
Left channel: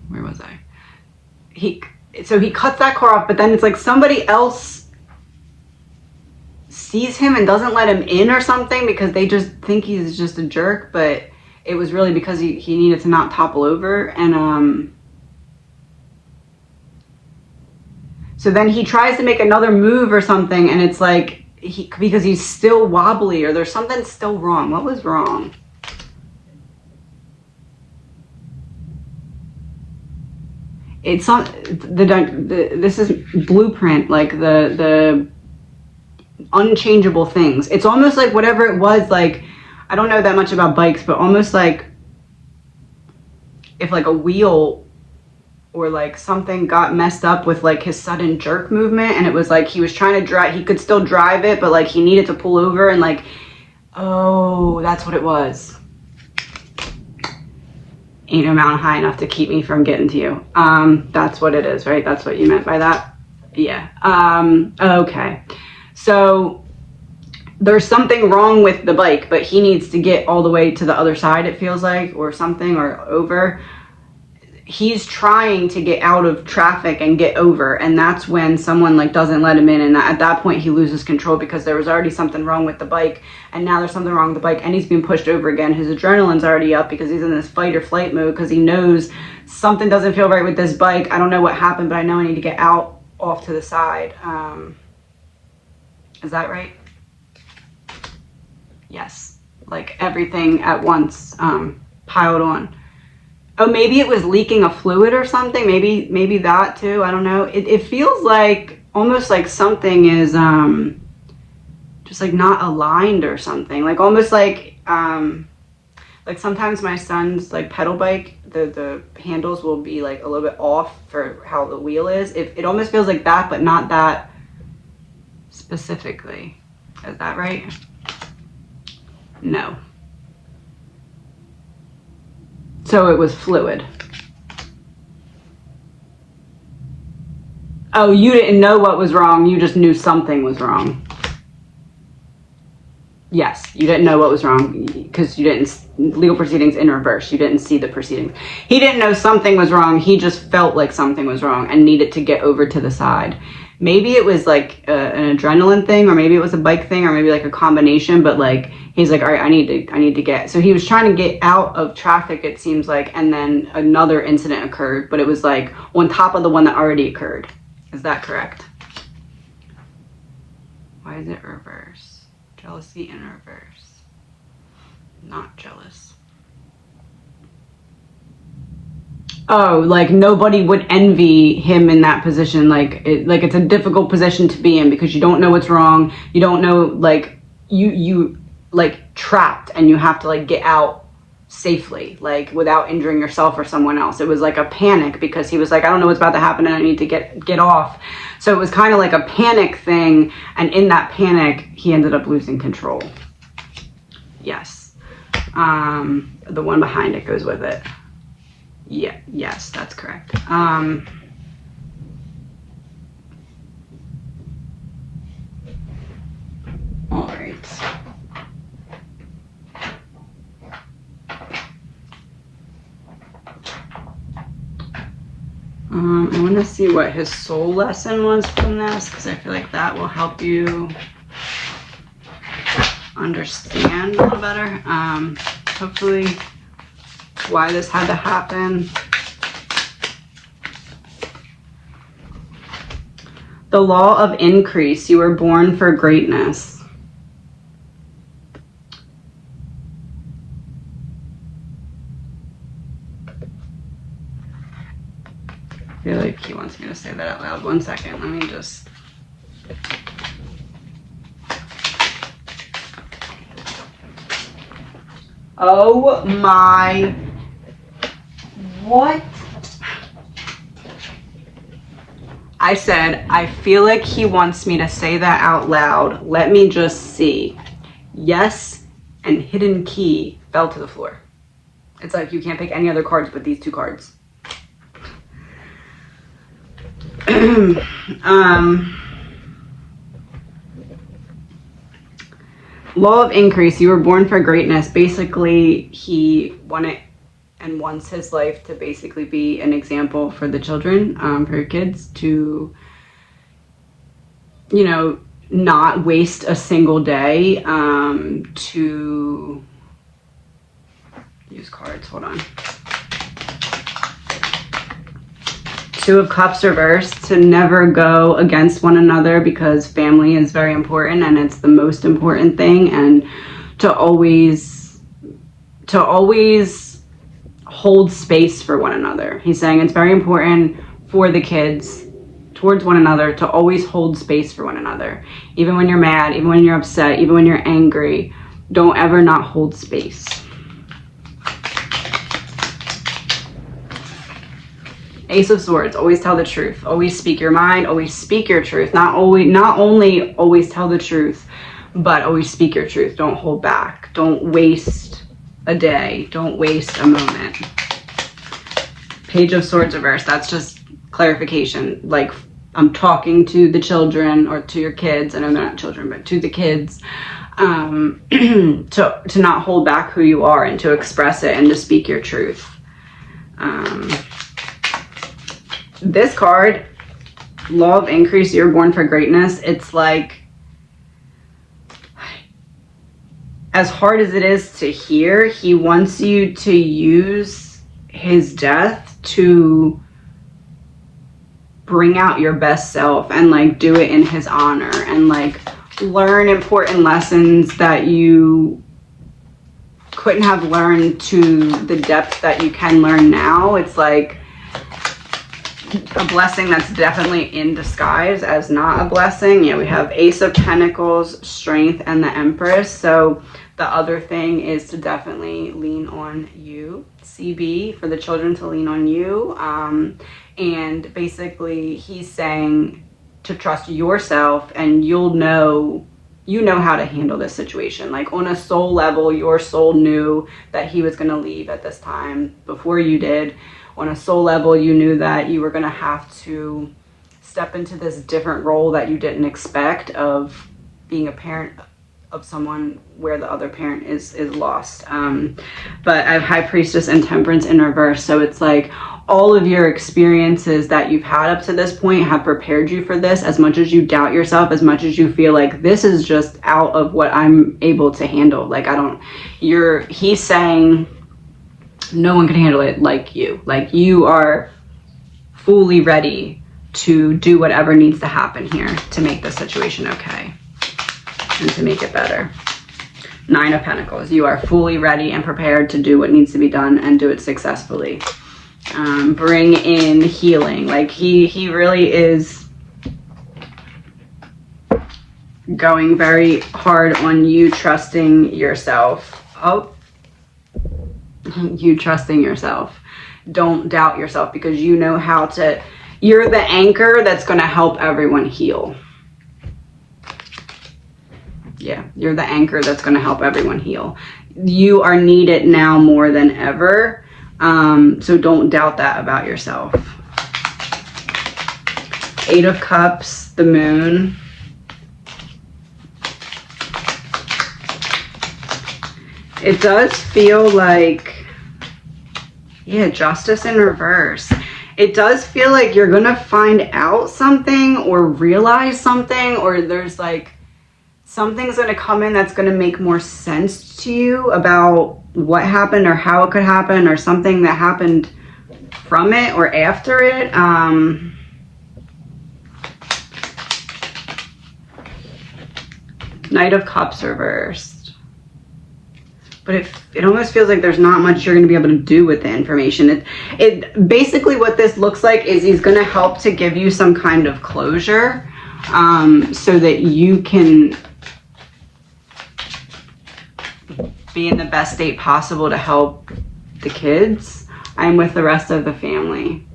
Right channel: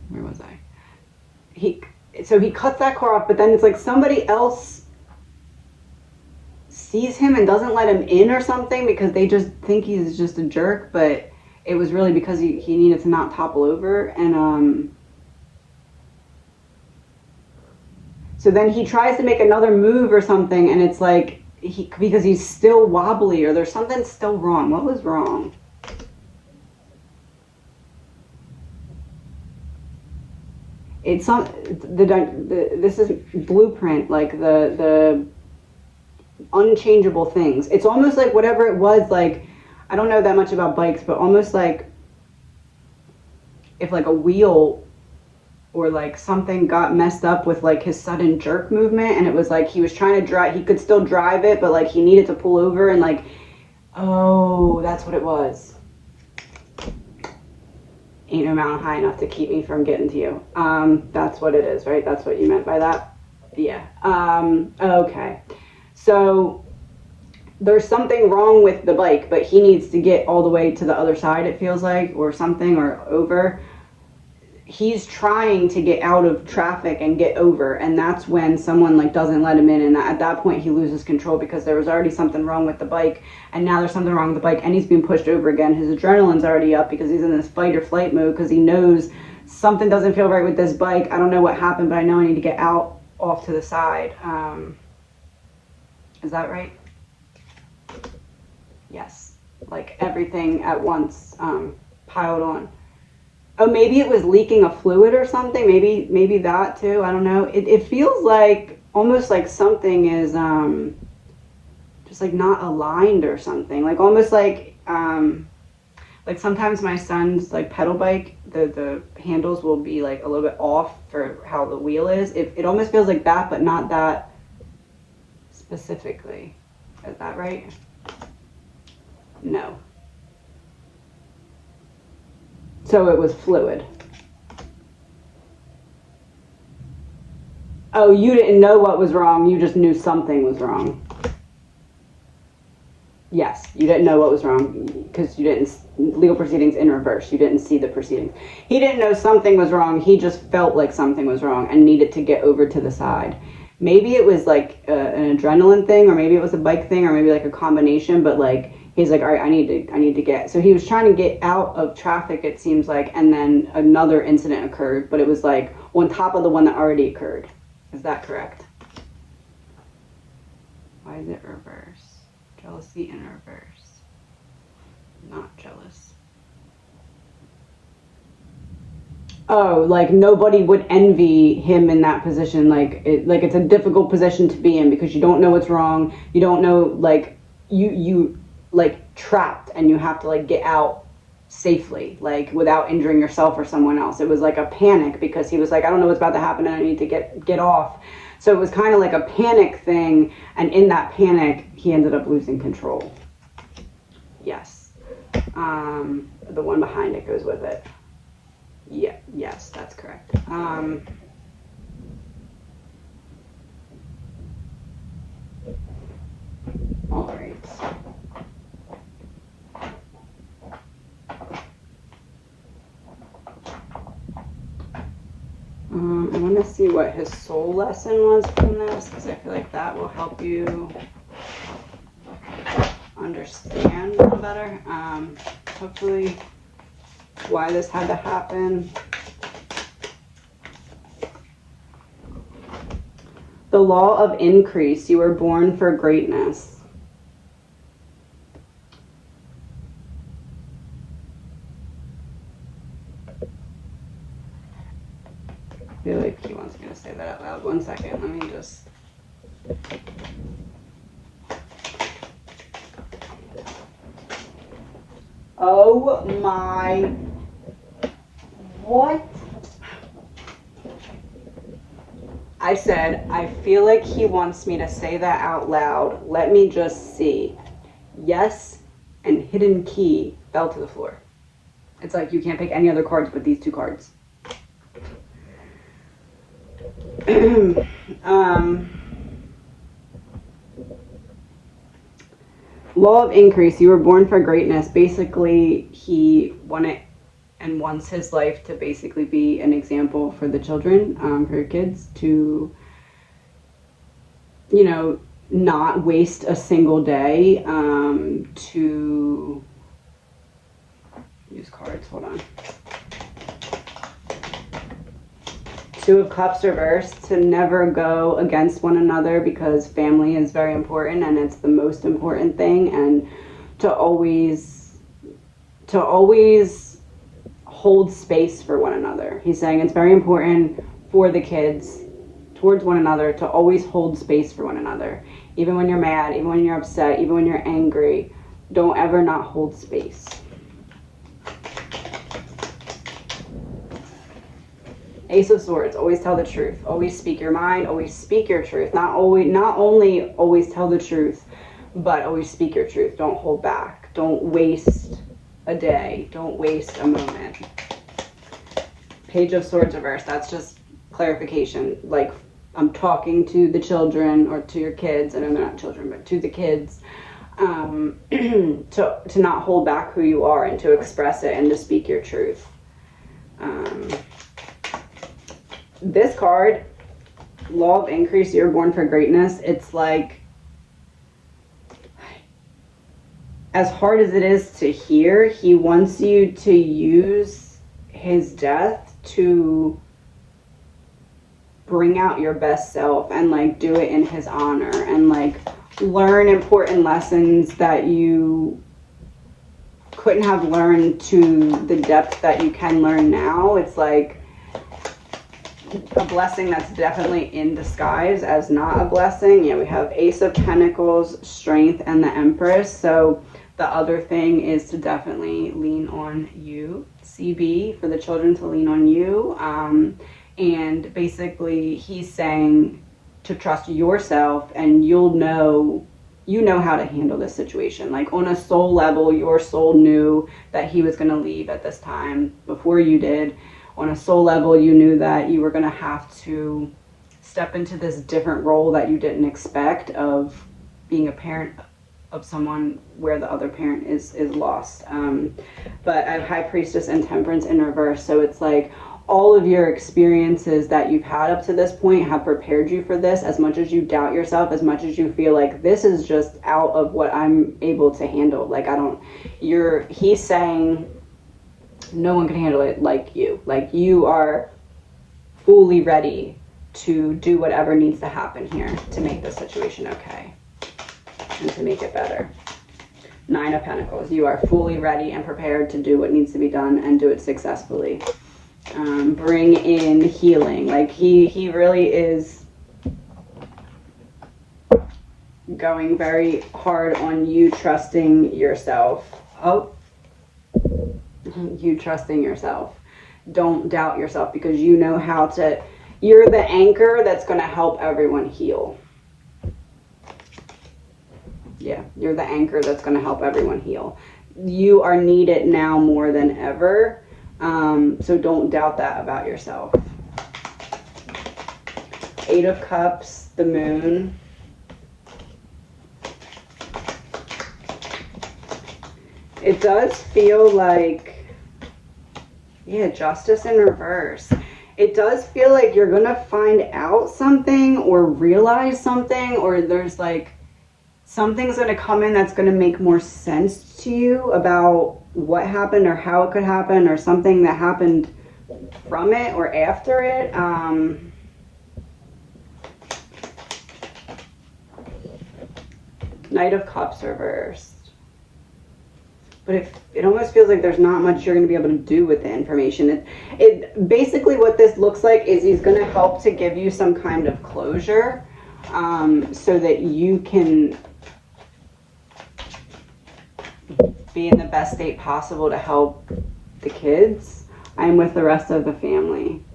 where was I? He cuts that car off, but then it's like somebody else sees him and doesn't let him in or something, because they just think he's just a jerk, but it was really because he needed to not topple over. And so then he tries to make another move or something, and it's like because he's still wobbly, or there's something still wrong. What was wrong? It's not this is blueprint, like the unchangeable things. It's almost like whatever it was, like I don't know that much about bikes, but almost like if like a wheel or like something got messed up with like his sudden jerk movement, and it was like he was trying to drive, he could still drive it, but like he needed to pull over, and like, oh, that's what it was. Ain't no mountain high enough to keep me from getting to you. That's what it is, right? That's what you meant by that? Yeah. Okay. So there's something wrong with the bike, but he needs to get all the way to the other side, it feels like, or something, or over. He's trying to get out of traffic and get over, and that's when someone like doesn't let him in, and at that point he loses control, because there was already something wrong with the bike, and now there's something wrong with the bike, and he's being pushed over again. His adrenaline's already up because he's in this fight or flight mode, because he knows something doesn't feel right with this bike. I don't know what happened, but I know I need to get out off to the side. Is that right? Yes, like everything at once piled on. Oh, maybe it was leaking a fluid or something. Maybe that too. I don't know. It feels like almost like something is just like not aligned or something. Like almost like sometimes my son's like pedal bike, the handles will be like a little bit off for how the wheel is. It almost feels like that, but not that specifically. Is that right? No. So it was fluid. Oh, you didn't know what was wrong. You just knew something was wrong. Yes, you didn't know what was wrong because you didn't, legal proceedings in reverse. You didn't see the proceedings. He didn't know something was wrong. He just felt like something was wrong and needed to get over to the side. maybe it was like an adrenaline thing, or maybe it was a bike thing, or maybe like a combination, but like he's like, all right, I need to get, so he was trying to get out of traffic, it seems like, and then another incident occurred, but it was like on top of the one that already occurred. Is that correct? Why is it reverse? Jealousy in reverse. Not jealous. Oh, like nobody would envy him in that position. Like it's a difficult position to be in because you don't know what's wrong. You don't know, like you like trapped, and you have to like get out safely, like without injuring yourself or someone else. It was like a panic because he was like, I don't know what's about to happen and I need to get off. So it was kind of like a panic thing, and in that panic he ended up losing control. Yes. The one behind it goes with it. Yeah, yes, that's correct. All right. I want to see what his soul lesson was from this, because I feel like that will help you understand a little better. Hopefully why this had to happen. The law of increase. You were born for greatness. I feel like he wants me to say that out loud. One second. Let me just... Oh my... What? I said, I feel like he wants me to say that out loud. Let me just see. Yes, and hidden key fell to the floor. It's like you can't pick any other cards but these two cards. Law of increase. You were born for greatness. Basically, he wanted and wants his life to basically be an example for the children, for your kids, to, you know, not waste a single day, to use cards, hold on. Two of Cups reversed, to never go against one another, because family is very important and it's the most important thing, and to always hold space for one another. He's saying it's very important for the kids towards one another to always hold space for one another. Even when you're mad, even when you're upset, even when you're angry, don't ever not hold space. Ace of Swords, always tell the truth. Always speak your mind, always speak your truth. Not only always tell the truth, but always speak your truth. Don't hold back. Don't waste a day. Don't waste a moment. Page of Swords reversed. That's just clarification. Like, I'm talking to the children, or to your kids. I know they're not children, but to the kids. To not hold back who you are, and to express it, and to speak your truth. This card, Law of Increase, you're born for greatness. It's like, as hard as it is to hear, he wants you to use his death to bring out your best self, and like do it in his honor, and like learn important lessons that you couldn't have learned to the depth that you can learn now. It's like a blessing that's definitely in disguise as not a blessing. Yeah, we have Ace of Pentacles, Strength, and the Empress. So the other thing is to definitely lean on you, CB, for the children to lean on you. And basically he's saying to trust yourself, and you know how to handle this situation. Like, on a soul level, your soul knew that he was going to leave at this time before you did. On a soul level, you knew that you were going to have to step into this different role that you didn't expect, of being a parent of someone where the other parent is lost. But I have High Priestess and Temperance in reverse. So it's like all of your experiences that you've had up to this point have prepared you for this. As much as you doubt yourself, as much as you feel like this is just out of what I'm able to handle. Like, he's saying no one can handle it like you. Like, you are fully ready to do whatever needs to happen here to make the situation okay and to make it better. 9 of Pentacles. You are fully ready and prepared to do what needs to be done and do it successfully. Bring in healing. Like, he really is going very hard on you trusting yourself. Oh, you trusting yourself. Don't doubt yourself, because you know how to. You're the anchor that's going to help everyone heal. Yeah, you're the anchor that's going to help everyone heal. You are needed now more than ever. So don't doubt that about yourself. 8 of Cups, the Moon. It does feel like, yeah, Justice in reverse. It does feel like you're going to find out something or realize something, or there's like something's going to come in that's going to make more sense to you about what happened or how it could happen, or something that happened from it or after it. Knight of Cups reversed. But it almost feels like there's not much you're going to be able to do with the information. It basically, what this looks like is he's going to help to give you some kind of closure, so that you can be in the best state possible to help the kids and with the rest of the family.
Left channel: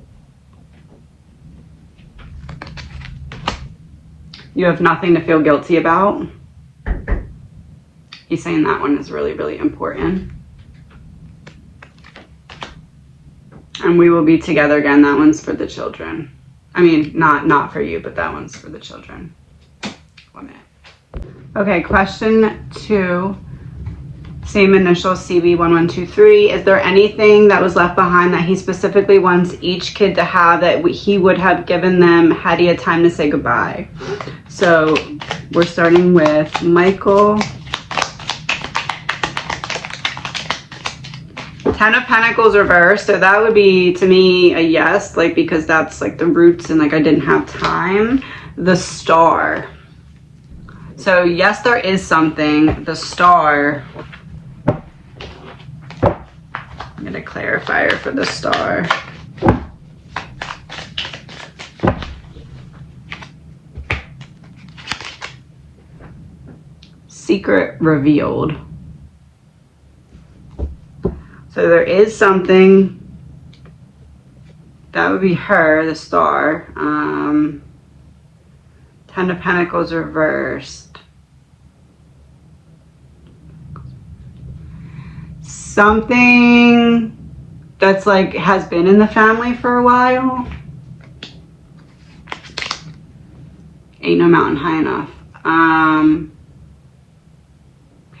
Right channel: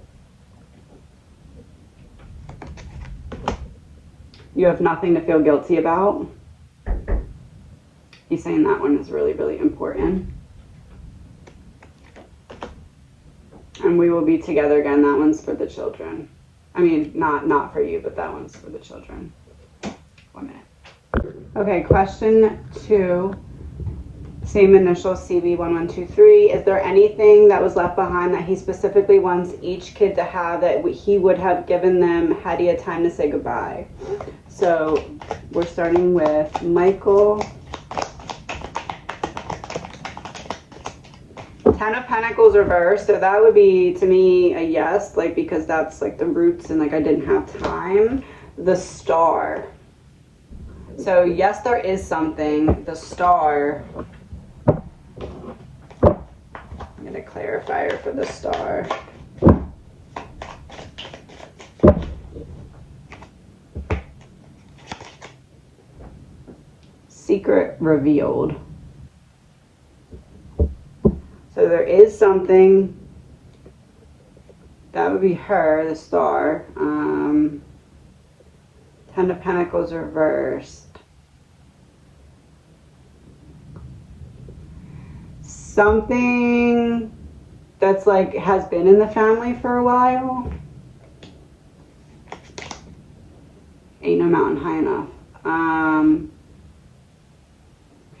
You have nothing to feel guilty about. He's saying that one is really, really important. And we will be together again. That one's for the children. I mean, not for you, but that one's for the children. 1 minute. Okay, question 2. Same initials, CB1123. Is there anything that was left behind that he specifically wants each kid to have that he would have given them had he had time to say goodbye? So we're starting with Michael. 10 of Pentacles reversed. So that would be, to me, a yes, like, because that's like the roots and like I didn't have time. The Star. So yes, there is something. The Star. I'm going to clarifier for the Star. Secret revealed. So there is something. That would be her, the Star. 10 of Pentacles reversed. Something that's like has been in the family for a while. Ain't no mountain high enough. Can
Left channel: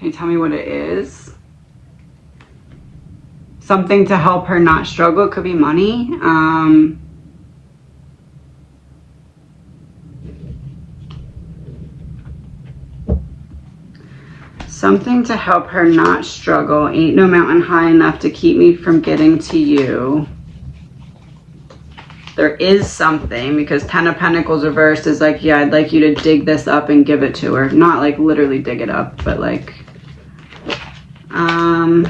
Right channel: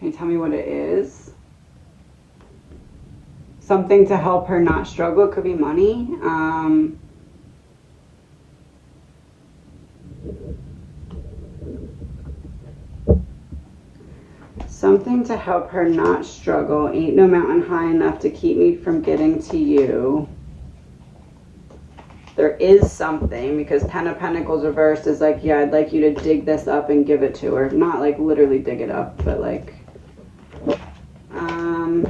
you tell me what it is? Something to help her not struggle. It could be money. Something to help her not struggle. Ain't no mountain high enough to keep me from getting to you. There is something, because 10 of Pentacles reversed is like, yeah, I'd like you to dig this up and give it to her. Not like literally dig it up, but like, let's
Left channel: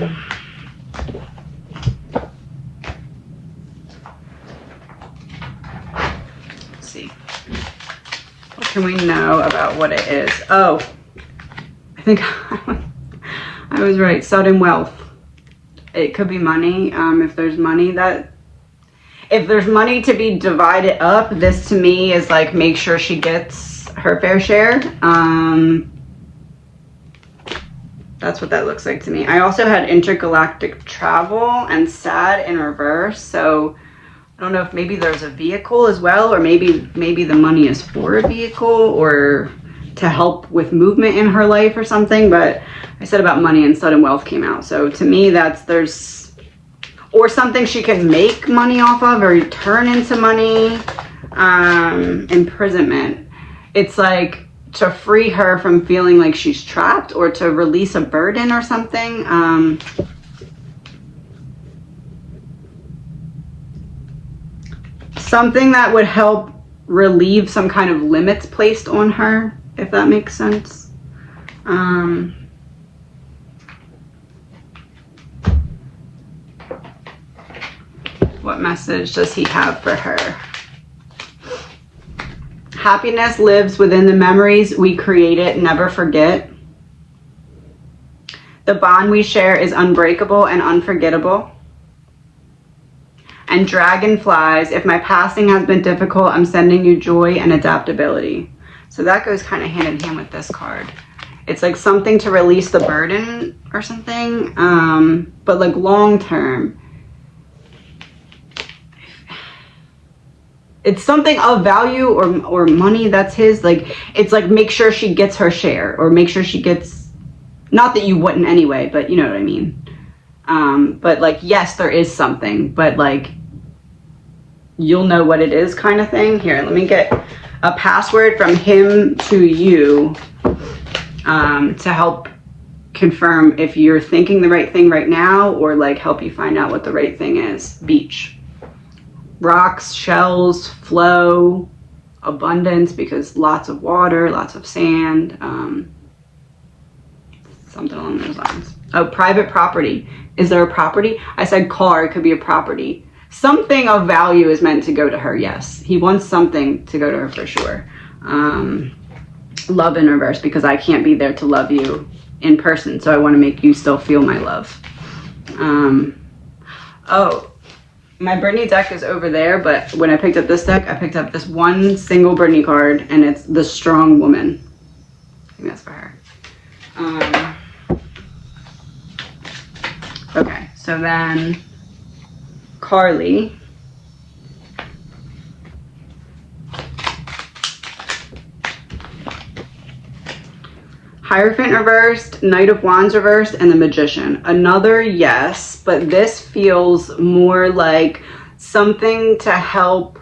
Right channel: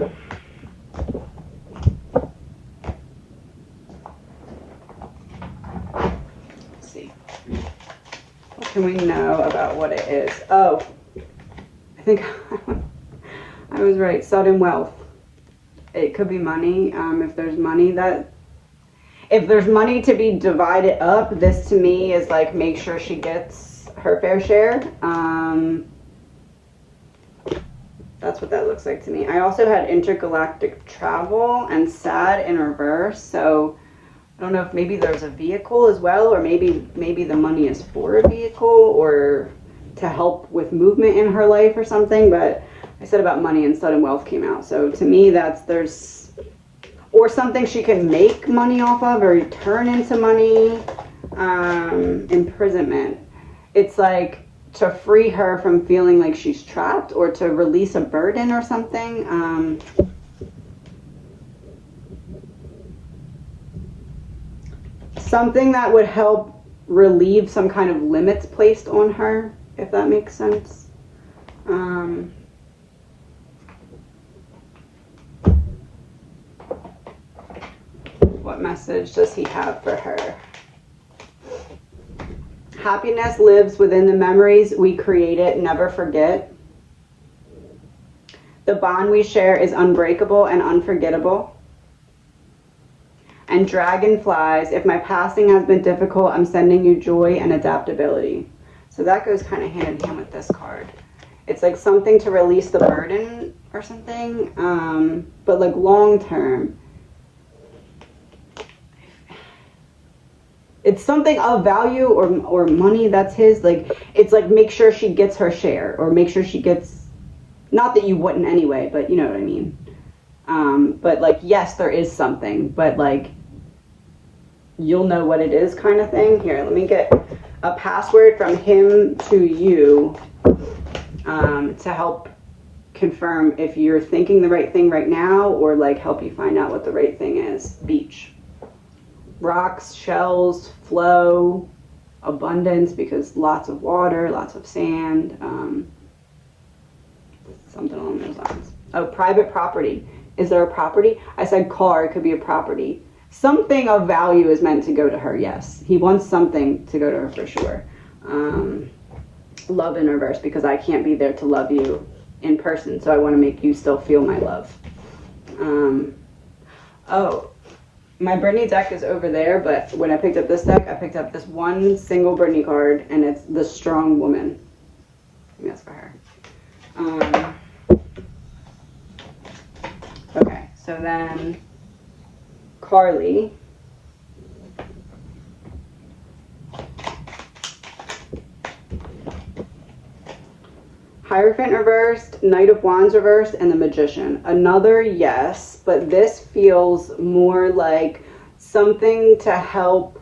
see. What can we know about what it is? Oh, I think I was right. Sudden wealth. It could be money. If there's money to be divided up, this to me is like, make sure she gets her fair share. That's what that looks like to me. I also had intergalactic travel and sad in reverse. So I don't know if maybe there's a vehicle as well, or maybe the money is for a vehicle or to help with movement in her life or something. But I said about money and sudden wealth came out. So to me, there's or something she can make money off of or turn into money. Imprisonment. It's like to free her from feeling like she's trapped or to release a burden or something. Something that would help relieve some kind of limits placed on her, if that makes sense. What message does he have for her? Happiness lives within the memories we created, never forget. The bond we share is unbreakable and unforgettable. And dragonflies, if my passing has been difficult, I'm sending you joy and adaptability. So that goes kind of hand in hand with this card. It's like something to release the burden or something, but like long term. It's something of value or money that's his. Like, it's like make sure she gets her share, or make sure she gets, not that you wouldn't anyway, but you know what I mean. But like, yes, there is something, but like, you'll know what it is kind of thing. Here, let me get a password from him to you to help confirm if you're thinking the right thing right now, or like help you find out what the right thing is. Beach. Rocks, shells, flow, abundance, because lots of water, lots of sand, something along those lines. Oh, private property. Is there a property? I said car, it could be a property. Something of value is meant to go to her, yes. He wants something to go to her for sure. Love in reverse, because I can't be there to love you in person, so I want to make you still feel my love. Oh, my Brittany deck is over there, but when I picked up this deck, I picked up this one single Brittany card, and it's the Strong Woman. I think that's for her. Okay, so then Carly. Hierophant reversed, Knight of Wands reversed, and the Magician. Another yes, but this feels more like something to help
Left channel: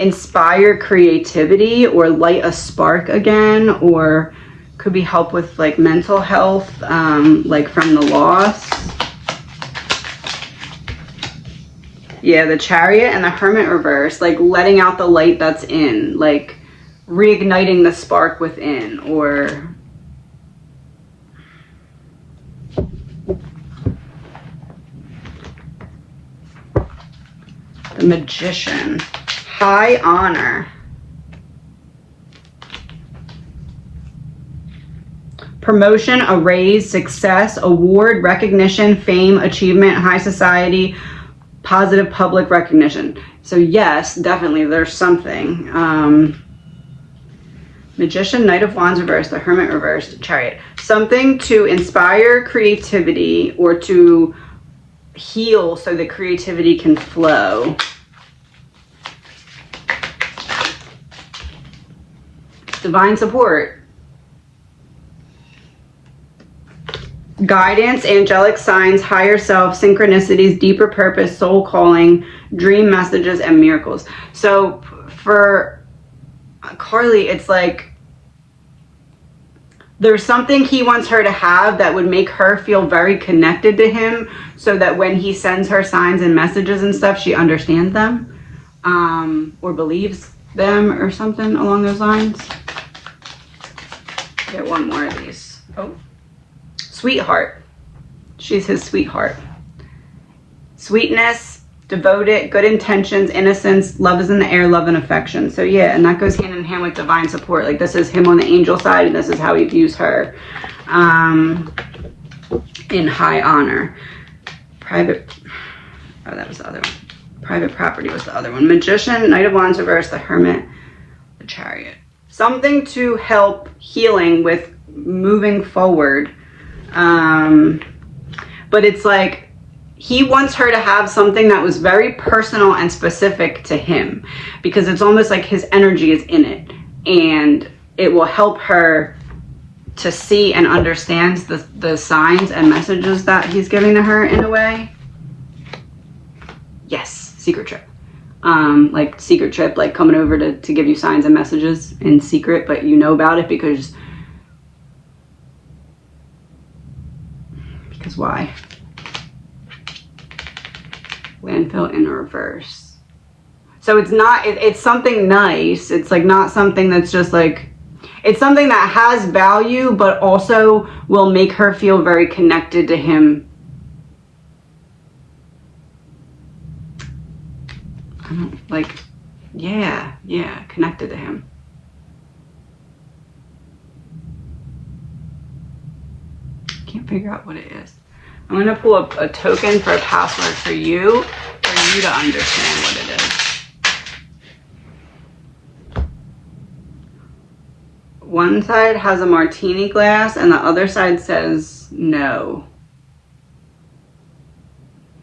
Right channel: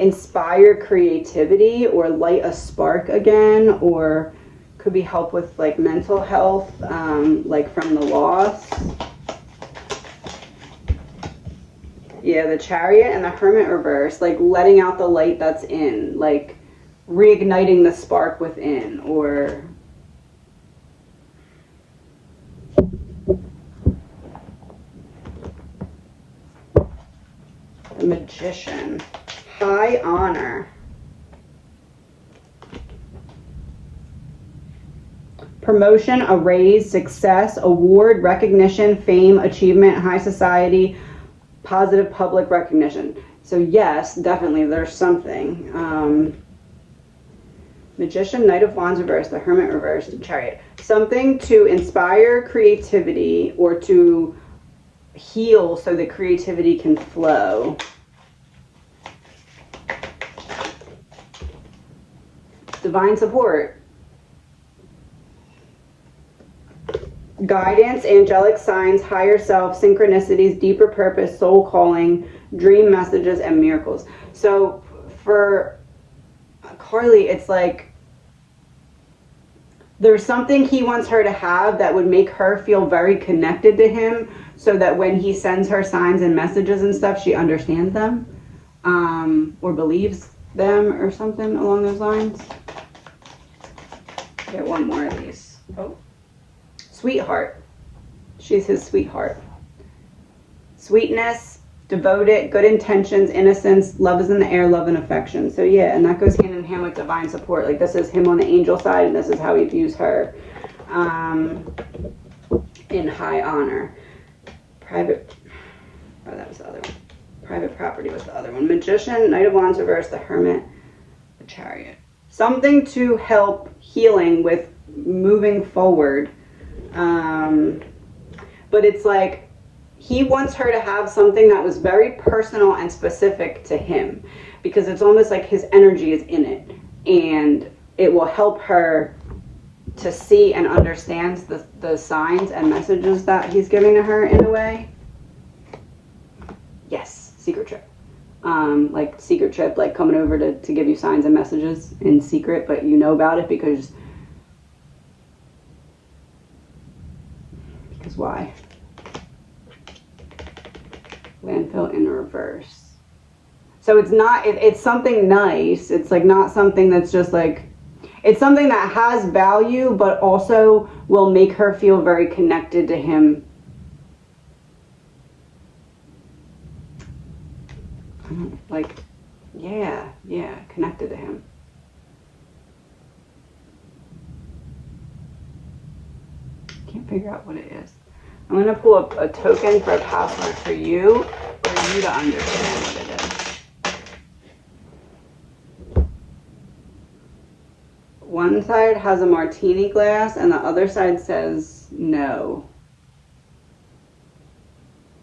inspire creativity or light a spark again, or could be help with like mental health, like from the loss. Yeah, the Chariot and the Hermit reverse, like letting out the light that's in, like reigniting the spark within, or the Magician. High honor. Promotion, a raise, success, award, recognition, fame, achievement, high society, positive public recognition. So yes, definitely there's something. Magician, Knight of Wands reversed, the Hermit reversed, Chariot. Something to inspire creativity or to heal so that creativity can flow. Divine support. Guidance, angelic signs, higher self, synchronicities, deeper purpose, soul calling, dream messages, and miracles. So for Carly, it's like there's something he wants her to have that would make her feel very connected to him, so that when he sends her signs and messages and stuff, she understands them, or believes them, or something along those lines. Get one more of these. Oh, sweetheart. She's his sweetheart. Sweetness, devoted, good intentions, innocence, love is in the air, love and affection. So yeah, and that goes hand in hand with divine support. Like this is him on the angel side, and this is how he views her in high honor. Private, oh, that was the other one. Private property was the other one. Magician, Knight of Wands reversed, the Hermit, the Chariot. Something to help healing with moving forward. But it's like he wants her to have something that was very personal and specific to him, because it's almost like his energy is in it, and it will help her to see and understands the signs and messages that he's giving to her in a way. Yes, secret trip. Like secret trip, like coming over to give you signs and messages in secret, but you know about it because why? Landfill in reverse. So it's not, it's something nice. It's like not something that's just like, it's something that has value, but also will make her feel very connected to him. Like, yeah, connected to him. Can't figure out what it is. I'm going to pull up a token for a password for you to understand what it is. One side has a martini glass and the other side says no.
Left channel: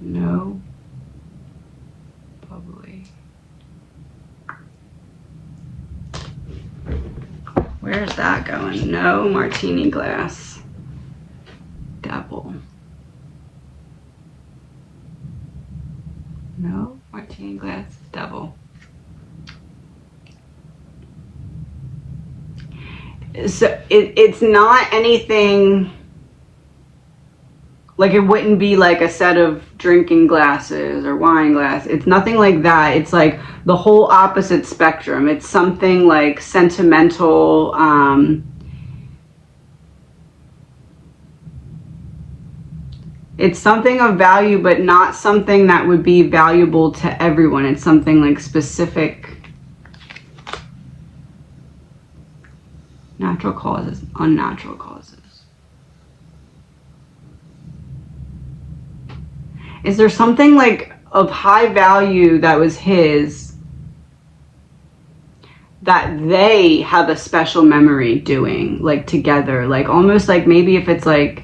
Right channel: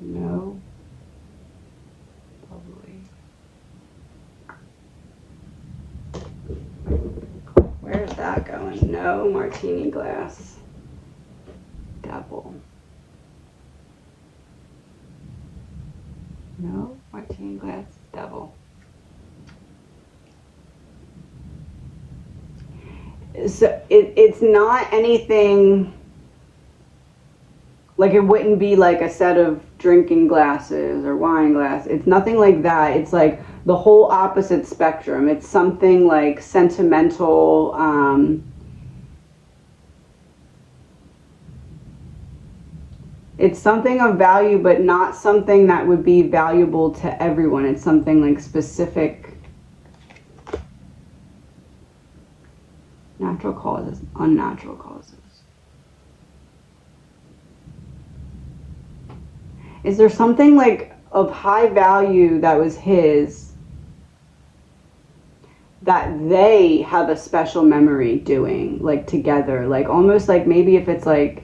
No. Bubbly. Where's that going? No martini glass. Devil. No martini glass. Devil. So it's not anything, like it wouldn't be like a set of drinking glasses or wine glass. It's nothing like that. It's like the whole opposite spectrum. It's something like sentimental, it's something of value, but not something that would be valuable to everyone. It's something like specific. Natural causes, unnatural causes. Is there something like of high value that was his that they have a special memory doing, like together, like almost like maybe if it's like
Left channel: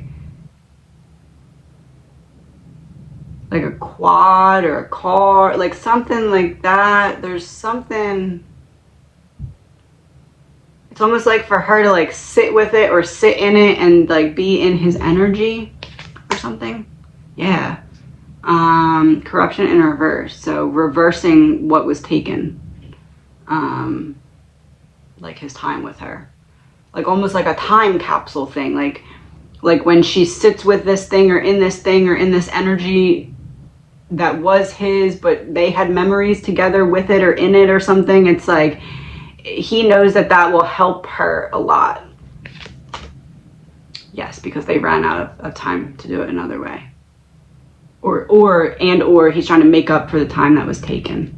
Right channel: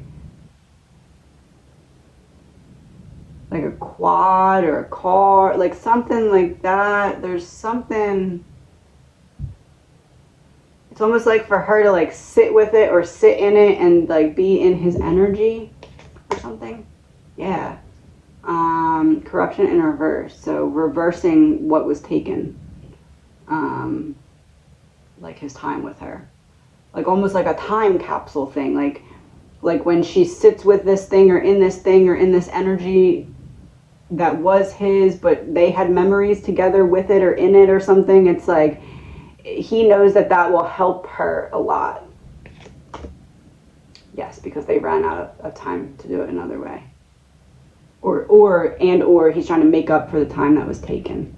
a quad or a car, like something like that. There's something. It's almost like for her to like sit with it or sit in it and like be in his energy or something. Yeah. Corruption in reverse. So reversing what was taken. Like his time with her. Like almost like a time capsule thing. Like when she sits with this thing or in this energy that was his, but they had memories together with it or in it or something. It's like, he knows that will help her a lot. Yes, because they ran out of time to do it another way. Or he's trying to make up for the time that was taken.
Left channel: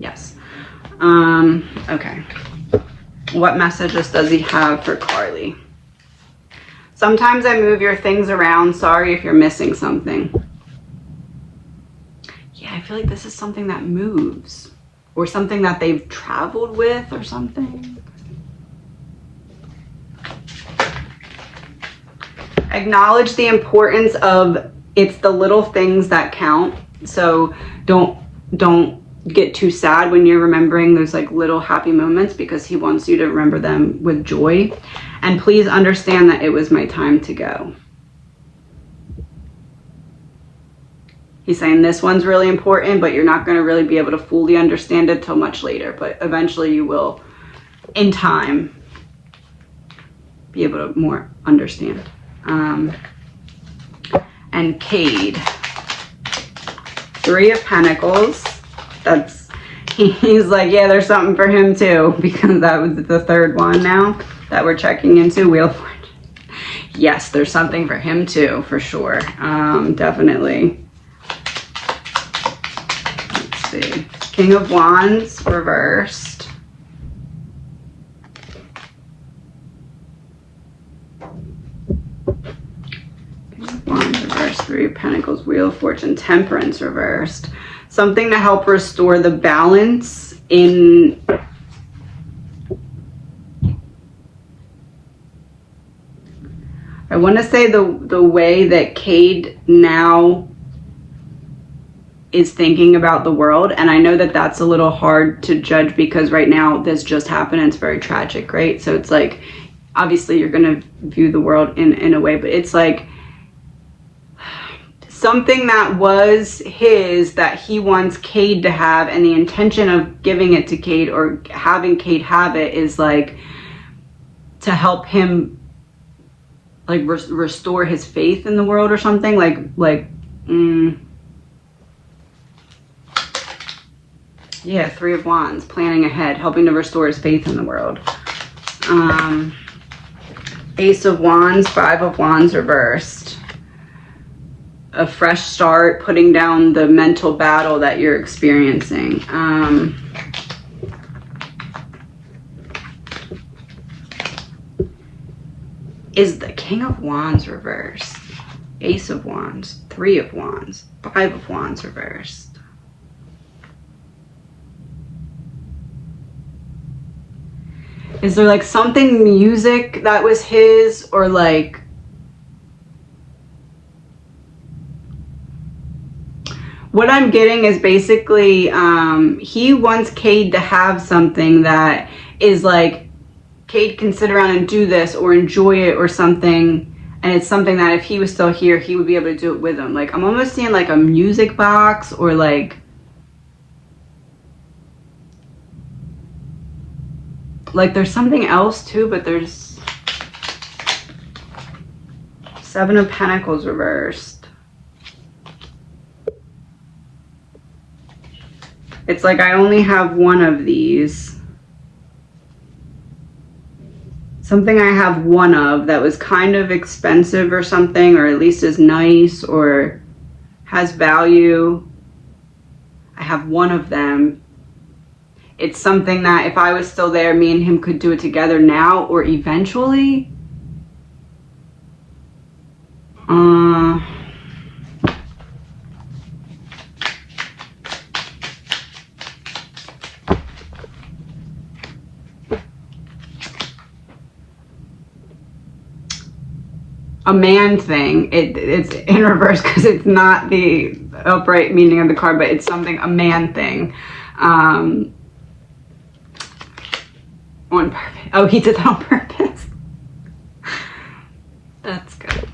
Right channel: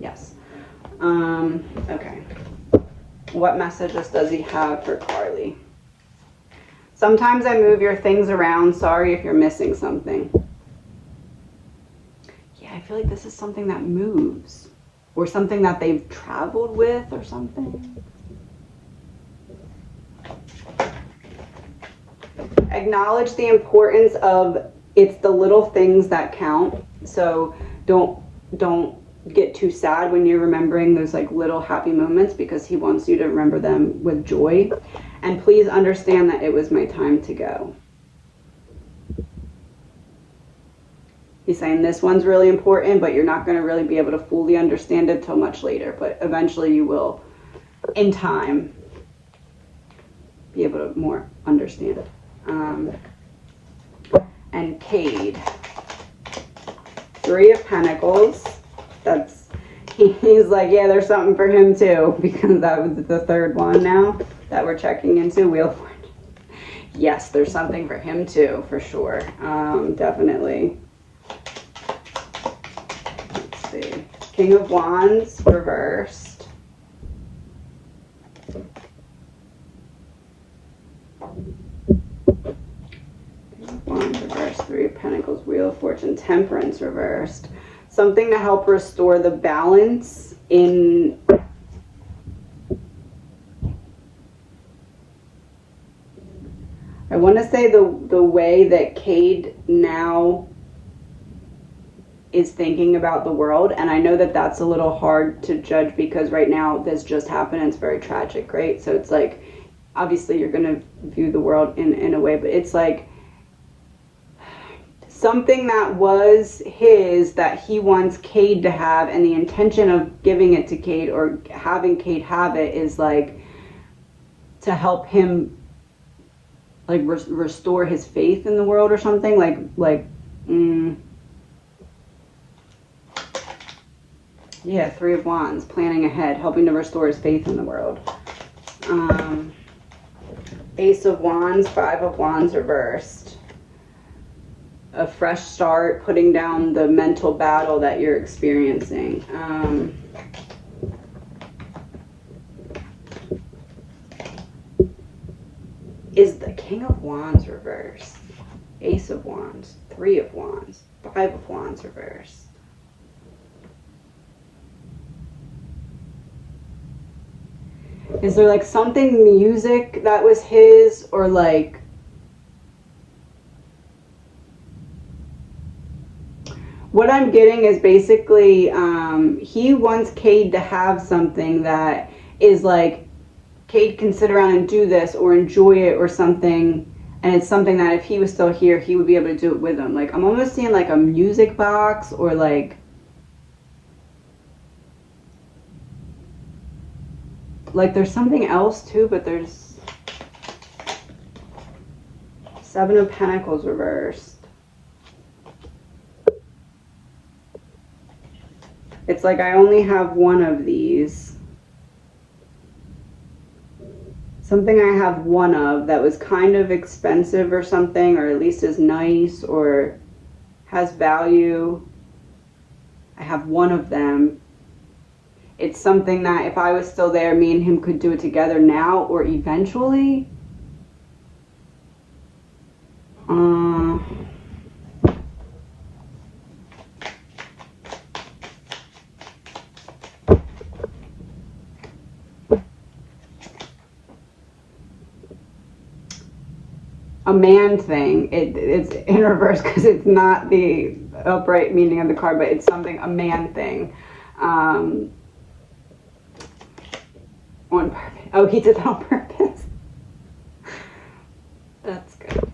Yes. Okay. What messages does he have for Carly? Sometimes I move your things around. Sorry if you're missing something. Yeah, I feel like this is something that moves. Or something that they've traveled with or something. Acknowledge the importance of it's the little things that count. So don't get too sad when you're remembering those like little happy moments, because he wants you to remember them with joy. And please understand that it was my time to go. He's saying this one's really important, but you're not going to really be able to fully understand it till much later. But eventually you will, in time, be able to more understand. And Cade. 3 of Pentacles. He's like, yeah, there's something for him too, because that was the 3rd one now that we're checking into. Wheel of Fortune. Yes, there's something for him too, for sure. Definitely. See. King of Wands reversed. King of Wands reversed. 3 of Pentacles, Wheel of Fortune, Temperance reversed. Something to help restore the balance in I want to say the way that Cade now is thinking about the world. And I know that that's a little hard to judge because right now this just happened and it's very tragic, right? So it's like, obviously you're gonna view the world in a way, but it's like something that was his that he wants Cade to have, and the intention of giving it to Cade or having Cade have it is like to help him like restore his faith in the world or something. Yeah, Three of Wands, planning ahead, helping to restore his faith in the world. Ace of Wands, Five of Wands reversed. A fresh start, putting down the mental battle that you're experiencing. Is the King of Wands reversed? Ace of Wands, Three of Wands, Five of Wands reversed. Is there like something music that was his, or like what I'm getting is basically he wants Cade to have something that is like Cade can sit around and do this or enjoy it or something, and it's something that if he was still here he would be able to do it with him. Like I'm almost seeing like a music box, or like there's something else too, but there's Seven of Pentacles reversed. It's like I only have one of these. Something I have one of that was kind of expensive or something, or at least is nice or has value. I have one of them. It's something that if I was still there, me and him could do it together now or eventually. A man thing. It's in reverse because it's not the upright meaning of the card, but it's something, a man thing. On purpose. Oh, he did that on purpose. That's good.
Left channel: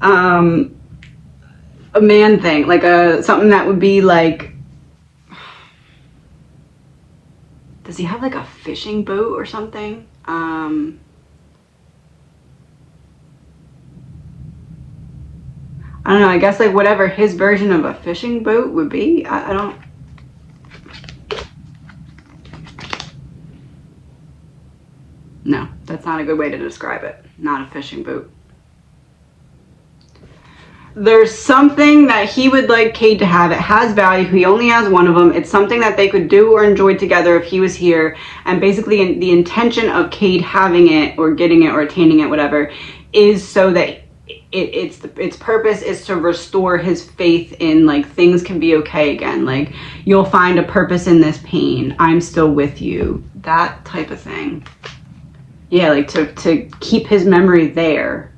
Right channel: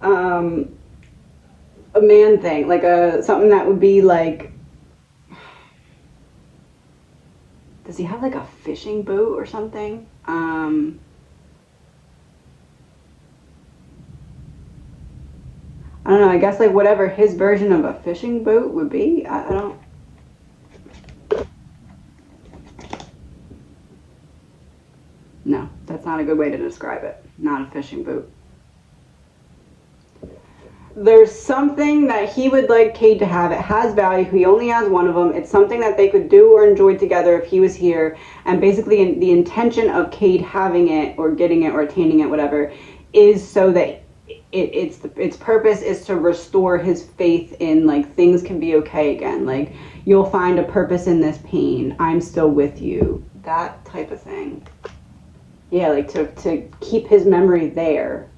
A man thing, like something that would be like, does he have like a fishing boat or something? I don't know, I guess like whatever his version of a fishing boat would be. I don't. No, that's not a good way to describe it. Not a fishing boat. There's something that he would like Cade to have. It has value. He only has one of them. It's something that they could do or enjoy together if he was here. And basically the intention of Cade having it or getting it or attaining it, whatever, is so that its purpose is to restore his faith in like things can be okay again. Like you'll find a purpose in this pain. I'm still with you. That type of thing. Yeah, like to keep his memory there.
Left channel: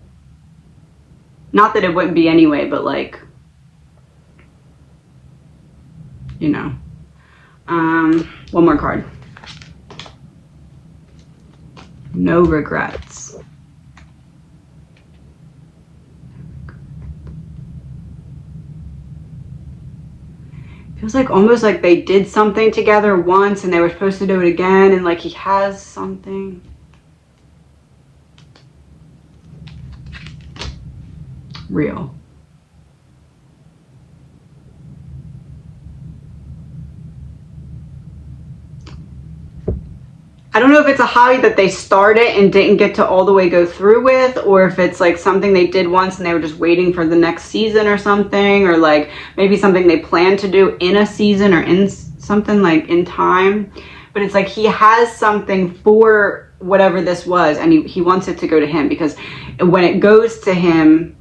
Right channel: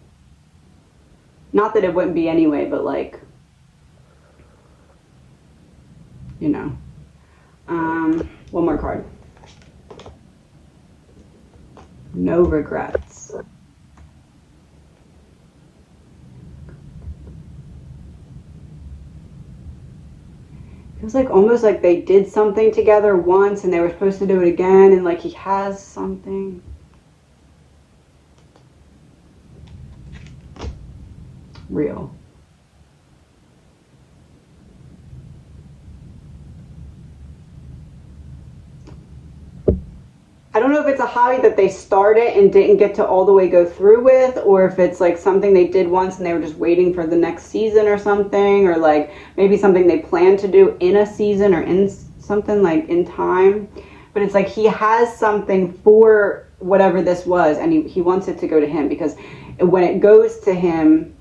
Not that it wouldn't be anyway, but like, you know. One more card. No regrets. Feels like almost like they did something together once and they were supposed to do it again, and like he has something. Real. I don't know if it's a hobby that they started and didn't get to all the way go through with, or if it's like something they did once and they were just waiting for the next season or something, or like maybe something they plan to do in a season or in something like in time. But it's like he has something for whatever this was, and he wants it to go to him, because when it goes to him,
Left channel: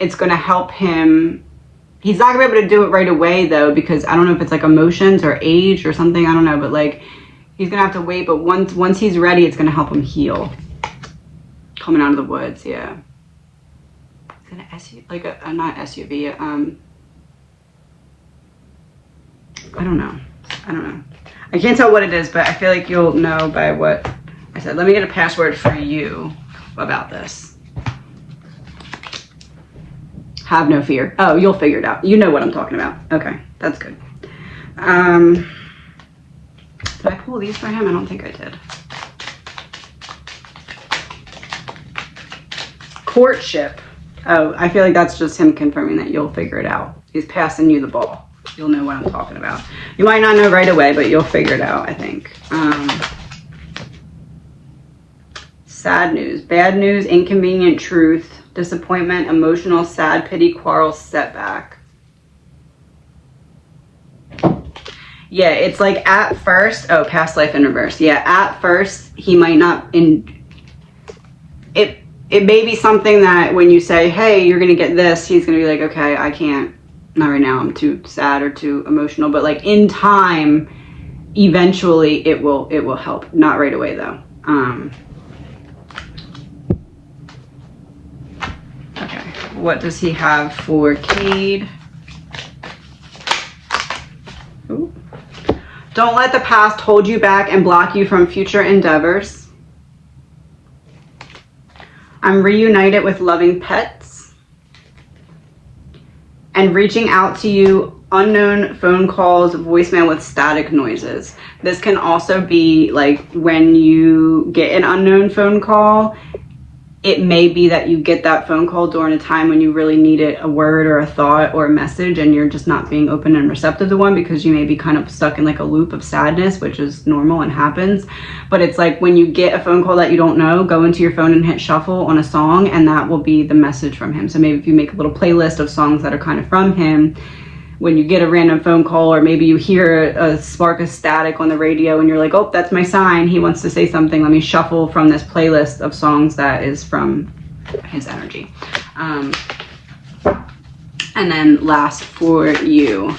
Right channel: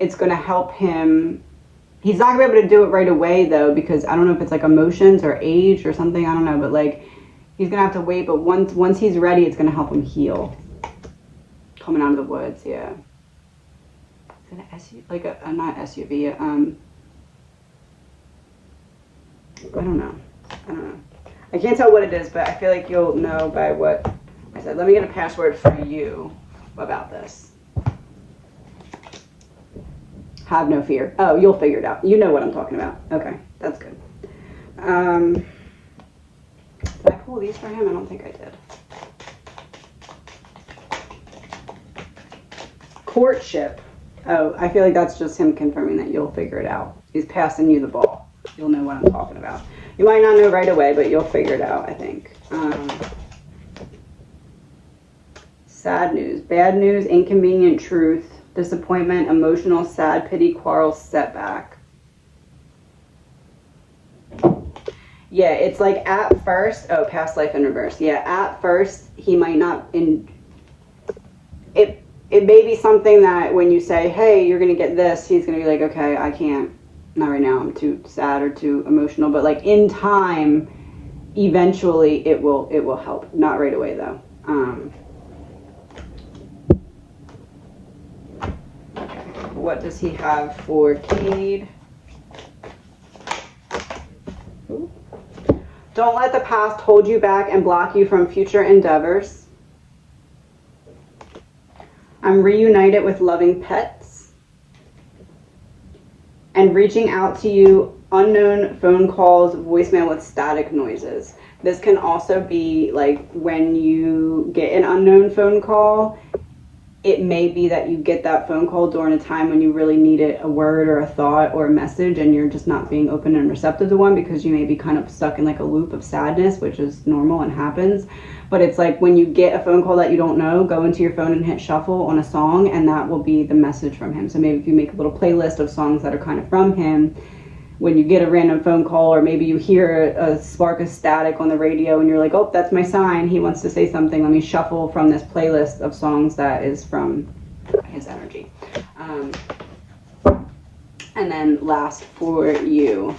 it's going to help him. He's not going to be able to do it right away though, because I don't know if it's like emotions or age or something, I don't know, but like he's going to have to wait, but once he's ready, it's going to help him heal. Coming out of the woods, yeah. Is it an SUV, like a not SUV, I don't know. I can't tell what it is, but I feel like you'll know by what I said. Let me get a password for you about this. Have no fear. Oh, you'll figure it out. You know what I'm talking about. Okay, that's good. Did I pull these for him? I don't think I did. Courtship. Oh, I feel like that's just him confirming that you'll figure it out. He's passing you the ball. You'll know what I'm talking about. You might not know right away, but you'll figure it out, I think. Sad news, bad news, inconvenient truth, disappointment, emotional, sad, pity, quarrel, setback. Yeah, it's like at first, oh, past life in reverse. Yeah, at first, he might not, it may be something that when you say, hey, you're going to get this, he's going to be like, okay, I can't, not right now, I'm too sad or too emotional. But like in time, eventually it will help. Not right away though. Okay, what does he have for Cade? Ooh. Don't let the past hold you back and block you from future endeavors. I'm reunited with loving pets. And reaching out to you, unknown phone calls, voicemail with static noises. This can also be like when you get an unknown phone call, it may be that you get that phone call during a time when you really needed a word or a thought or a message, and you're just not being open and receptive to one because you may be kind of stuck in like a loop of sadness, which is normal and happens. But it's like when you get a phone call that you don't know, go into your phone and hit shuffle on a song, and that will be the message from him. So maybe if you make a little playlist of songs that are kind of from him, when you get a random phone call, or maybe you hear a spark of static on the radio and you're like, oh, that's my sign, he wants to say something, let me shuffle from this playlist of songs that is from his energy. And then last for you,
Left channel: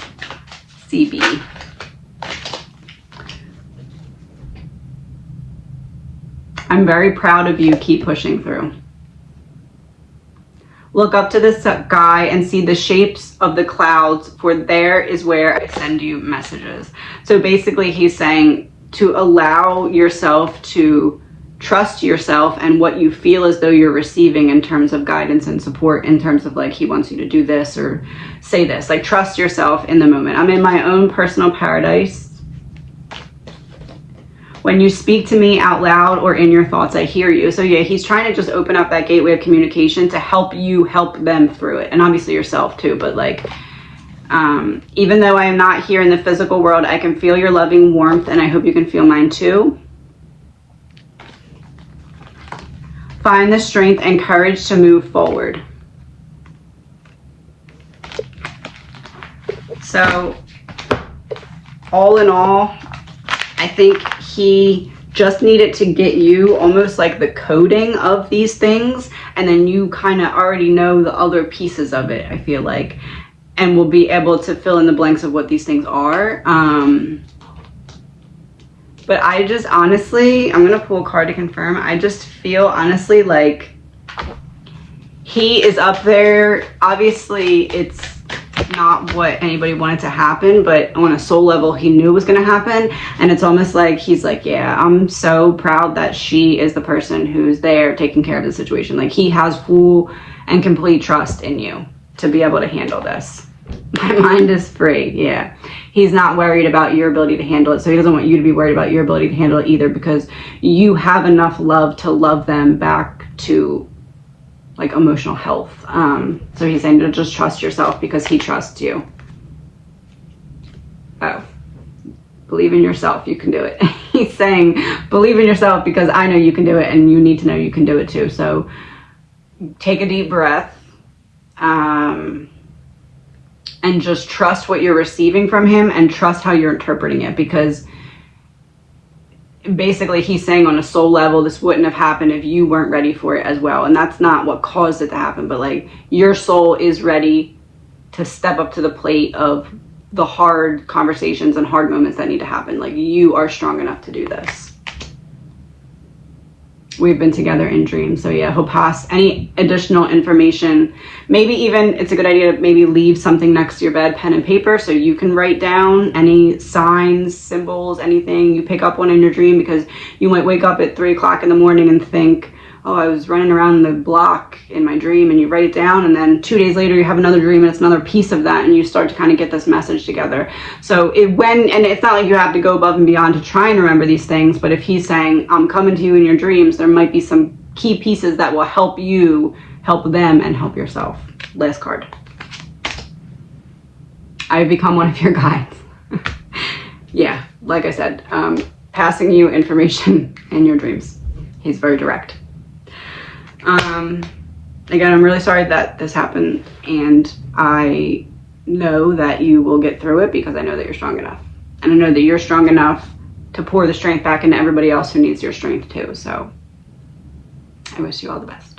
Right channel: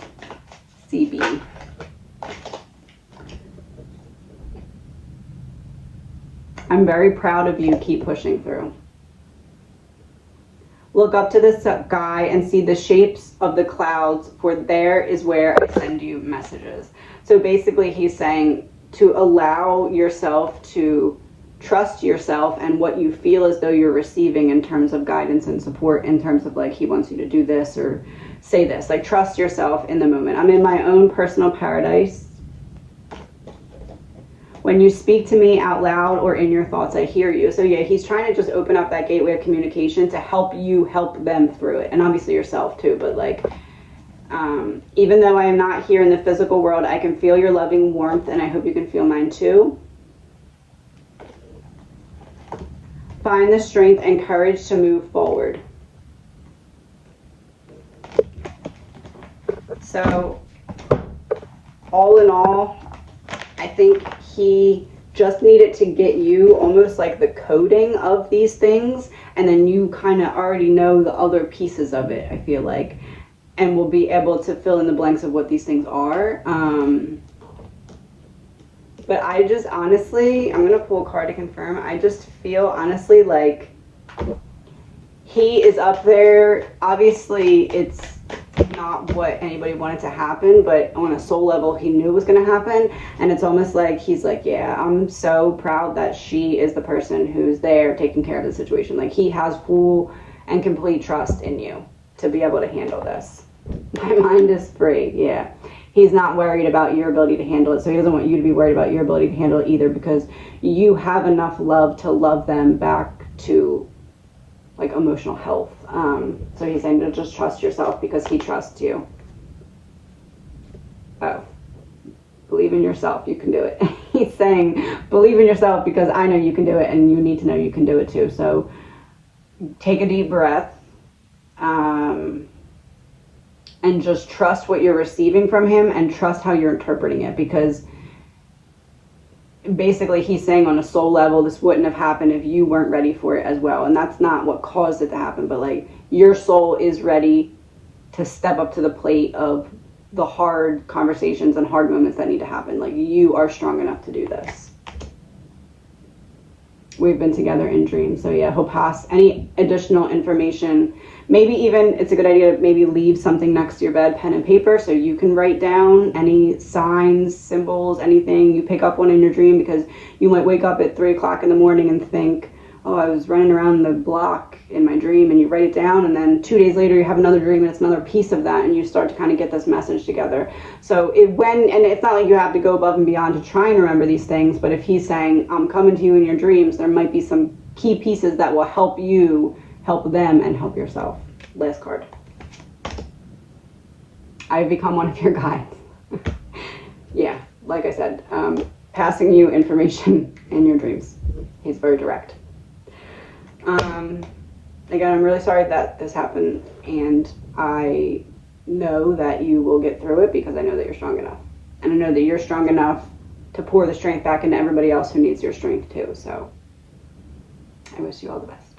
CB. I'm very proud of you, keep pushing through. Look up to this guy and see the shapes of the clouds, for there is where I send you messages. So basically he's saying to allow yourself to trust yourself and what you feel as though you're receiving in terms of guidance and support, in terms of like he wants you to do this or say this. Like trust yourself in the moment. I'm in my own personal paradise. When you speak to me out loud or in your thoughts, I hear you. So yeah, he's trying to just open up that gateway of communication to help you help them through it. And obviously yourself too, but like, even though I am not here in the physical world, I can feel your loving warmth, and I hope you can feel mine too. Find the strength and courage to move forward. So all in all, I think he just needed to get you almost like the coding of these things, and then you kind of already know the other pieces of it, I feel like, and will be able to fill in the blanks of what these things are. But I just honestly, I'm gonna pull a card to confirm. I just feel honestly like he is up there. Obviously it's not what anybody wanted to happen, but on a soul level he knew it was going to happen. And it's almost like he's like, yeah, I'm so proud that she is the person who's there taking care of the situation. Like he has full and complete trust in you to be able to handle this. My mind is free. Yeah, he's not worried about your ability to handle it, so he doesn't want you to be worried about your ability to handle it either, because you have enough love to love them back to like emotional health. So he's saying to just trust yourself because he trusts you. Oh, believe in yourself, you can do it. He's saying believe in yourself because I know you can do it, and you need to know you can do it too. So take a deep breath, and just trust what you're receiving from him, and trust how you're interpreting it, because basically he's saying on a soul level this wouldn't have happened if you weren't ready for it as well. And that's not what caused it to happen, but like your soul is ready to step up to the plate of the hard conversations and hard moments that need to happen. Like you are strong enough to do this. we've been together in dreams. So yeah, he'll pass any additional information. Maybe even it's a good idea to maybe leave something next to your bed, pen and paper, so you can write down any signs, symbols, anything you pick up on in your dream, because you might wake up at 3 o'clock in the morning and think, oh, I was running around the block in my dream, and you write it down, and then 2 days later you have another dream and it's another piece of that, and you start to kind of get this message together. So and it's not like you have to go above and beyond to try and remember these things, but if he's saying, I'm coming to you in your dreams, there might be some key pieces that will help you, help them, and help yourself. Last card. I've become one of your guides. Yeah, like I said, passing you information in your dreams. He's very direct. Again, I'm really sorry that this happened, and I know that you will get through it, because I know that you're strong enough. And I know that you're strong enough to pour the strength back into everybody else who needs your strength too. So I wish you all the best.